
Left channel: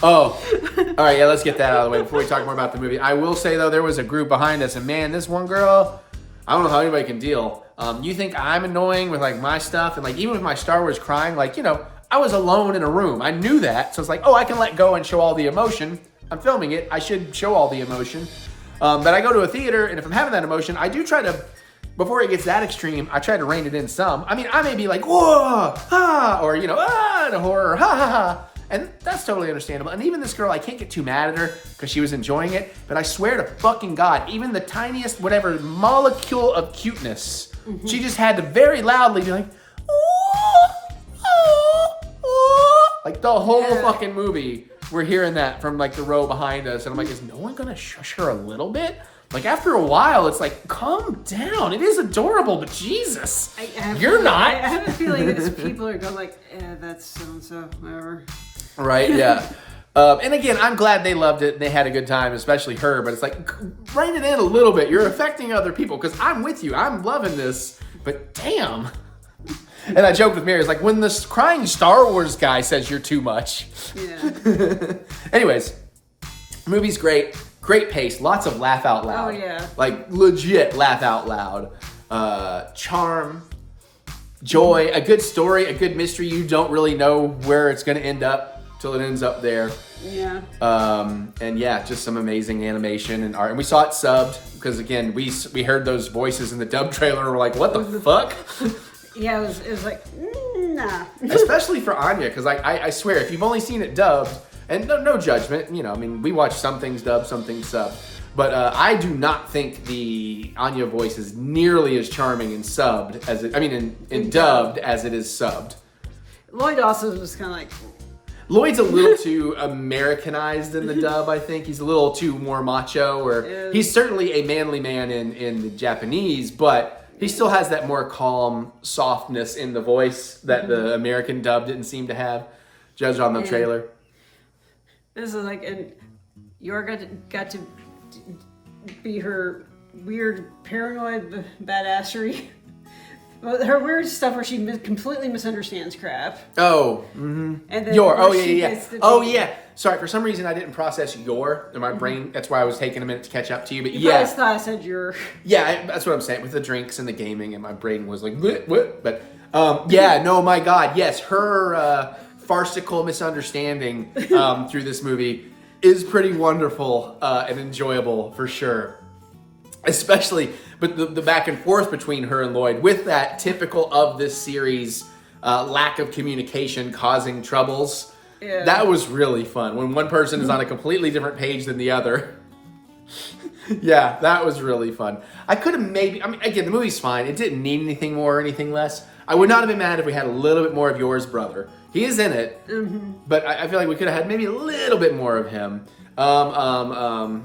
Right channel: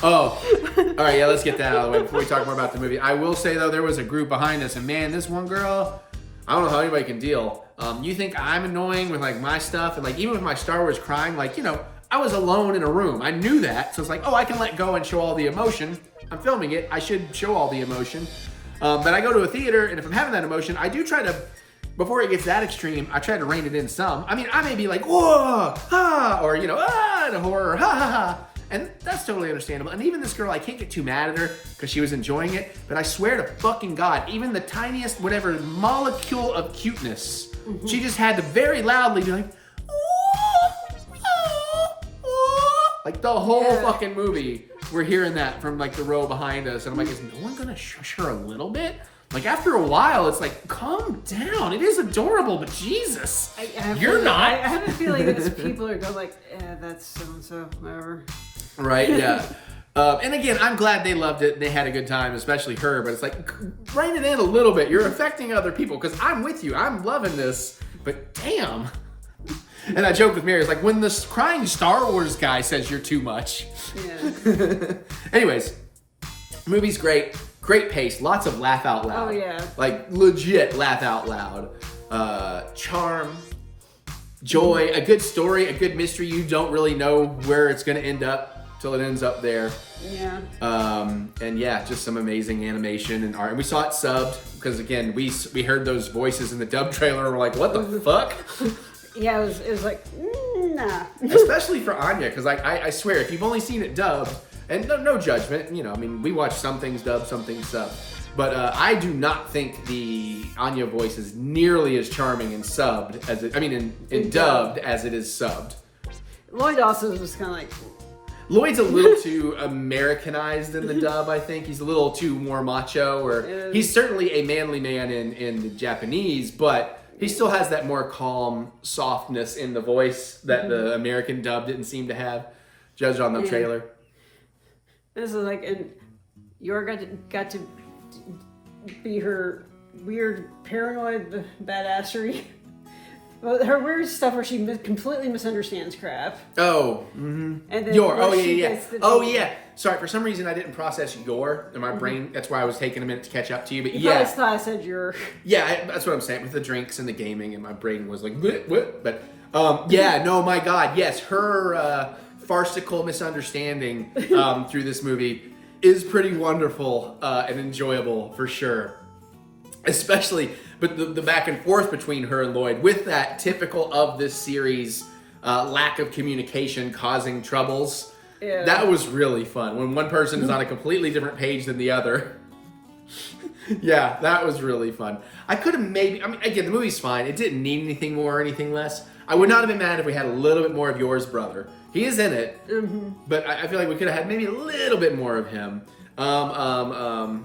Oh, all right, yeah, let's get that out of the way before we talk more about the movie. I will say, though, there was a group behind us, and man, this one girl, I don't know how anybody can deal. You think I'm annoying with, like, my stuff, and, like, even with my Star Wars crying, like, you know, I was alone in a room. I knew that, so it's like, oh, I can let go and show all the emotion. I'm filming it. I should show all the emotion. But I go to a theater, and if I'm having that emotion, I do try to, before it gets that extreme, I try to rein it in some. I mean, I may be like, whoa, ha, or, you know, in a horror, ha, ha, ha. And that's totally understandable. And even this girl, I can't get too mad at her because she was enjoying it. But I swear to fucking God, even the tiniest, whatever, molecule of cuteness, she just had to very loudly be like, like the whole fucking movie. We're hearing that from like the row behind us. And I'm like, is no one gonna shush her a little bit? Like after a while, it's like, calm down. It is adorable, but Jesus, you're not. I have a feeling that people are going like, that's so-and-so, whatever. Right, yeah. And again, I'm glad they loved it and they had a good time, especially her, but it's like, rein it in a little bit. You're affecting other people, because I'm with you. I'm loving this, but damn. And I joked with Mary, it's like, when this crying Star Wars guy says you're too much. Yeah. Anyways, movie's great. Great pace. Lots of laugh out loud. Oh, yeah. Like, legit laugh out loud. Charm. Joy. A good story. A good mystery. You don't really know where it's going to end up till it ends up there. Yeah. And yeah, just some amazing animation and art. And we saw it subbed because again, we heard those voices in the dub trailer and we're like, what the fuck? Yeah, it was like, nah. Especially for Anya, because I swear, if you've only seen it dubbed, and no judgment, you know, I mean, we watch some things dubbed, some things subbed. But I do not think the Anya voice is nearly as charming in subbed as it, I mean, in dubbed as it is subbed. Lloyd also was kind of like, Lloyd's a little too Americanized in the dub, I think. He's a little too more macho, or he's certainly a manly man in the Japanese, but he still has that more calm softness in the voice that the American dub didn't seem to have, judged on the trailer. This is like, and Yor got to be her weird paranoid badassery. Well, her weird stuff where she completely misunderstands crap. Oh, mm-hmm. And then Yor, oh yeah. Sorry, for some reason I didn't process Yor in my brain. That's why I was taking a minute to catch up to you. But you probably thought I said Yor. Yeah, that's what I'm saying. With the drinks and the gaming, and my brain was like, what? But yeah, no, my God, yes, her farcical misunderstanding through this movie is pretty wonderful and enjoyable for sure. Especially, but the back and forth between her and Lloyd, with that typical of this series lack of communication causing troubles. Yeah. That was really fun. When one person is on a completely different page than the other. Yeah, that was really fun. I could have maybe, I mean, again, the movie's fine. It didn't need anything more or anything less. I would not have been mad if we had a little bit more of Yor's brother. He is in it, but I feel like we could have had maybe a little bit more of him. Oh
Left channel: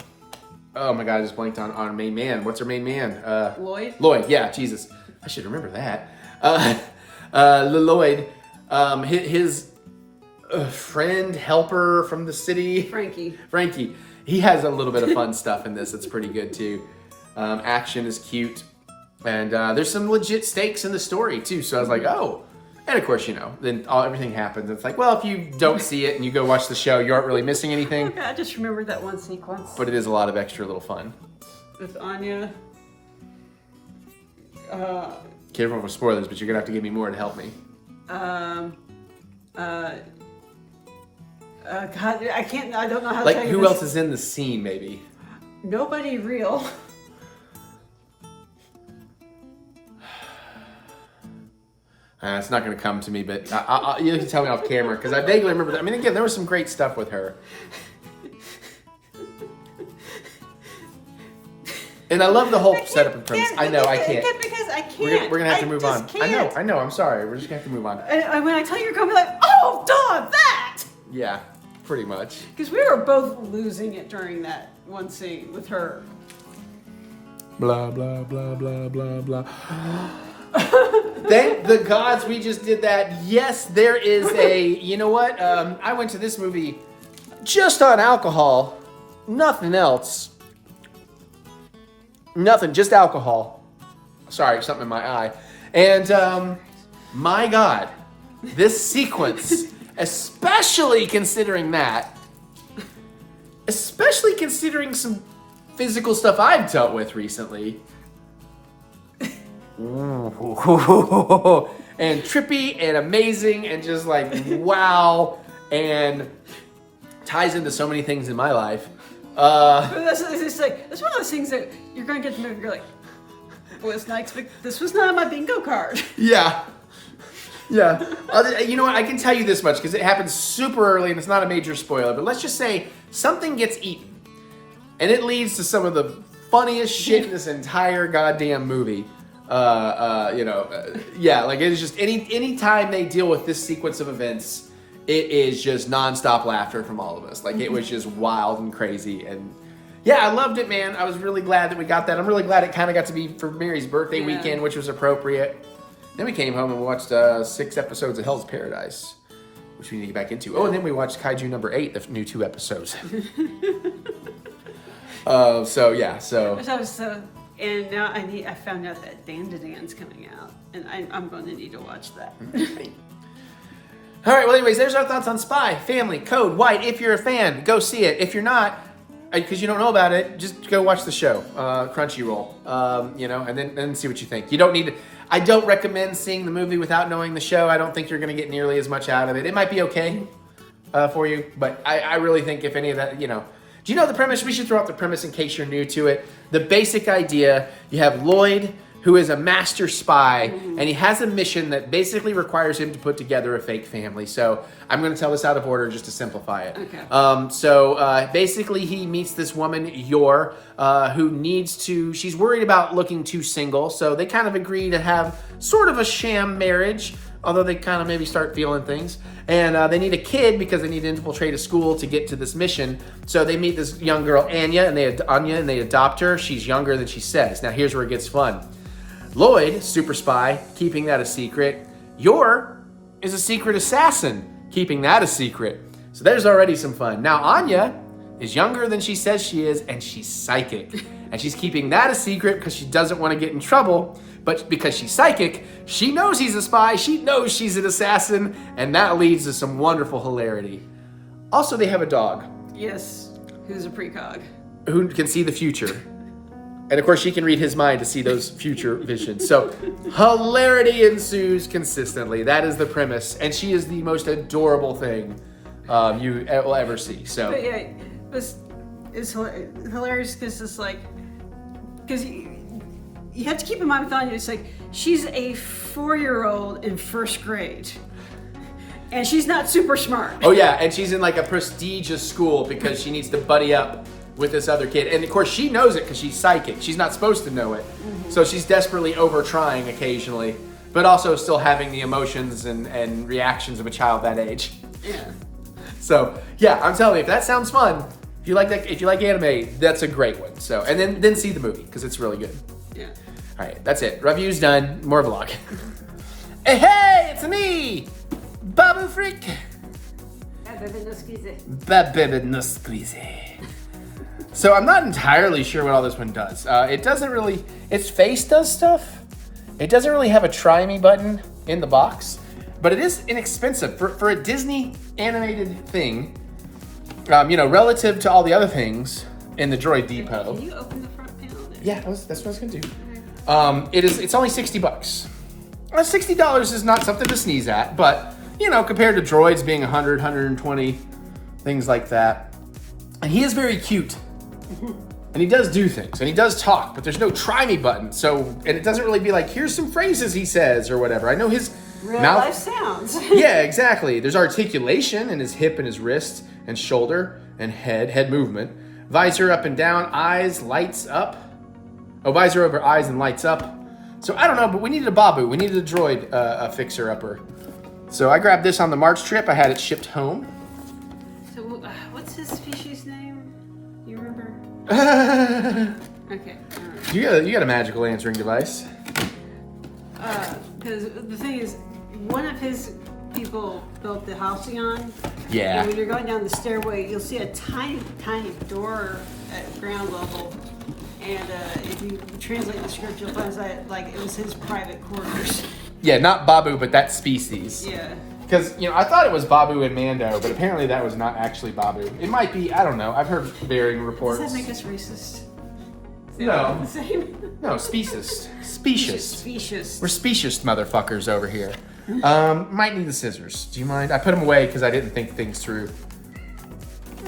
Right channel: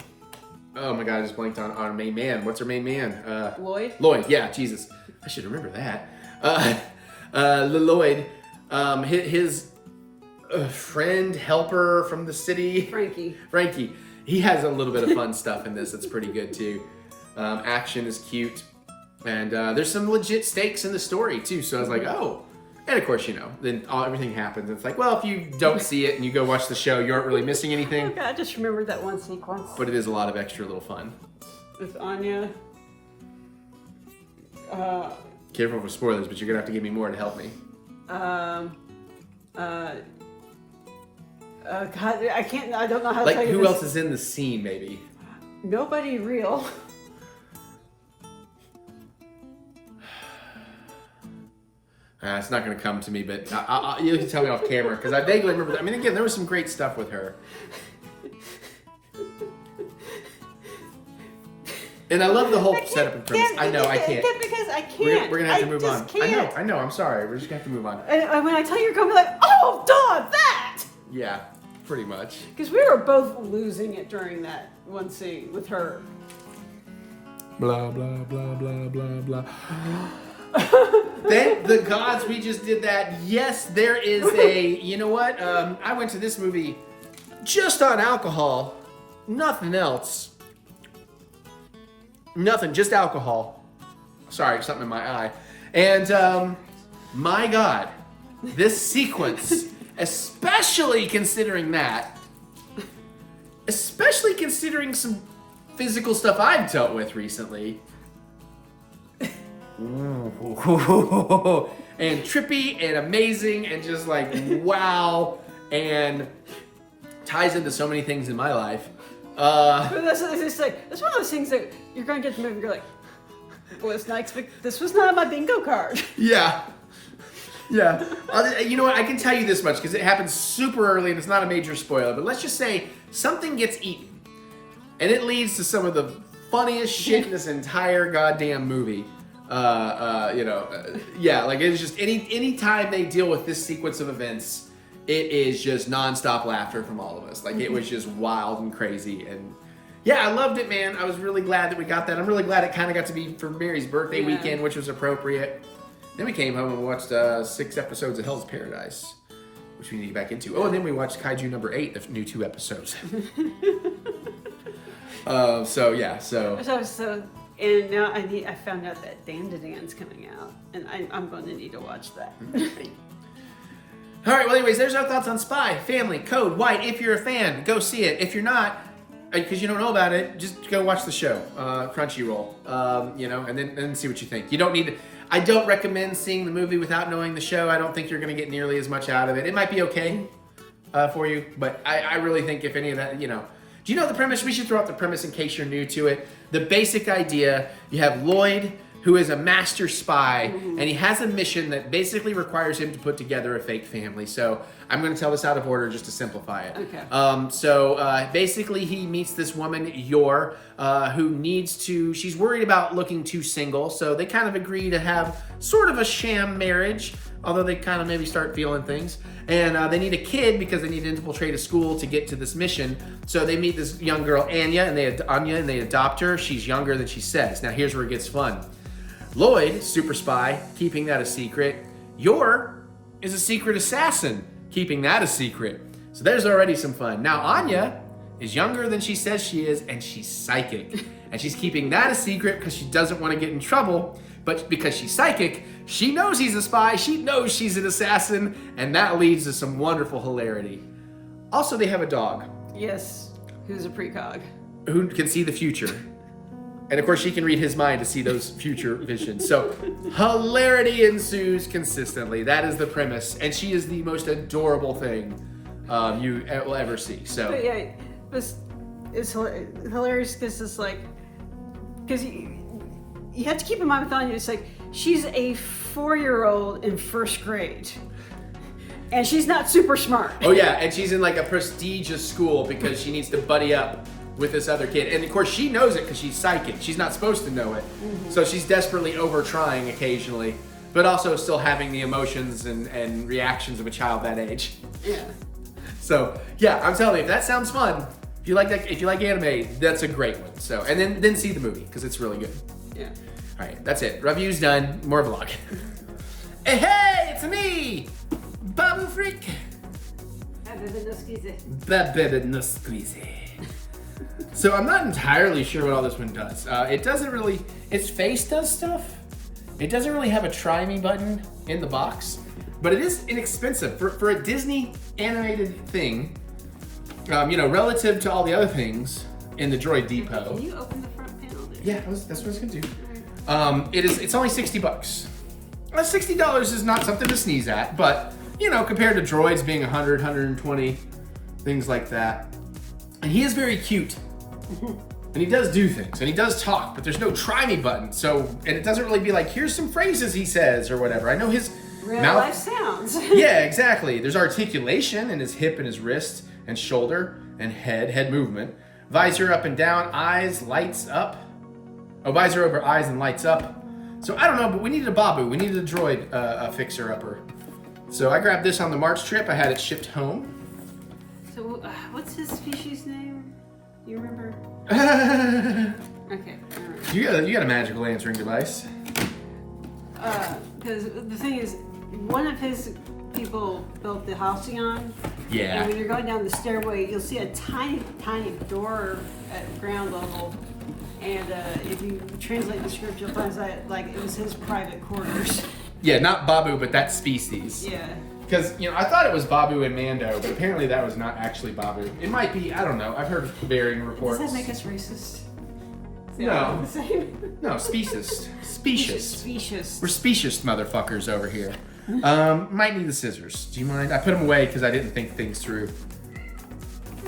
my God, I just blanked on our main man. What's our main man? Lloyd? Lloyd, yeah, Jesus. I should remember that. Lloyd, his friend, helper from the city. Frankie. He has a little bit of fun stuff in this. It's pretty good too. Action is cute. And there's some legit stakes in the story too. So I was like, oh. And of course, you know, then everything happens. It's like, well, if you don't see it and you go watch the show, you aren't really missing anything. Okay, I just remembered that one sequence. But it is a lot of extra little fun. With Anya. Careful for spoilers, but you're gonna have to give me more to help me. God, I can't. I don't know how to like, tell you who this. else is in the scene? Maybe. Nobody real. It's not going to come to me, but you can tell me off camera, because I vaguely remember that. I mean, again, there was some great stuff with her. And I love the whole setup of terms. I know, I can't. Because I can't. We're going to have to move on. Can't. I know, I'm sorry. We're just going to have to move on. And when I tell you, you're going to be like, oh, duh, that! Yeah, pretty much. Because we were both losing it during that one scene with her. Blah, blah, blah, blah, blah, blah. Thank the gods we just did that. Yes, there is a, you know what? I went to this movie just on alcohol. Nothing else. Nothing, just alcohol. Sorry, something in my eye. And my God, this sequence, especially considering that, especially considering some physical stuff I've dealt with recently. And trippy and amazing and just like wow, and ties into so many things in my life. But that's one of those things that you're going to get the movie and you're like, well, it's not this was not my bingo card. Yeah. You know what? I can tell you this much because it happens super early and it's not a major spoiler. But let's just say something gets eaten, and it leads to some of the funniest shit in this entire goddamn movie. Like it is just any time they deal with this sequence of events, it is just nonstop laughter from all of us. Like it was just wild and crazy, and yeah, I loved it, man. I was really glad that we got that. I'm really glad it kind of got to be for Mary's birthday weekend, which was appropriate. Then we came home and watched 6 episodes of Hell's Paradise, which we need to get back into. Oh, and then we watched Kaiju number 8, the new 2 episodes. And now I found out that Dan to Dan's coming out, and I'm going to need to watch that. All right, well, anyways, there's our thoughts on Spy, Family, Code White. If you're a fan, go see it. If you're not, because you don't know about it, just go watch the show, Crunchyroll, and then see what you think. You don't need to, I don't recommend seeing the movie without knowing the show. I don't think you're going to get nearly as much out of it. It might be okay for you, but I really think if any of that, do you know the premise? We should throw out the premise in case you're new to it. The basic idea, you have Lloyd, who is a master spy, and he has a mission that basically requires him to put together a fake family. So I'm going to tell this out of order just to simplify it. Okay. Basically he meets this woman, Yor, who she's worried about looking too single. So they kind of agree to have sort of a sham marriage, although they kind of maybe start feeling things. And they need a kid because they need to infiltrate a school to get to this mission. So they meet this young girl, Anya, and they adopt her. She's younger than she says. Now here's where it gets fun. Lloyd, super spy, keeping that a secret. Yor is a secret assassin, keeping that a secret. So there's already some fun. Now Anya is younger than she says she is, and she's psychic. And she's keeping that a secret because she doesn't want to get in trouble. But because she's psychic, she knows he's a spy, she knows she's an assassin, and that leads to some wonderful hilarity. Also, they have a dog. Yes, who's a precog. Who can see the future. And of course, she can read his mind to see those future visions. So, hilarity ensues consistently. That is the premise. And she is the most adorable thing you will ever see. So, but yeah, it's hilarious because it's like, because you have to keep in mind with Anya, it's like, she's a 4-year-old in 1st grade. And she's not super smart. Oh yeah, and she's in like a prestigious school because she needs to buddy up with this other kid. And of course she knows it because she's psychic. She's not supposed to know it. So she's desperately over trying occasionally, but also still having the emotions and reactions of a child that age. Yeah. So yeah, I'm telling you, if that sounds fun, if you like anime, that's a great one. So, and then see the movie because it's really good. Yeah. All right, that's it. Review's done. More vlog. Hey, it's me, Babu Frik. Babu no squeeze. So I'm not entirely sure what all this one does. It doesn't really, its face does stuff. It doesn't really have a try me button in the box, but it is inexpensive for a Disney animated thing, relative to all the other things in the Droid Depot. Can you open the front panel there? Yeah, that's what I was gonna do. It's only $60. Well, $60 is not something to sneeze at, but compared to droids being 100, 120, things like that. And he is very cute. And he does do things, and he does talk, but there's no try me button. And it doesn't really be like, here's some phrases he says or whatever. I know his Real mouth life sounds. Yeah, exactly. There's articulation in his hip and his wrist and shoulder and head movement. Visor up and down, eyes, lights up. Oh, visor over eyes and lights up. So I don't know, but we needed a Babu. We needed a droid, a fixer-upper. So I grabbed this on the March trip. I had it shipped home. So what's his species name? Do you remember? Okay, all right. You got a magical answering device. Because the thing is, one of his people built the Halcyon. Yeah. And when you're going down the stairway, you'll see a tiny, tiny door at ground level. And if you translate the script, you'll find that like it was his private quarters. Yeah, not Babu, but that species. Yeah. Because, you know, I thought it was Babu and Mando, but apparently that was not actually Babu. It might be, I don't know. I've heard varying reports. Does that make us racist? No. The same? No, specious. Specious. Specious. We're specious motherfuckers over here. Might need the scissors. Do you mind? I put them away because I didn't think things through.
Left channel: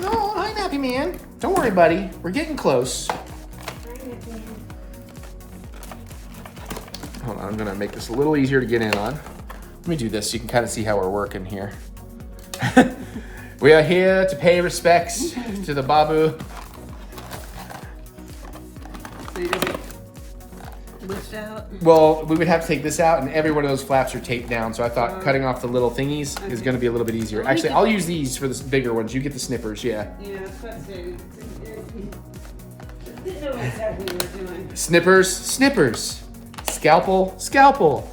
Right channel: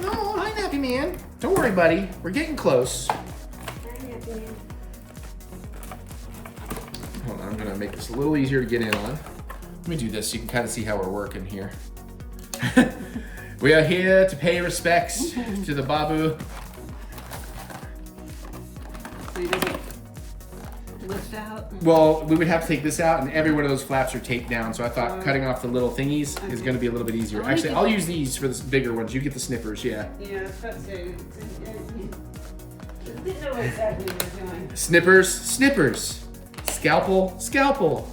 No, I'm happy, man. Don't worry, buddy. We're getting close. Hold on, I'm gonna make this a little easier to get in on. Let me do this so you can kind of see how we're working here. We are here to pay respects to the Babu. So does it lift out? Well, we would have to take this out, and every one of those flaps are taped down, so I thought cutting off the little thingies is going to be a little bit easier. Well, Actually, I'll use these for the bigger ones. You get the snippers, yeah. Yeah, I was about to say. Didn't know exactly what I was doing. Snippers. Scalpel.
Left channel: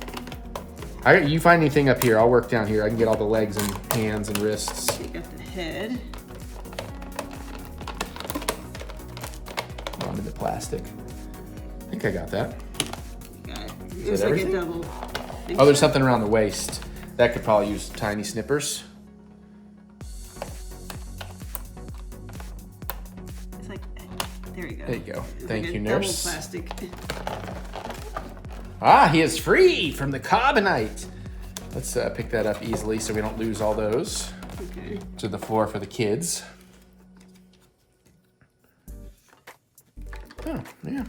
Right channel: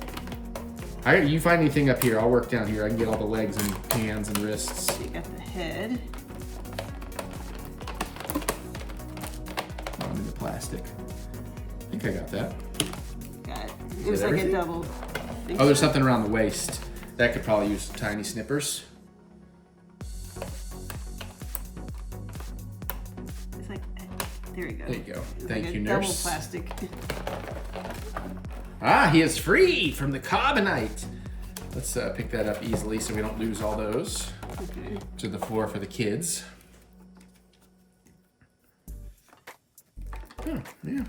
You find anything up here, I'll work down here. I can get all the legs and hands and wrists. You got the head. Oh, I'm in the plastic. I think I got that. Got it. Is It was that like a everything? double. Oh, there's something around the waist. That could probably use tiny snippers. It's like, there you go. There you go. It's Thank like you, a double nurse. plastic. Ah, he is free from the carbonite. Let's pick that up easily so we don't lose all those Okay. to the floor for the kids. Oh, yeah.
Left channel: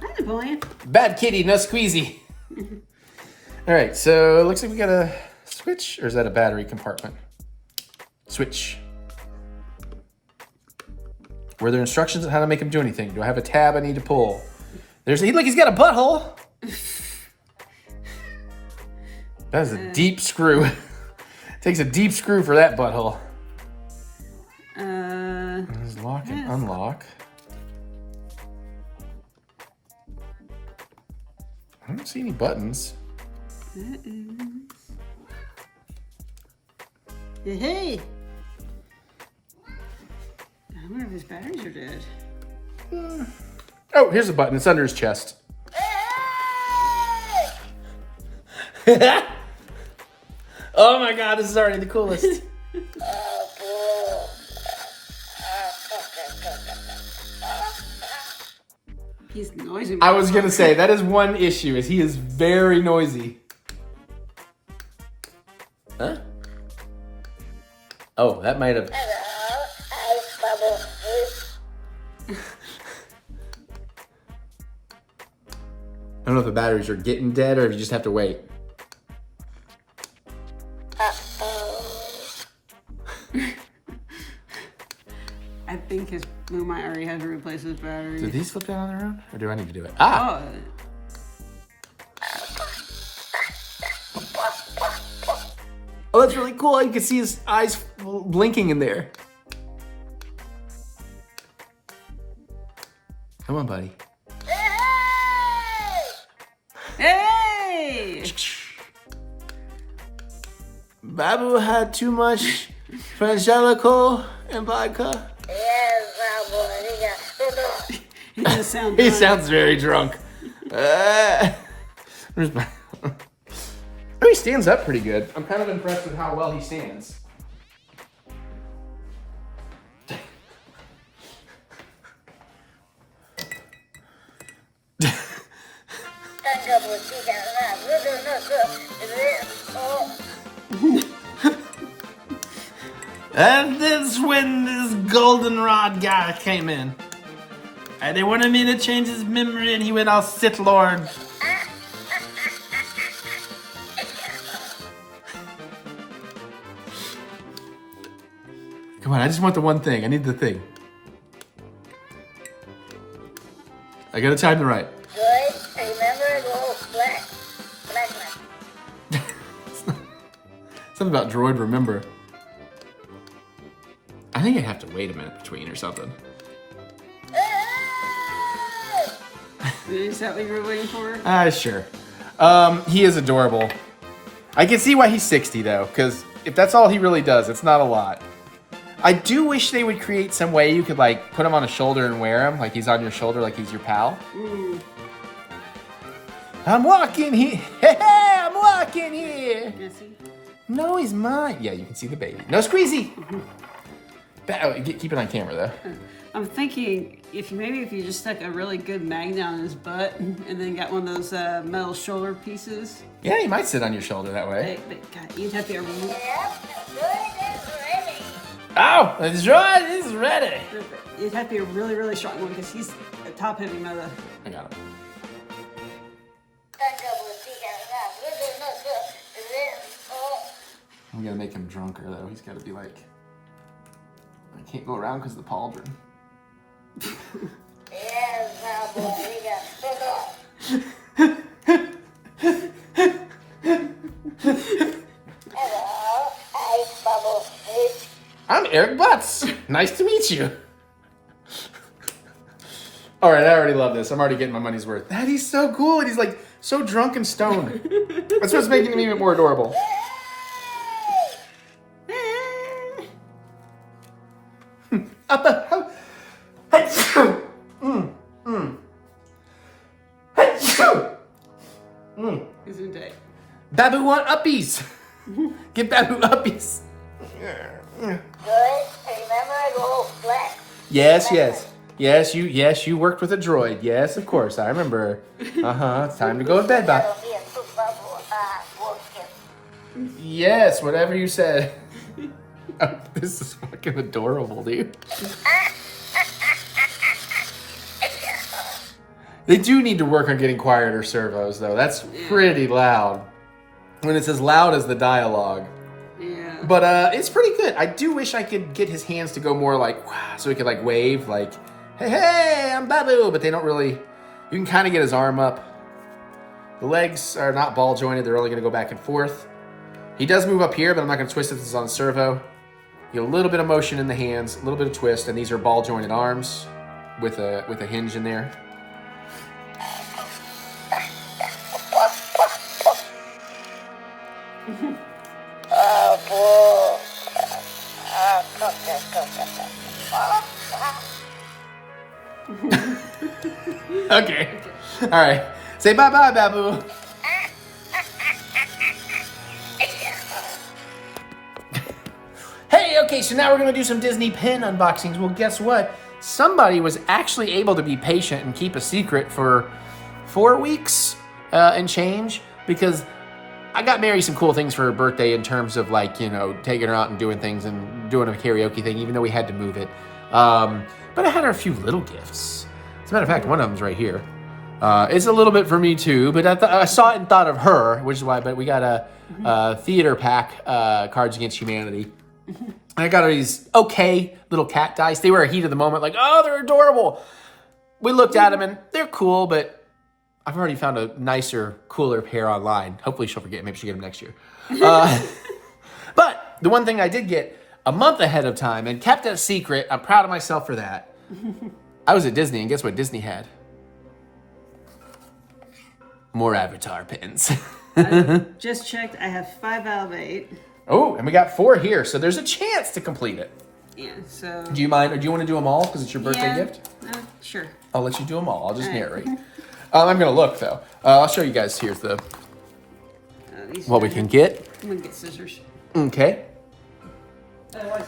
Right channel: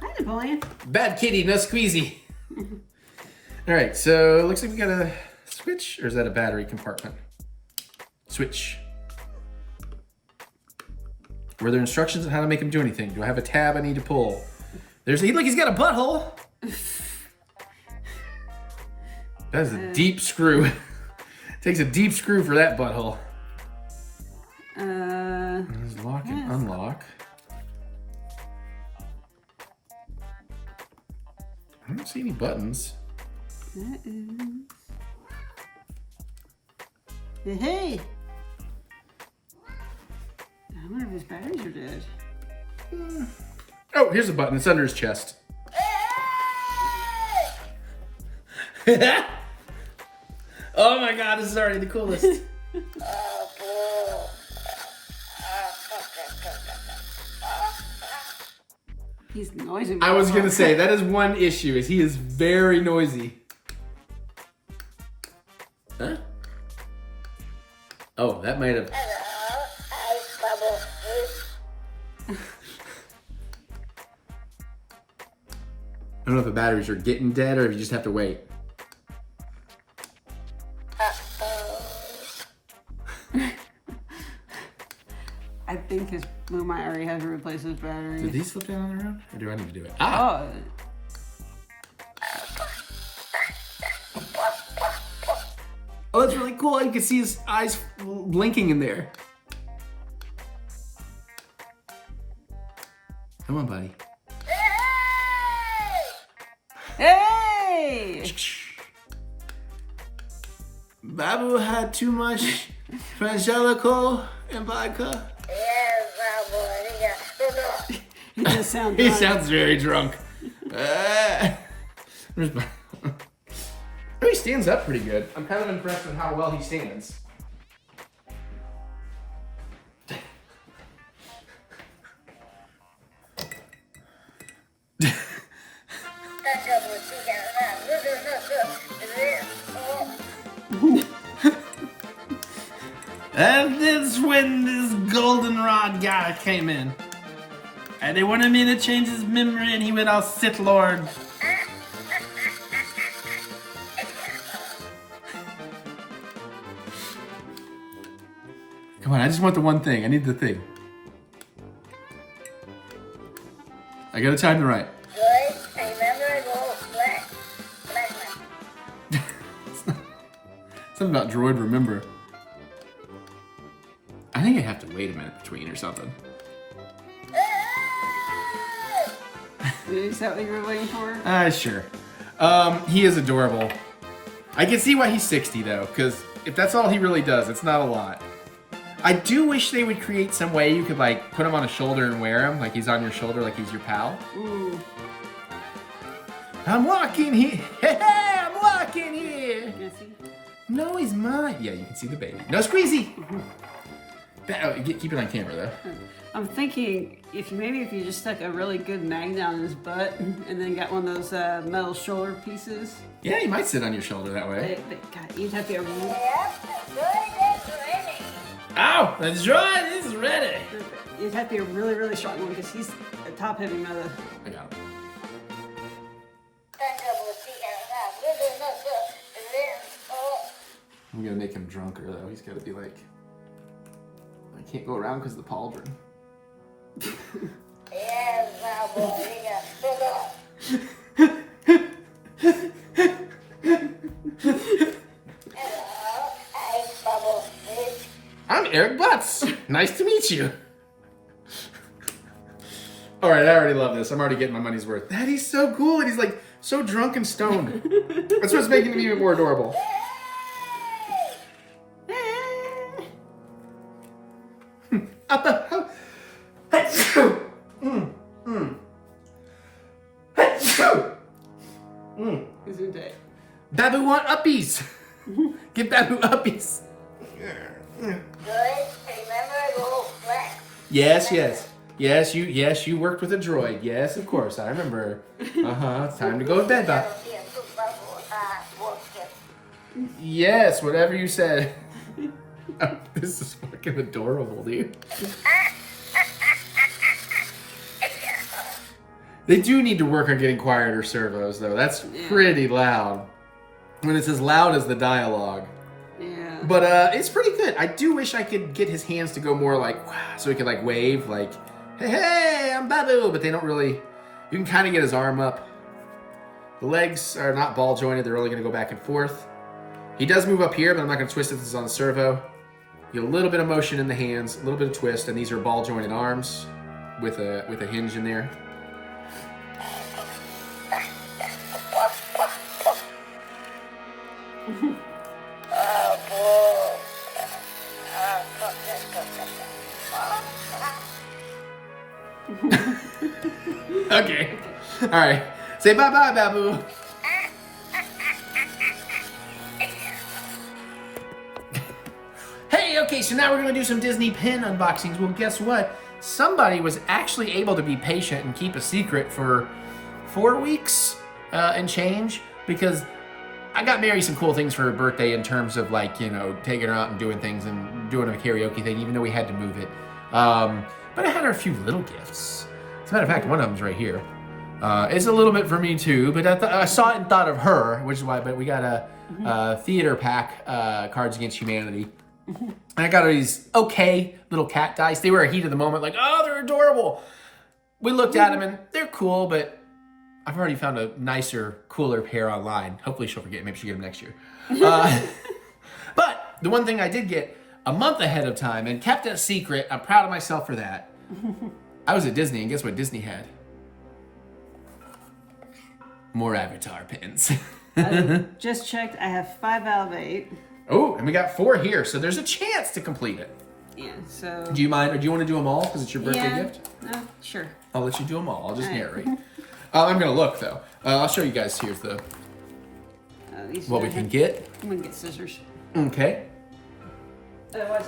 Hi, Napoleon. Bad kitty, no squeezy. All right, so it looks like we got a switch, or is that a battery compartment? Switch. Were there instructions on how to make him do anything? Do I have a tab I need to pull? Look, he's got a butthole. That is a deep screw. Takes a deep screw for that butthole. There's lock and unlock. I don't see any buttons. That is... Hey! I wonder if his batteries are dead. Oh, here's a button. It's under his chest. Oh my god, this is already the coolest. He's noisy. I was gonna say, that is one issue, is he is very noisy. Huh? Oh, that might have... I don't know if the batteries are getting dead or you just have to wait. I think his Lumai already has to replace his battery. Do these flip down on their own? Or do I need to do it? Ah! Oh, that's really cool. You can see his eyes blinking in there. Come on, buddy. Hey! Babu had too much Frangelico and vodka. He just sounds He drunk. sounds very drunk. Where's my... Oh, he stands up pretty good. I'm kind of impressed with how well he stands. And that's when this goldenrod guy came in. And they wanted me to change his memory, and he went all Sith Lord. Come on, I just want the one thing. I need the thing. I gotta time it right. Good. Remember the whole black. Something about droid remember. I think I have to wait a minute between or something. Is that what you were waiting for? Sure. He is adorable. I can see why he's 60 though, because if that's all he really does, it's not a lot. I do wish they would create some way you could like put him on a shoulder and wear him, like he's on your shoulder, like he's your pal. I'm walking here. I'm walking here. Can I see? No, he's mine. Yeah, you can see the baby. No squeezy. Keep it on camera though. I'm thinking if you just stuck a really good magnet on his butt and then got one of those metal shoulder pieces. Yeah, he might sit on your shoulder that way. God, you'd have to be a Oh, that's right. He's ready. It'd have to be a really, really strong one because he's a top-heavy mother. I got him. I'm gonna make him drunker though. He's gotta be like, I can't go around because of the pauldron. I'm Eric Butts. Nice to meet you. All right, I already love this. I'm already getting my money's worth. That is so cool. And he's like so drunk and stoned. That's what's making him even more adorable. Isn't it? Babu want uppies. Give Babu uppies. Yes, yes. Yes, you worked with a droid. Yes, of course. I remember. It's time to go to bed, Bob. Yes, whatever you said. Oh, this is fucking adorable, dude. They do need to work on getting quieter servos, though. That's pretty loud. When it's as loud as the dialogue. Yeah. But it's pretty good. I do wish I could get his hands to go more like, so he could like wave, like, hey, I'm Babu. But they don't really, you can kind of get his arm up. The legs are not ball jointed. They're only going to go back and forth. He does move up here, but I'm not going to twist it. This is on servo. You get a little bit of motion in the hands, a little bit of twist, and these are ball jointed arms with a hinge in there. Okay. All right. Say bye-bye, Babu. Hey, okay, so now we're going to do some Disney pin unboxings. Well, guess what? Somebody was actually able to be patient and keep a secret for 4 weeks and change, because I got Mary some cool things for her birthday in terms of, like, you know, taking her out and doing things and doing a karaoke thing, even though we had to move it. But I had her a few little gifts. As a matter of fact, one of them's right here. It's a little bit for me too, but I saw it and thought of her, which is why. But we got a theater pack, Cards Against Humanity. I got her these okay little cat dice. They were a heat of the moment, like, oh, they're adorable. We looked at them and they're cool, but I've already found a nicer, cooler pair online. Hopefully she'll forget. Maybe she'll get them next year. But the one thing I did get a month ahead of time and kept it a secret, I'm proud of myself for that. I was at Disney, and guess what Disney had? More Avatar pins. I just checked. I have 5 out of 8. Oh, and we got 4 here, so there's a chance to complete it. Yeah, so... Do you mind, or do you want to do them all because it's your birthday gift? Sure. I'll let you do them all. I'll just narrate. I'm going to look, though. I'll show you guys here's the what we can get. I'm going to get scissors. Okay.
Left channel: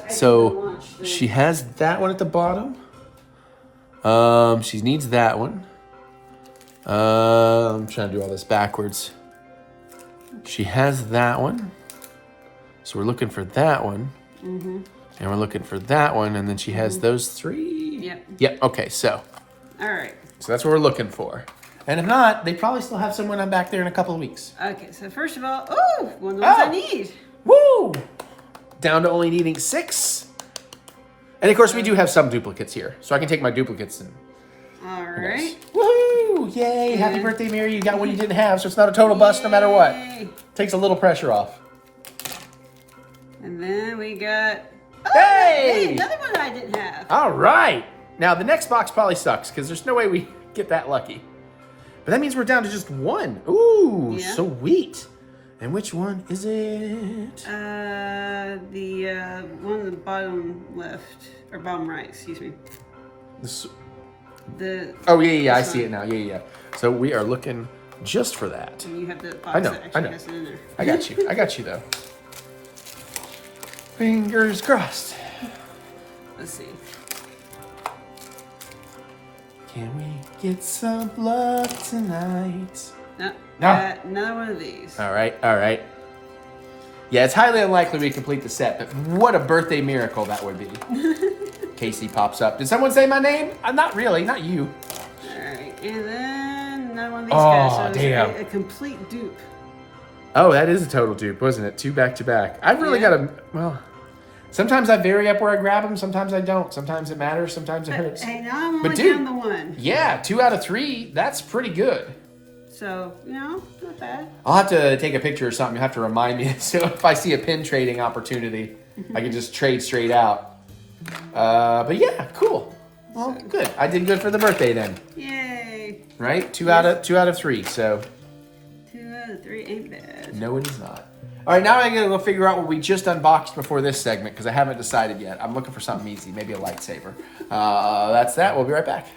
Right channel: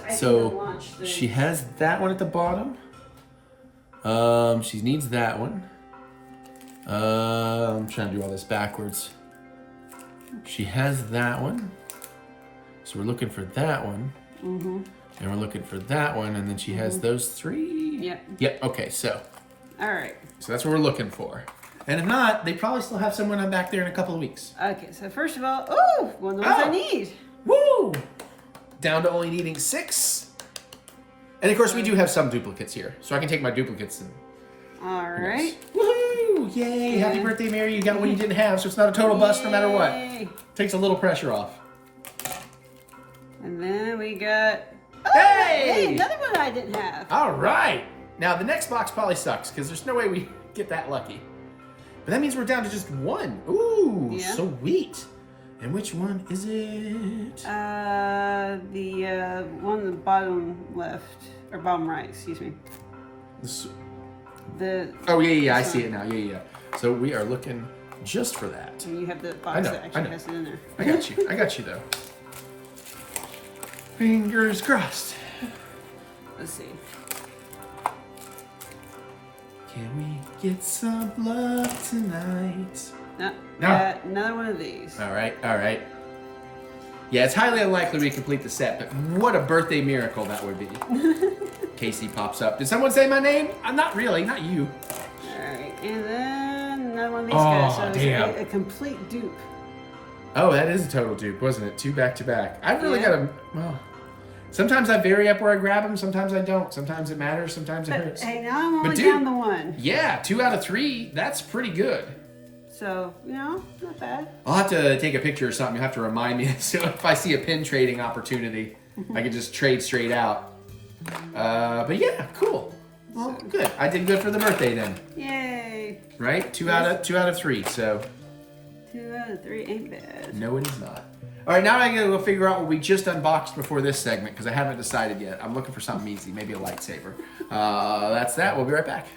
So she has that one at the bottom. She needs that one. I'm trying to do all this backwards. She has that one. So we're looking for that one. Mm-hmm. And we're looking for that one. And then she has those 3. Yep. Yep. Okay, so. All right. So that's what we're looking for. And if not, they probably still have someone on back there in a couple of weeks. Okay, so first of all, one of the ones I need. Woo! Down to only needing 6. And of course, we do have some duplicates here. So I can take my duplicates and... All right. Woohoo! Yay! Happy birthday, Mary. You got one you didn't have, so it's not a total bust no matter what. Takes a little pressure off. And then we got... Hey! Another one I didn't have. All right. Now, the next box probably sucks, because there's no way we get that lucky. But that means we're down to just 1. Ooh, yeah. Sweet. And which one is it? The one on the bottom left, or bottom right, excuse me. Oh, yeah, I see it now. Yeah. So we are looking just for that. And you have the box I know, that I actually know. has it in there. I got you though. Fingers crossed. Let's see. Can we get some love tonight? No, No. another one of these. All right. Yeah, it's highly unlikely we complete the set, but what a birthday miracle that would be. Casey pops up. Did someone say my name? Not really, not you. Alright, and then another one of these Oh, guys. So it's damn. a complete dupe. Oh, that is a total dupe, wasn't it? 2 back to back. I've really Yeah. got to, well, sometimes I vary up where I grab them, sometimes I don't. Sometimes it matters, sometimes it hurts. Hey, now I'm only But dude, down to one. Yeah, 2 out of 3, that's pretty good. So, not bad. I'll have to take a picture or something. You'll have to remind me. So if I see a pin trading opportunity, I can just trade straight out. But yeah, cool. Well, good. I did good for the birthday then, Yay. right? 2 out of 3. So 2 out of 3 ain't bad. no, it is not. All right, now I gotta go figure out what we just unboxed before this segment because I haven't decided yet. I'm looking for something easy, maybe a lightsaber. That's that. We'll be right back.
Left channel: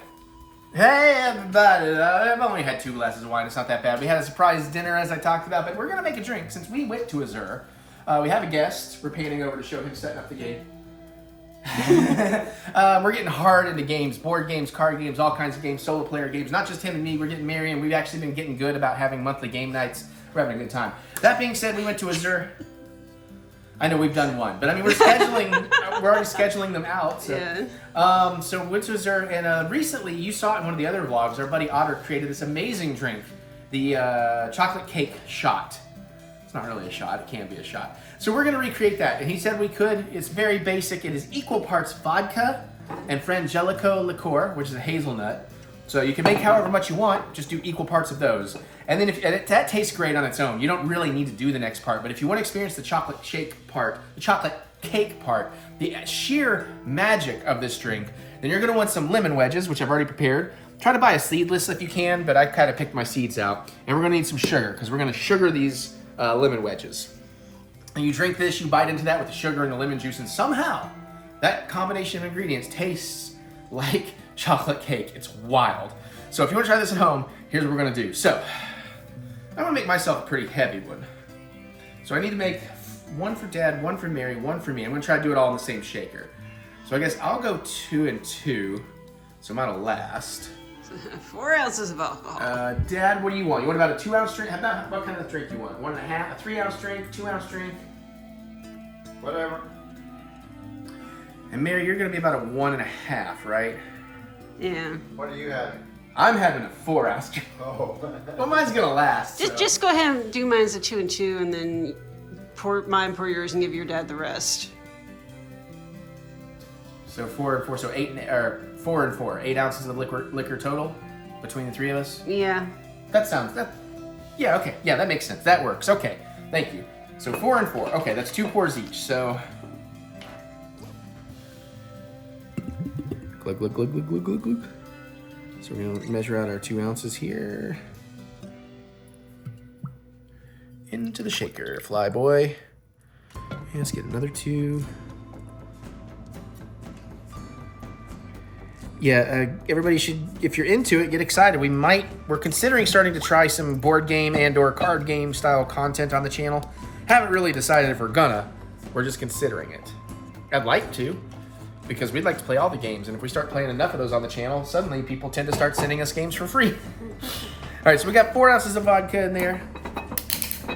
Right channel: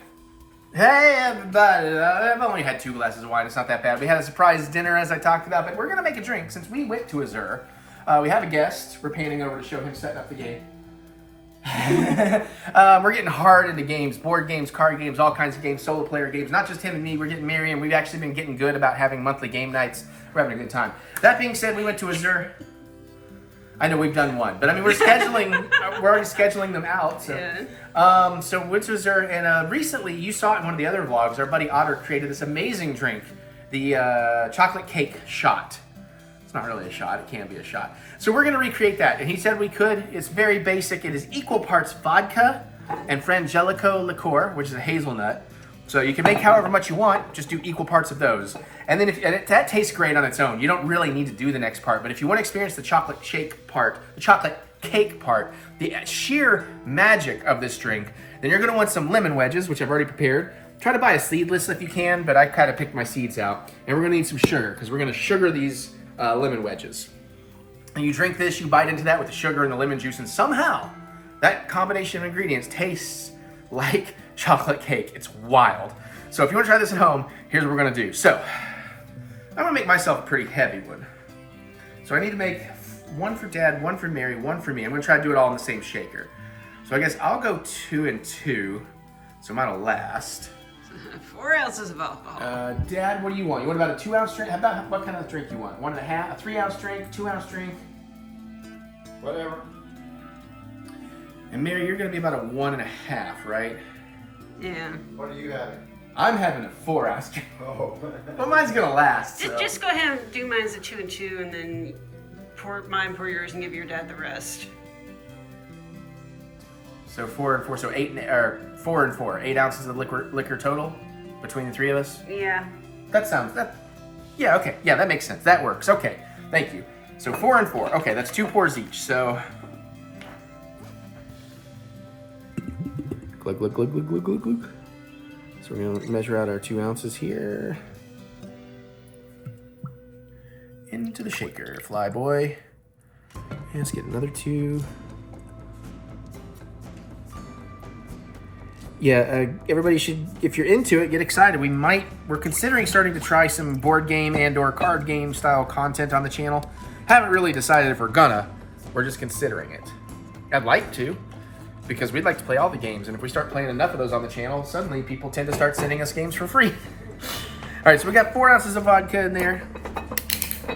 Hey everybody, I've only had 2 glasses of wine, it's not that bad. We had a surprise dinner as I talked about, but we're gonna make a drink since we went to Azure. We have a guest, we're panning over to show him setting up the game. We're getting hard into games, board games, card games, all kinds of games, solo player games, not just him and me, we're getting Mary, and we've actually been getting good about having monthly game nights. We're having a good time. That being said, we went to Azure. I know we've done one, but I mean, we're scheduling, we're already scheduling them out. So, Yeah. so went to Azure, and recently, you saw it in one of the other vlogs, our buddy Otter created this amazing drink, the chocolate cake shot. It's not really a shot, it can be a shot. So we're gonna recreate that, and he said we could. It's very basic. It is equal parts vodka and Frangelico liqueur, which is a hazelnut. So you can make however much you want, just do equal parts of those. And then that tastes great on its own. You don't really need to do the next part, but if you want to experience the chocolate shake part, the chocolate cake part, the sheer magic of this drink, then you're gonna want some lemon wedges, which I've already prepared. Try to buy a seedless if you can, but I kind of picked my seeds out. And we're gonna need some sugar, because we're gonna sugar these lemon wedges. And you drink this, you bite into that with the sugar and the lemon juice, and somehow that combination of ingredients tastes like chocolate cake. It's wild. So if you want to try this at home, here's what we're gonna do. So I'm gonna make myself a pretty heavy one. So I need to make one for Dad, one for Mary, one for me. I'm gonna try to do it all in the same shaker. So I guess I'll go 2 and 2, so mine'll last. 4 ounces of alcohol. Dad, what do you want? You want about a 2-ounce drink? How about what kind of drink do you want? 1.5, a 3-ounce drink, 2-ounce drink? Whatever. And Mary, you're gonna be about a 1.5, right? Yeah. What are you having? I'm having a 4-ounce drink. Oh. Well, mine's gonna last. So. Just go ahead and do mine as a 2 and 2, and then pour yours and give your dad the rest. So 4 and 4, so 4 and 4, 8 ounces of liquor total between the 3 of us. Yeah. Yeah, okay, yeah, that makes sense. That works. Okay, thank you. So 4 and 4. Okay, that's 2 pours each. So glug glug glug glug glug glug glug. So we're gonna measure out our 2 ounces here. Into the shaker, fly boy. And let's get another 2. Yeah, everybody should, if you're into it, get excited. We're considering starting to try some board game and or card game style content on the channel. Haven't really decided if we're gonna. We're just considering it. I'd like to, because we'd like to play all the games. And if we start playing enough of those on the channel, suddenly people tend to start sending us games for free. All right, so we got 4 ounces of vodka in there.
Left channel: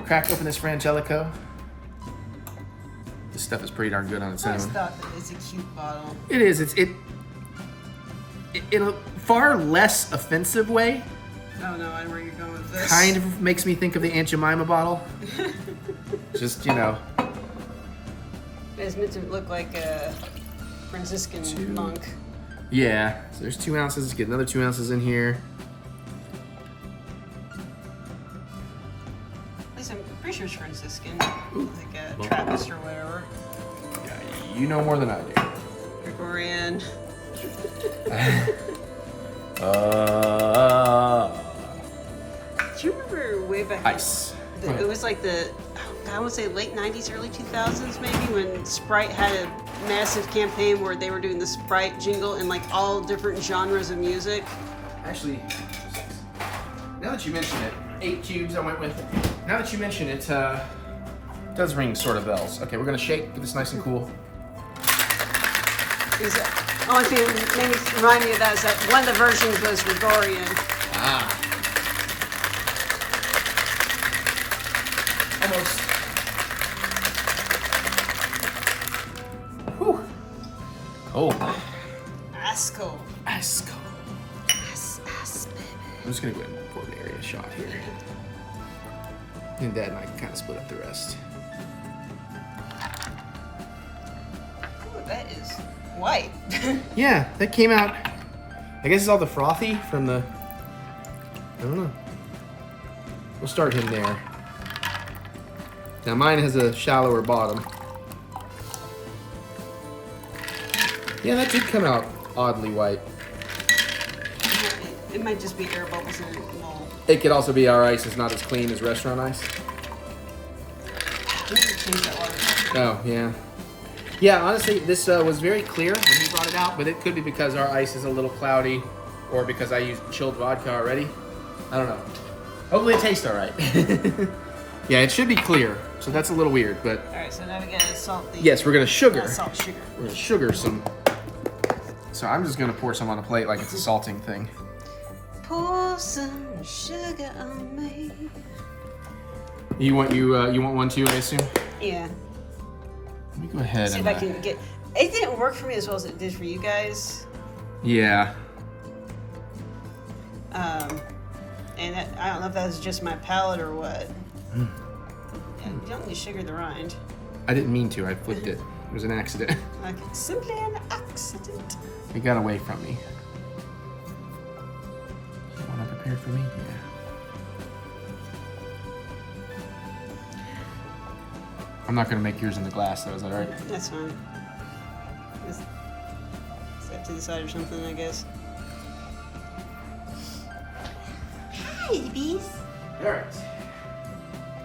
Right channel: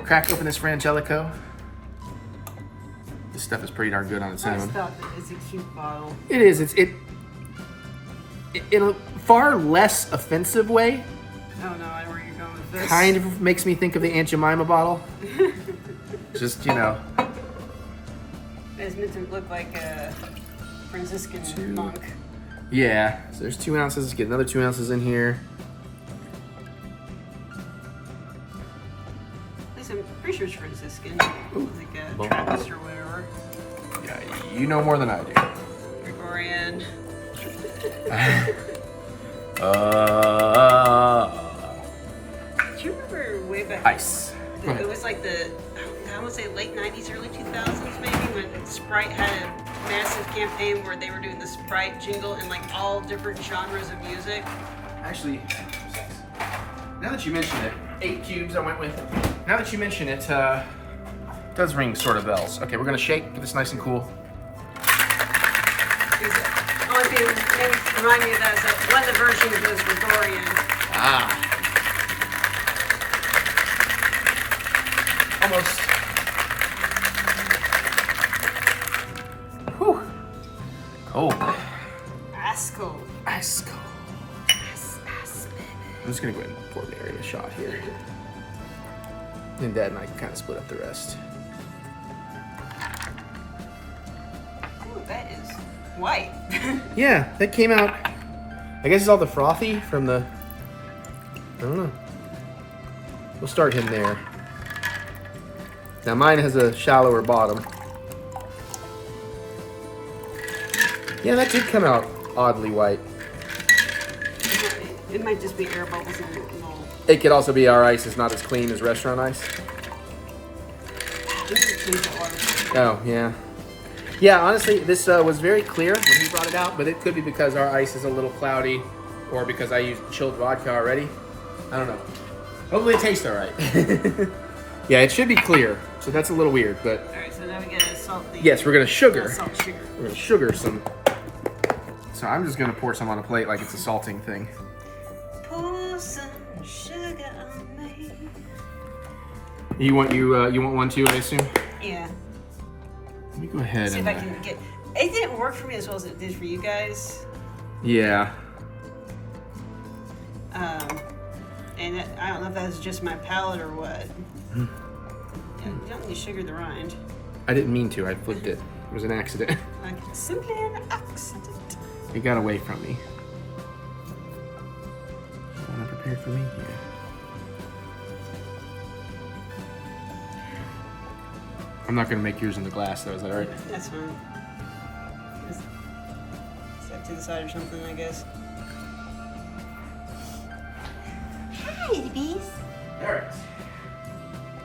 Crack open this Frangelico. This stuff is pretty darn good on its I just own. thought that it's a cute bottle. It is. In a far less offensive way, Oh no, I know where you're going with this. kind of makes me think of the Aunt Jemima bottle. Just, It's meant to look like a Franciscan monk. Yeah. So there's 2 ounces. Let's get another 2 ounces in here. Listen, I'm pretty sure it's Franciscan. Like a Trappist or whatever. Yeah, you know more than I do. Gregorian. Do you remember way back? Ice. It was like I would say late 90s, early 2000s maybe, when Sprite had a massive campaign where they were doing the Sprite jingle in like all different genres of music. Actually, Now that you mention it, 8 cubes I went with. Now that you mention it, does ring sort of bells. Okay, we're gonna shake, get this nice and cool. The only thing that remind me of that is that one of the versions was Gregorian. Ah. Almost. Whew. Cold. That's cool. Ice cold. I'm just gonna go ahead and pour Mary a shot here. And Dad and I can kind of split up the rest. Ooh, that is white. Yeah, that came out. I guess it's all the frothy from the. I don't know. We'll start him there. Now mine has a shallower bottom. Yeah, that did come out oddly white. It might just be air bubbles in it. No. It could also be our ice is not as clean as restaurant ice. We need to change that water filter. Oh, yeah. Yeah, honestly, this was very clear when he brought it out, but it could be because our ice is a little cloudy or because I used chilled vodka already. I don't know. Hopefully it tastes all right. Yeah, it should be clear, so that's a little weird, but... All right, so now we gotta salt the... Yes, we're gonna sugar. Salt sugar. We're gonna sugar some. So I'm just gonna pour some on a plate like it's a salting thing. Pour some sugar on me. You want one too, I assume? Yeah. Let me go ahead See and... if I can get... It didn't work for me as well as it did for you guys. Yeah. And that, I don't know if that was just my palate or what. Yeah, you don't need to sugar the rind. I didn't mean to, I flipped it. It was an accident. Like, simply an accident. It got away from me. You wanna prepare for me? Yeah. I'm not gonna make yours in the glass though, is that alright? That's fine. Just set to the side or something, I guess. Hi, babies. Alright.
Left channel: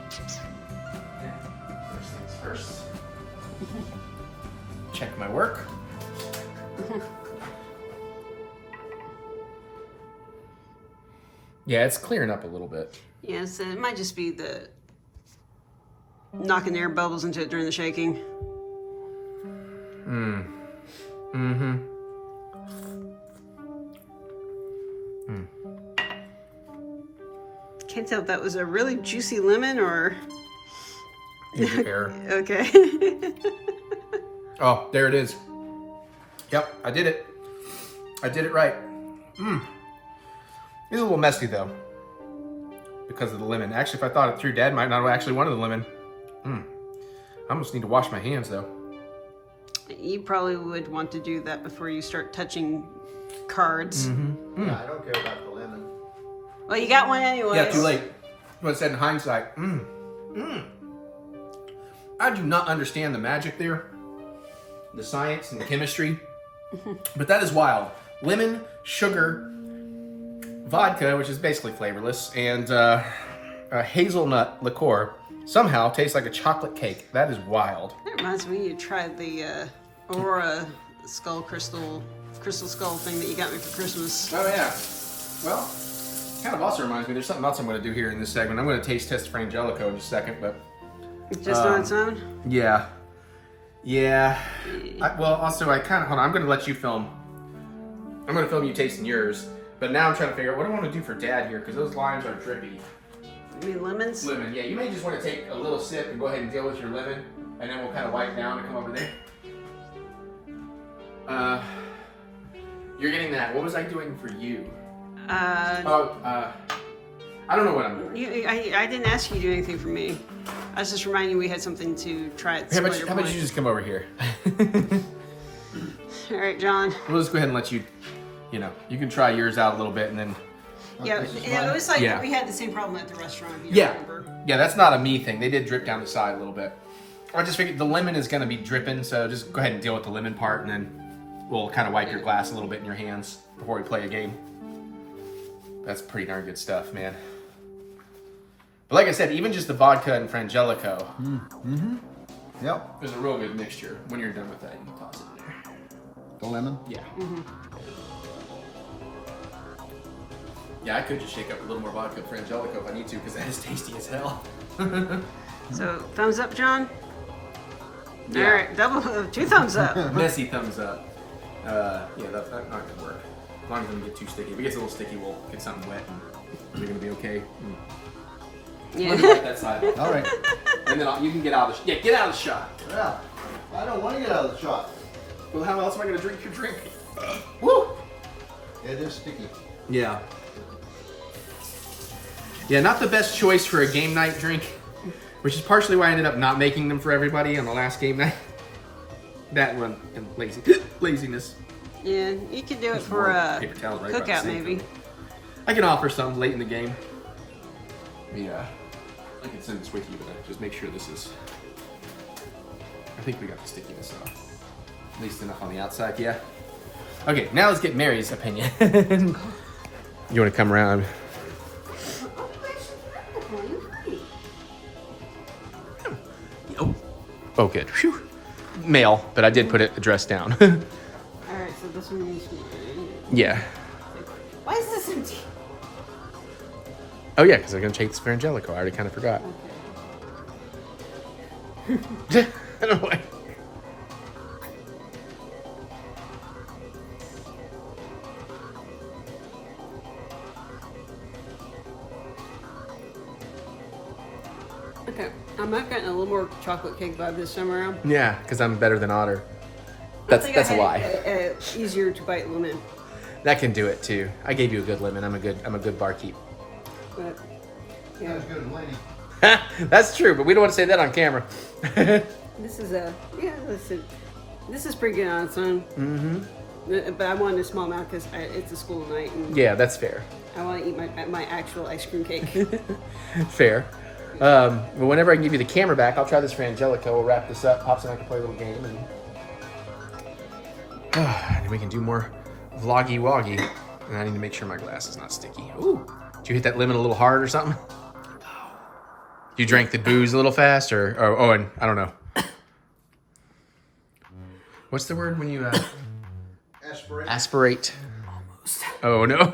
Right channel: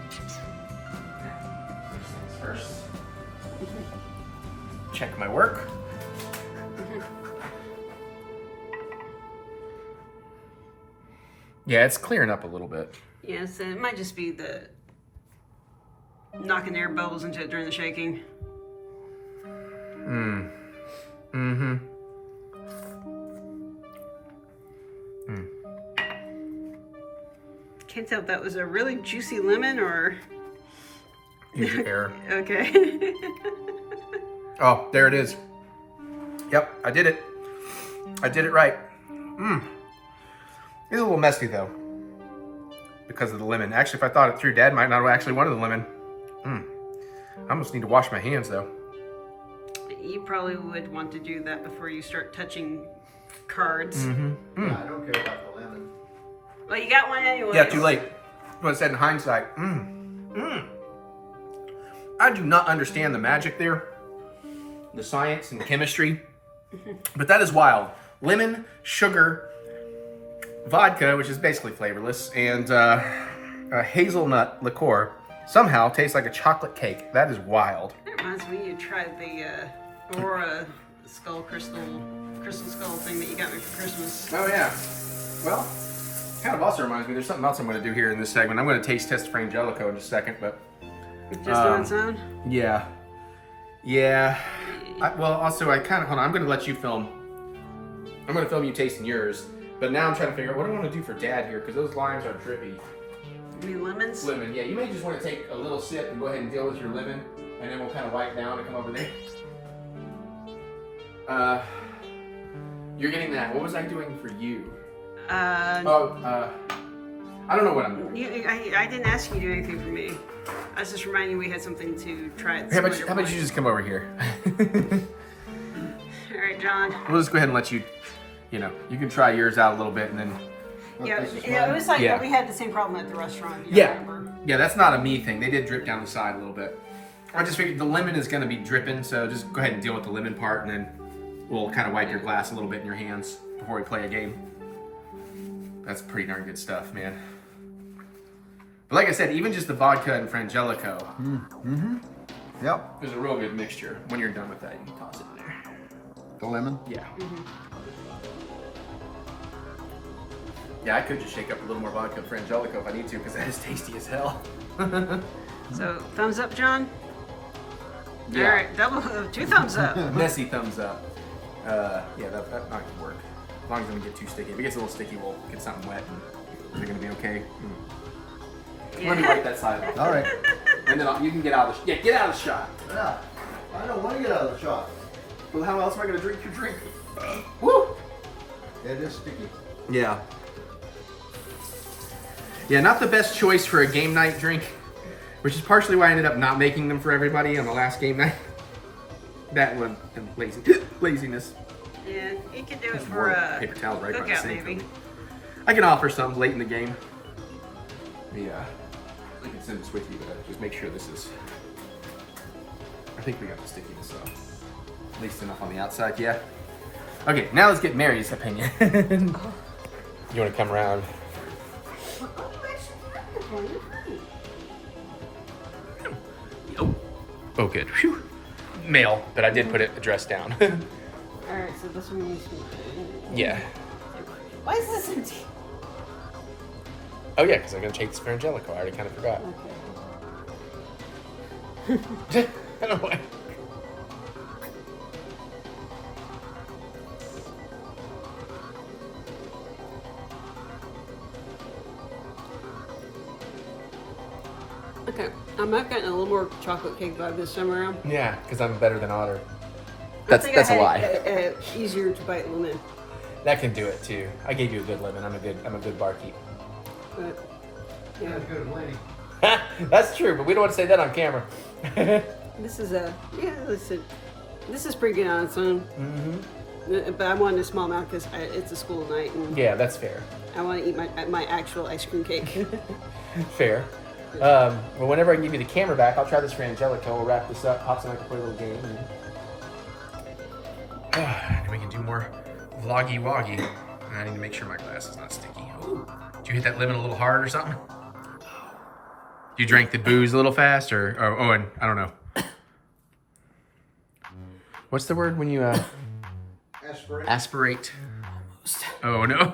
First things first. Check my work. Yeah, it's clearing up a little bit. Yeah, so it might just be the knocking air bubbles into it during the shaking. Can't tell if that was a really juicy lemon or... Here's your error. Okay. Oh, there it is. Yep, I did it. I did it right. It's a little messy though, because of the lemon. Actually, if I thought it through, Dad might not have actually wanted the lemon. I almost need to wash my hands though. You probably would want to do that before you start touching cards. I don't care about the lemon. Well, you got one anyway. Yeah, too late. What I said in hindsight. I do not understand the magic there, the science and the chemistry, but that is wild. Lemon, sugar, vodka, which is basically flavorless, and hazelnut liqueur somehow tastes like a chocolate cake. That is wild. That reminds me, you tried the Aurora crystal skull thing that you got me for Christmas. Oh yeah. Well, kind of also reminds me, there's something else I'm going to do here in this segment. I'm going to taste test Frangelico in just a second, but... Just on its own? Yeah. Yeah. Well, also, I kind of... Hold on, I'm going to let you film. I'm going to film you tasting yours, but now I'm trying to figure out what I want to do for Dad here, because those limes are drippy. You mean lemons? Lemon, yeah. You may just want to take a little sip and go ahead and deal with your lemon, and then we'll kind of wipe down and come over there. You're getting that. What was I doing for you? I don't know what I'm doing. I didn't ask you to do anything for me. I was just reminding you we had something to try. How about you just come over here? All right, John. We'll just go ahead and let you, you can try yours out a little bit and then... Yeah, it was like we had the same problem at the restaurant. You remember? Yeah, that's not a me thing. They did drip down the side a little bit. I just figured the lemon is going to be dripping, so just go ahead and deal with the lemon part, and then we'll kind of wipe your glass a little bit in your hands before we play a game. That's pretty darn good stuff, man. But like I said, even just the vodka and Frangelico, Yep. there's a real good mixture. When you're done with that, you can toss it in there. The lemon? Yeah. Yeah, I could just shake up a little more vodka for Angelico if I need to, because that is tasty as hell. So, thumbs up, John? Yeah. All right, two thumbs up. Messy thumbs up. Yeah, that's not gonna work. As long as it doesn't get too sticky. If it gets a little sticky, we'll get something wet. And is it gonna be okay? Let me wipe that side off. All right. And then you can get out of the get out of the shot. Yeah. I don't want to get out of the shot. Well, how else am I gonna drink your drink? Woo! It is sticky. Yeah. Yeah, not the best choice for a game night drink, which is partially why I ended up not making them for everybody on the last game night. That one and laziness. Yeah, you can do it for Paper towels right by the cookout sink. maybe. I can offer some late in the game. Yeah. I can send this with you, but just make sure this is. I think we got the stickiness off. At least enough on the outside, yeah. Okay, now let's get Mary's opinion. You want to come around? Oh, good. Phew. Male, but I did put it addressed down. All right, so this one needs to. Yeah. Why is this empty? Oh yeah, because I'm gonna take this for Angelico. I already kind of forgot. Okay. I don't know why. Okay, I might have gotten a little more chocolate cake vibe this time around. Yeah, because I'm better than Otter. I think I had easier to bite lemon. That can do it too. I gave you a good lemon. I'm a good barkeep. But yeah, That's good, lady. That's true, but we don't want to say that on camera. this is listen, this is pretty good on its own. Mm-hmm. But I wanted a small amount because it's a school night and Yeah, that's fair. I want to eat my actual ice cream cake. Fair. But whenever I give you the camera back, I'll try this for Angelico. We'll wrap this up, pop some, play a little game, and we can do more vloggy woggy. And I need to make sure my glass is not sticky. Ooh. Did you hit that lemon a little hard or something? You drank the booze a little fast, and I don't know. What's the word when you Aspirate. aspirate? Oh no.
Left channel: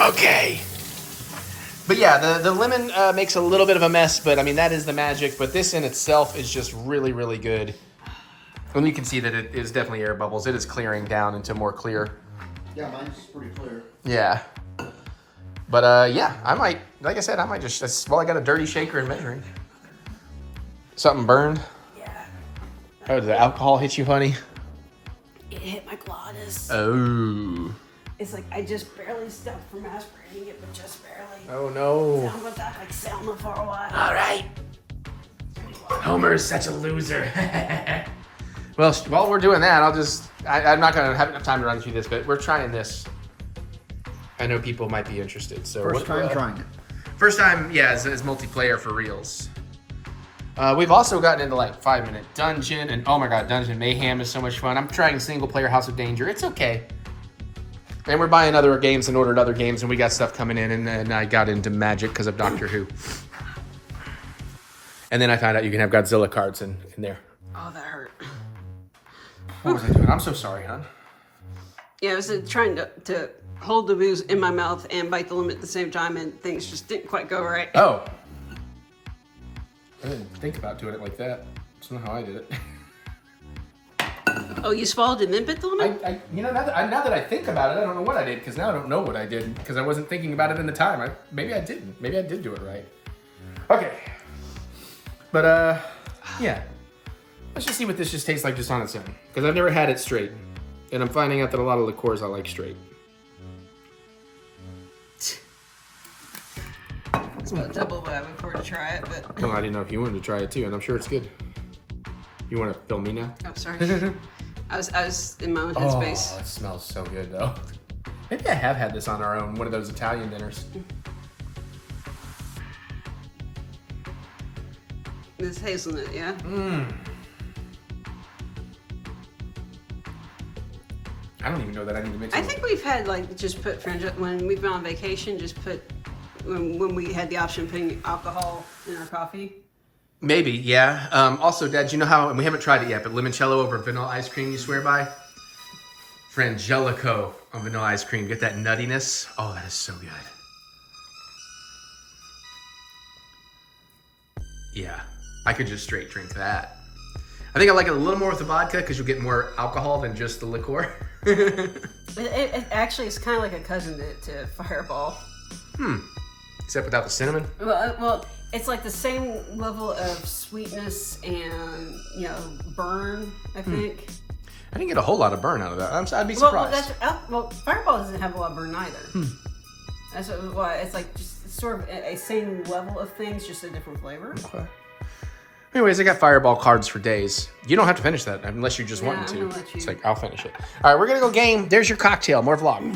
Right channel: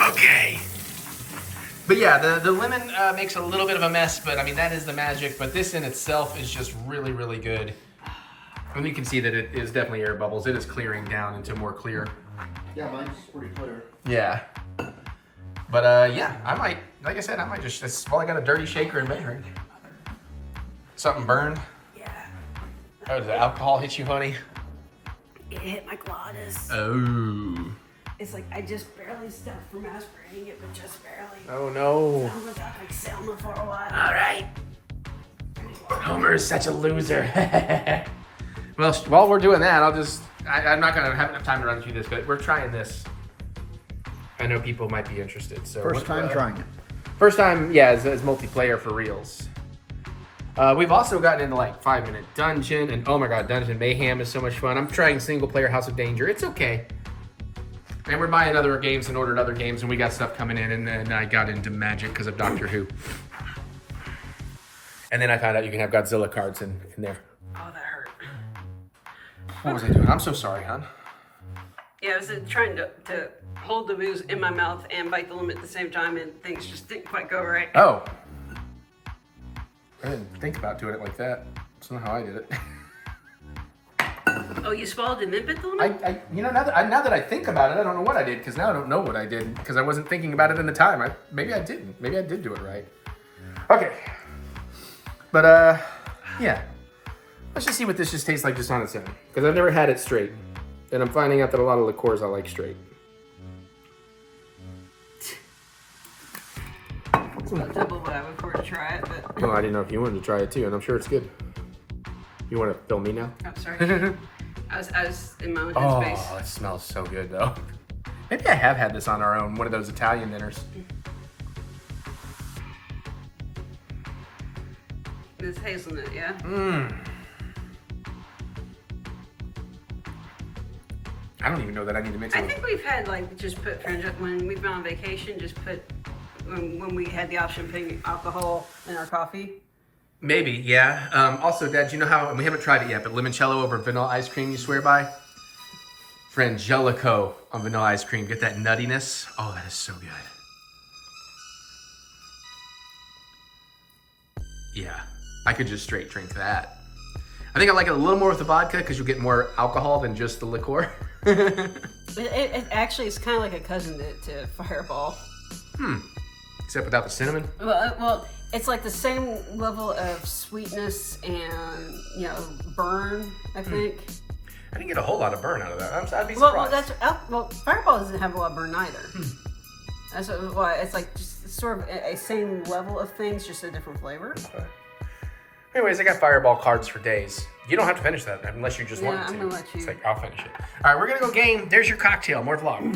Okay. But yeah, the lemon makes a little bit of a mess, but I mean, that is the magic. But this in itself is just really, really good. And you can see that it is definitely air bubbles. It is clearing down into more clear. Yeah, mine's pretty clear. Yeah. But yeah, I might, like I said, I might just, well, I got a dirty shaker and measuring. Something burned? Yeah. Oh, did the alcohol hit you, honey? It hit my glottis. Oh. It's like I just barely stopped from aspirating it, but just barely. Oh no. I'm with that like Selma for a while. All right. Homer is such a loser. Well, while we're doing that, I'm not going to have enough time to run through this, but we're trying this. I know people might be interested. So First time trying it. First time, yeah, as multiplayer for reals. We've also gotten into like 5-minute dungeon, and oh my god, Dungeon Mayhem is so much fun. I'm trying single player House of Danger. It's okay. And we're buying other games and ordering other games, and we got stuff coming in, and then I got into Magic because of Doctor Who. And then I found out you can have Godzilla cards in there. Oh, that hurt. What was I doing? I'm so sorry, hon. Yeah, I was trying to hold the booze in my mouth and bite the lemon at the same time, and things just didn't quite go right. Oh. I didn't think about doing it like that. That's not how I did it. Oh, you swallowed and then bit the lemon? You know, now that I think about it, I don't know what I did, because now I don't know what I did, because I wasn't thinking about it in the time. Maybe I didn't. Maybe I did do it right. Okay. But, yeah. Let's just see what this just tastes like just on its own, because I've never had it straight. And I'm finding out that a lot of liqueurs I like straight. It's about double what I would for to try it, but... Well, I didn't know if you wanted to try it too, and I'm sure it's good. You want to film me now? Oh, sorry. I was in my own headspace. Oh, it smells so good, though. Maybe I have had this on our own, one of those Italian dinners. This hazelnut, yeah? Mmm. I don't even know that I need to mix it. I think we've had, like, just put, when we've been on vacation, just put, when we had the option of putting alcohol in our coffee. Maybe, yeah. Also, Dad, do you know how, and we haven't tried it yet, but limoncello over vanilla ice cream you swear by? Frangelico on vanilla ice cream. Get that nuttiness. Oh, that is so good. Yeah, I could just straight drink that. I think I like it a little more with the vodka because you'll get more alcohol than just the liqueur. It actually is kind of like a cousin to Fireball. Except without the cinnamon. Well, it's like the same level of sweetness and, you know, burn, I think. I didn't get a whole lot of burn out of that. I'd be surprised. Well, Fireball doesn't have a lot of burn either. That's why it's like just sort of a same level of things, just a different flavor. Okay. Anyways, I got Fireball cards for days. You don't have to finish that unless you just want to. I'm gonna let you. It's like, I'll finish it. All right, we're gonna go game. There's your cocktail. More vlog.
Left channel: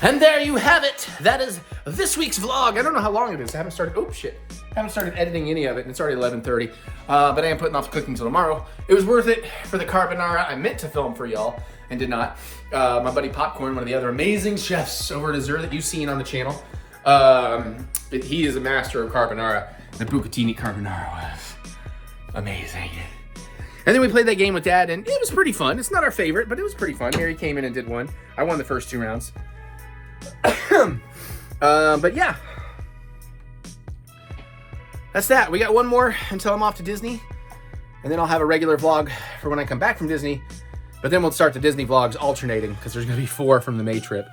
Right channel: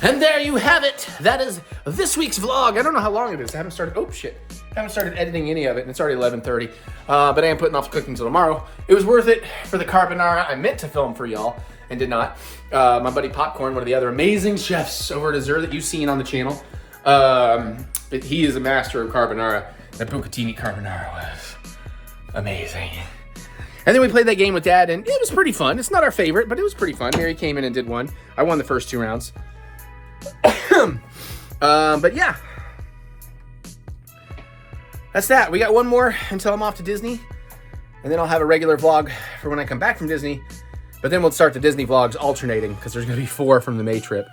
And there you have it. That is this week's vlog. I don't know how long it is. I haven't started. Oh shit! I haven't started editing any of it, and it's already 11:30. But I am putting off cooking till tomorrow. It was worth it for the carbonara. I meant to film for y'all and did not. My buddy Popcorn, one of the other amazing chefs over at Azure that you've seen on the channel, but he is a master of carbonara. The bucatini carbonara was amazing. And then we played that game with Dad, and it was pretty fun. It's not our favorite, but it was pretty fun. Mary came in and did one. I won the first 2 rounds. But yeah. That's that. We got one more until I'm off to Disney. And then I'll have a regular vlog for when I come back from Disney. But then we'll start the Disney vlogs alternating because there's going to be 4 from the May trip.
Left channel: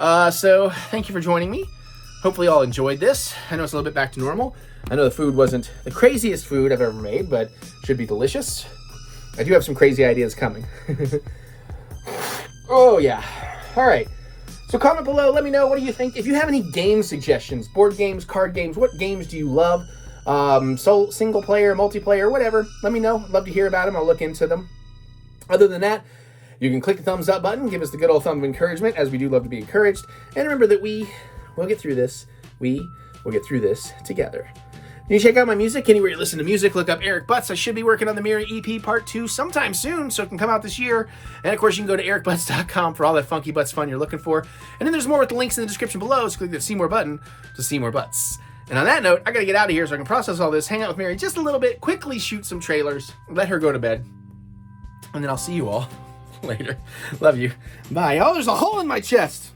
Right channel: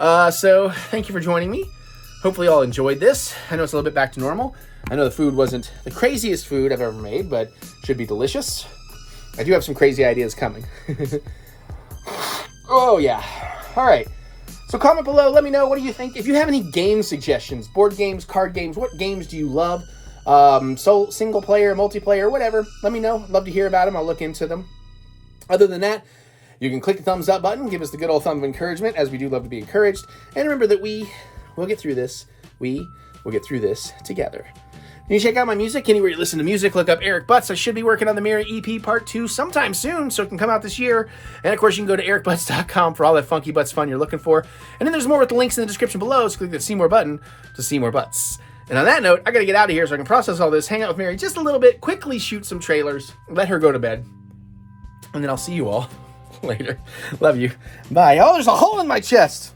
So thank you for joining me. Hopefully you all enjoyed this. I know it's a little bit back to normal. I know the food wasn't the craziest food I've ever made, but should be delicious. I do have some crazy ideas coming. Oh, yeah. All right. So comment below. Let me know. What do you think? If you have any game suggestions, board games, card games, what games do you love? Single player, multiplayer, whatever. Let me know. Love to hear about them. I'll look into them. Other than that, you can click the thumbs up button. Give us the good old thumb of encouragement, as we do love to be encouraged. And remember that we will get through this. We will get through this together. You can check out my music anywhere you listen to music. Look up TheEricButts. I should be working on the Mirror EP Part 2 sometime soon, so it can come out this year. And of course, you can go to TheEricButts.com for all that funky butts fun you're looking for. And then there's more with the links in the description below, so click the See More button to see more butts. And on that note, I gotta get out of here so I can process all this, hang out with Mary just a little bit, quickly shoot some trailers, let her go to bed. And then I'll see you all later. Love you. Bye. Oh, there's a hole in my chest.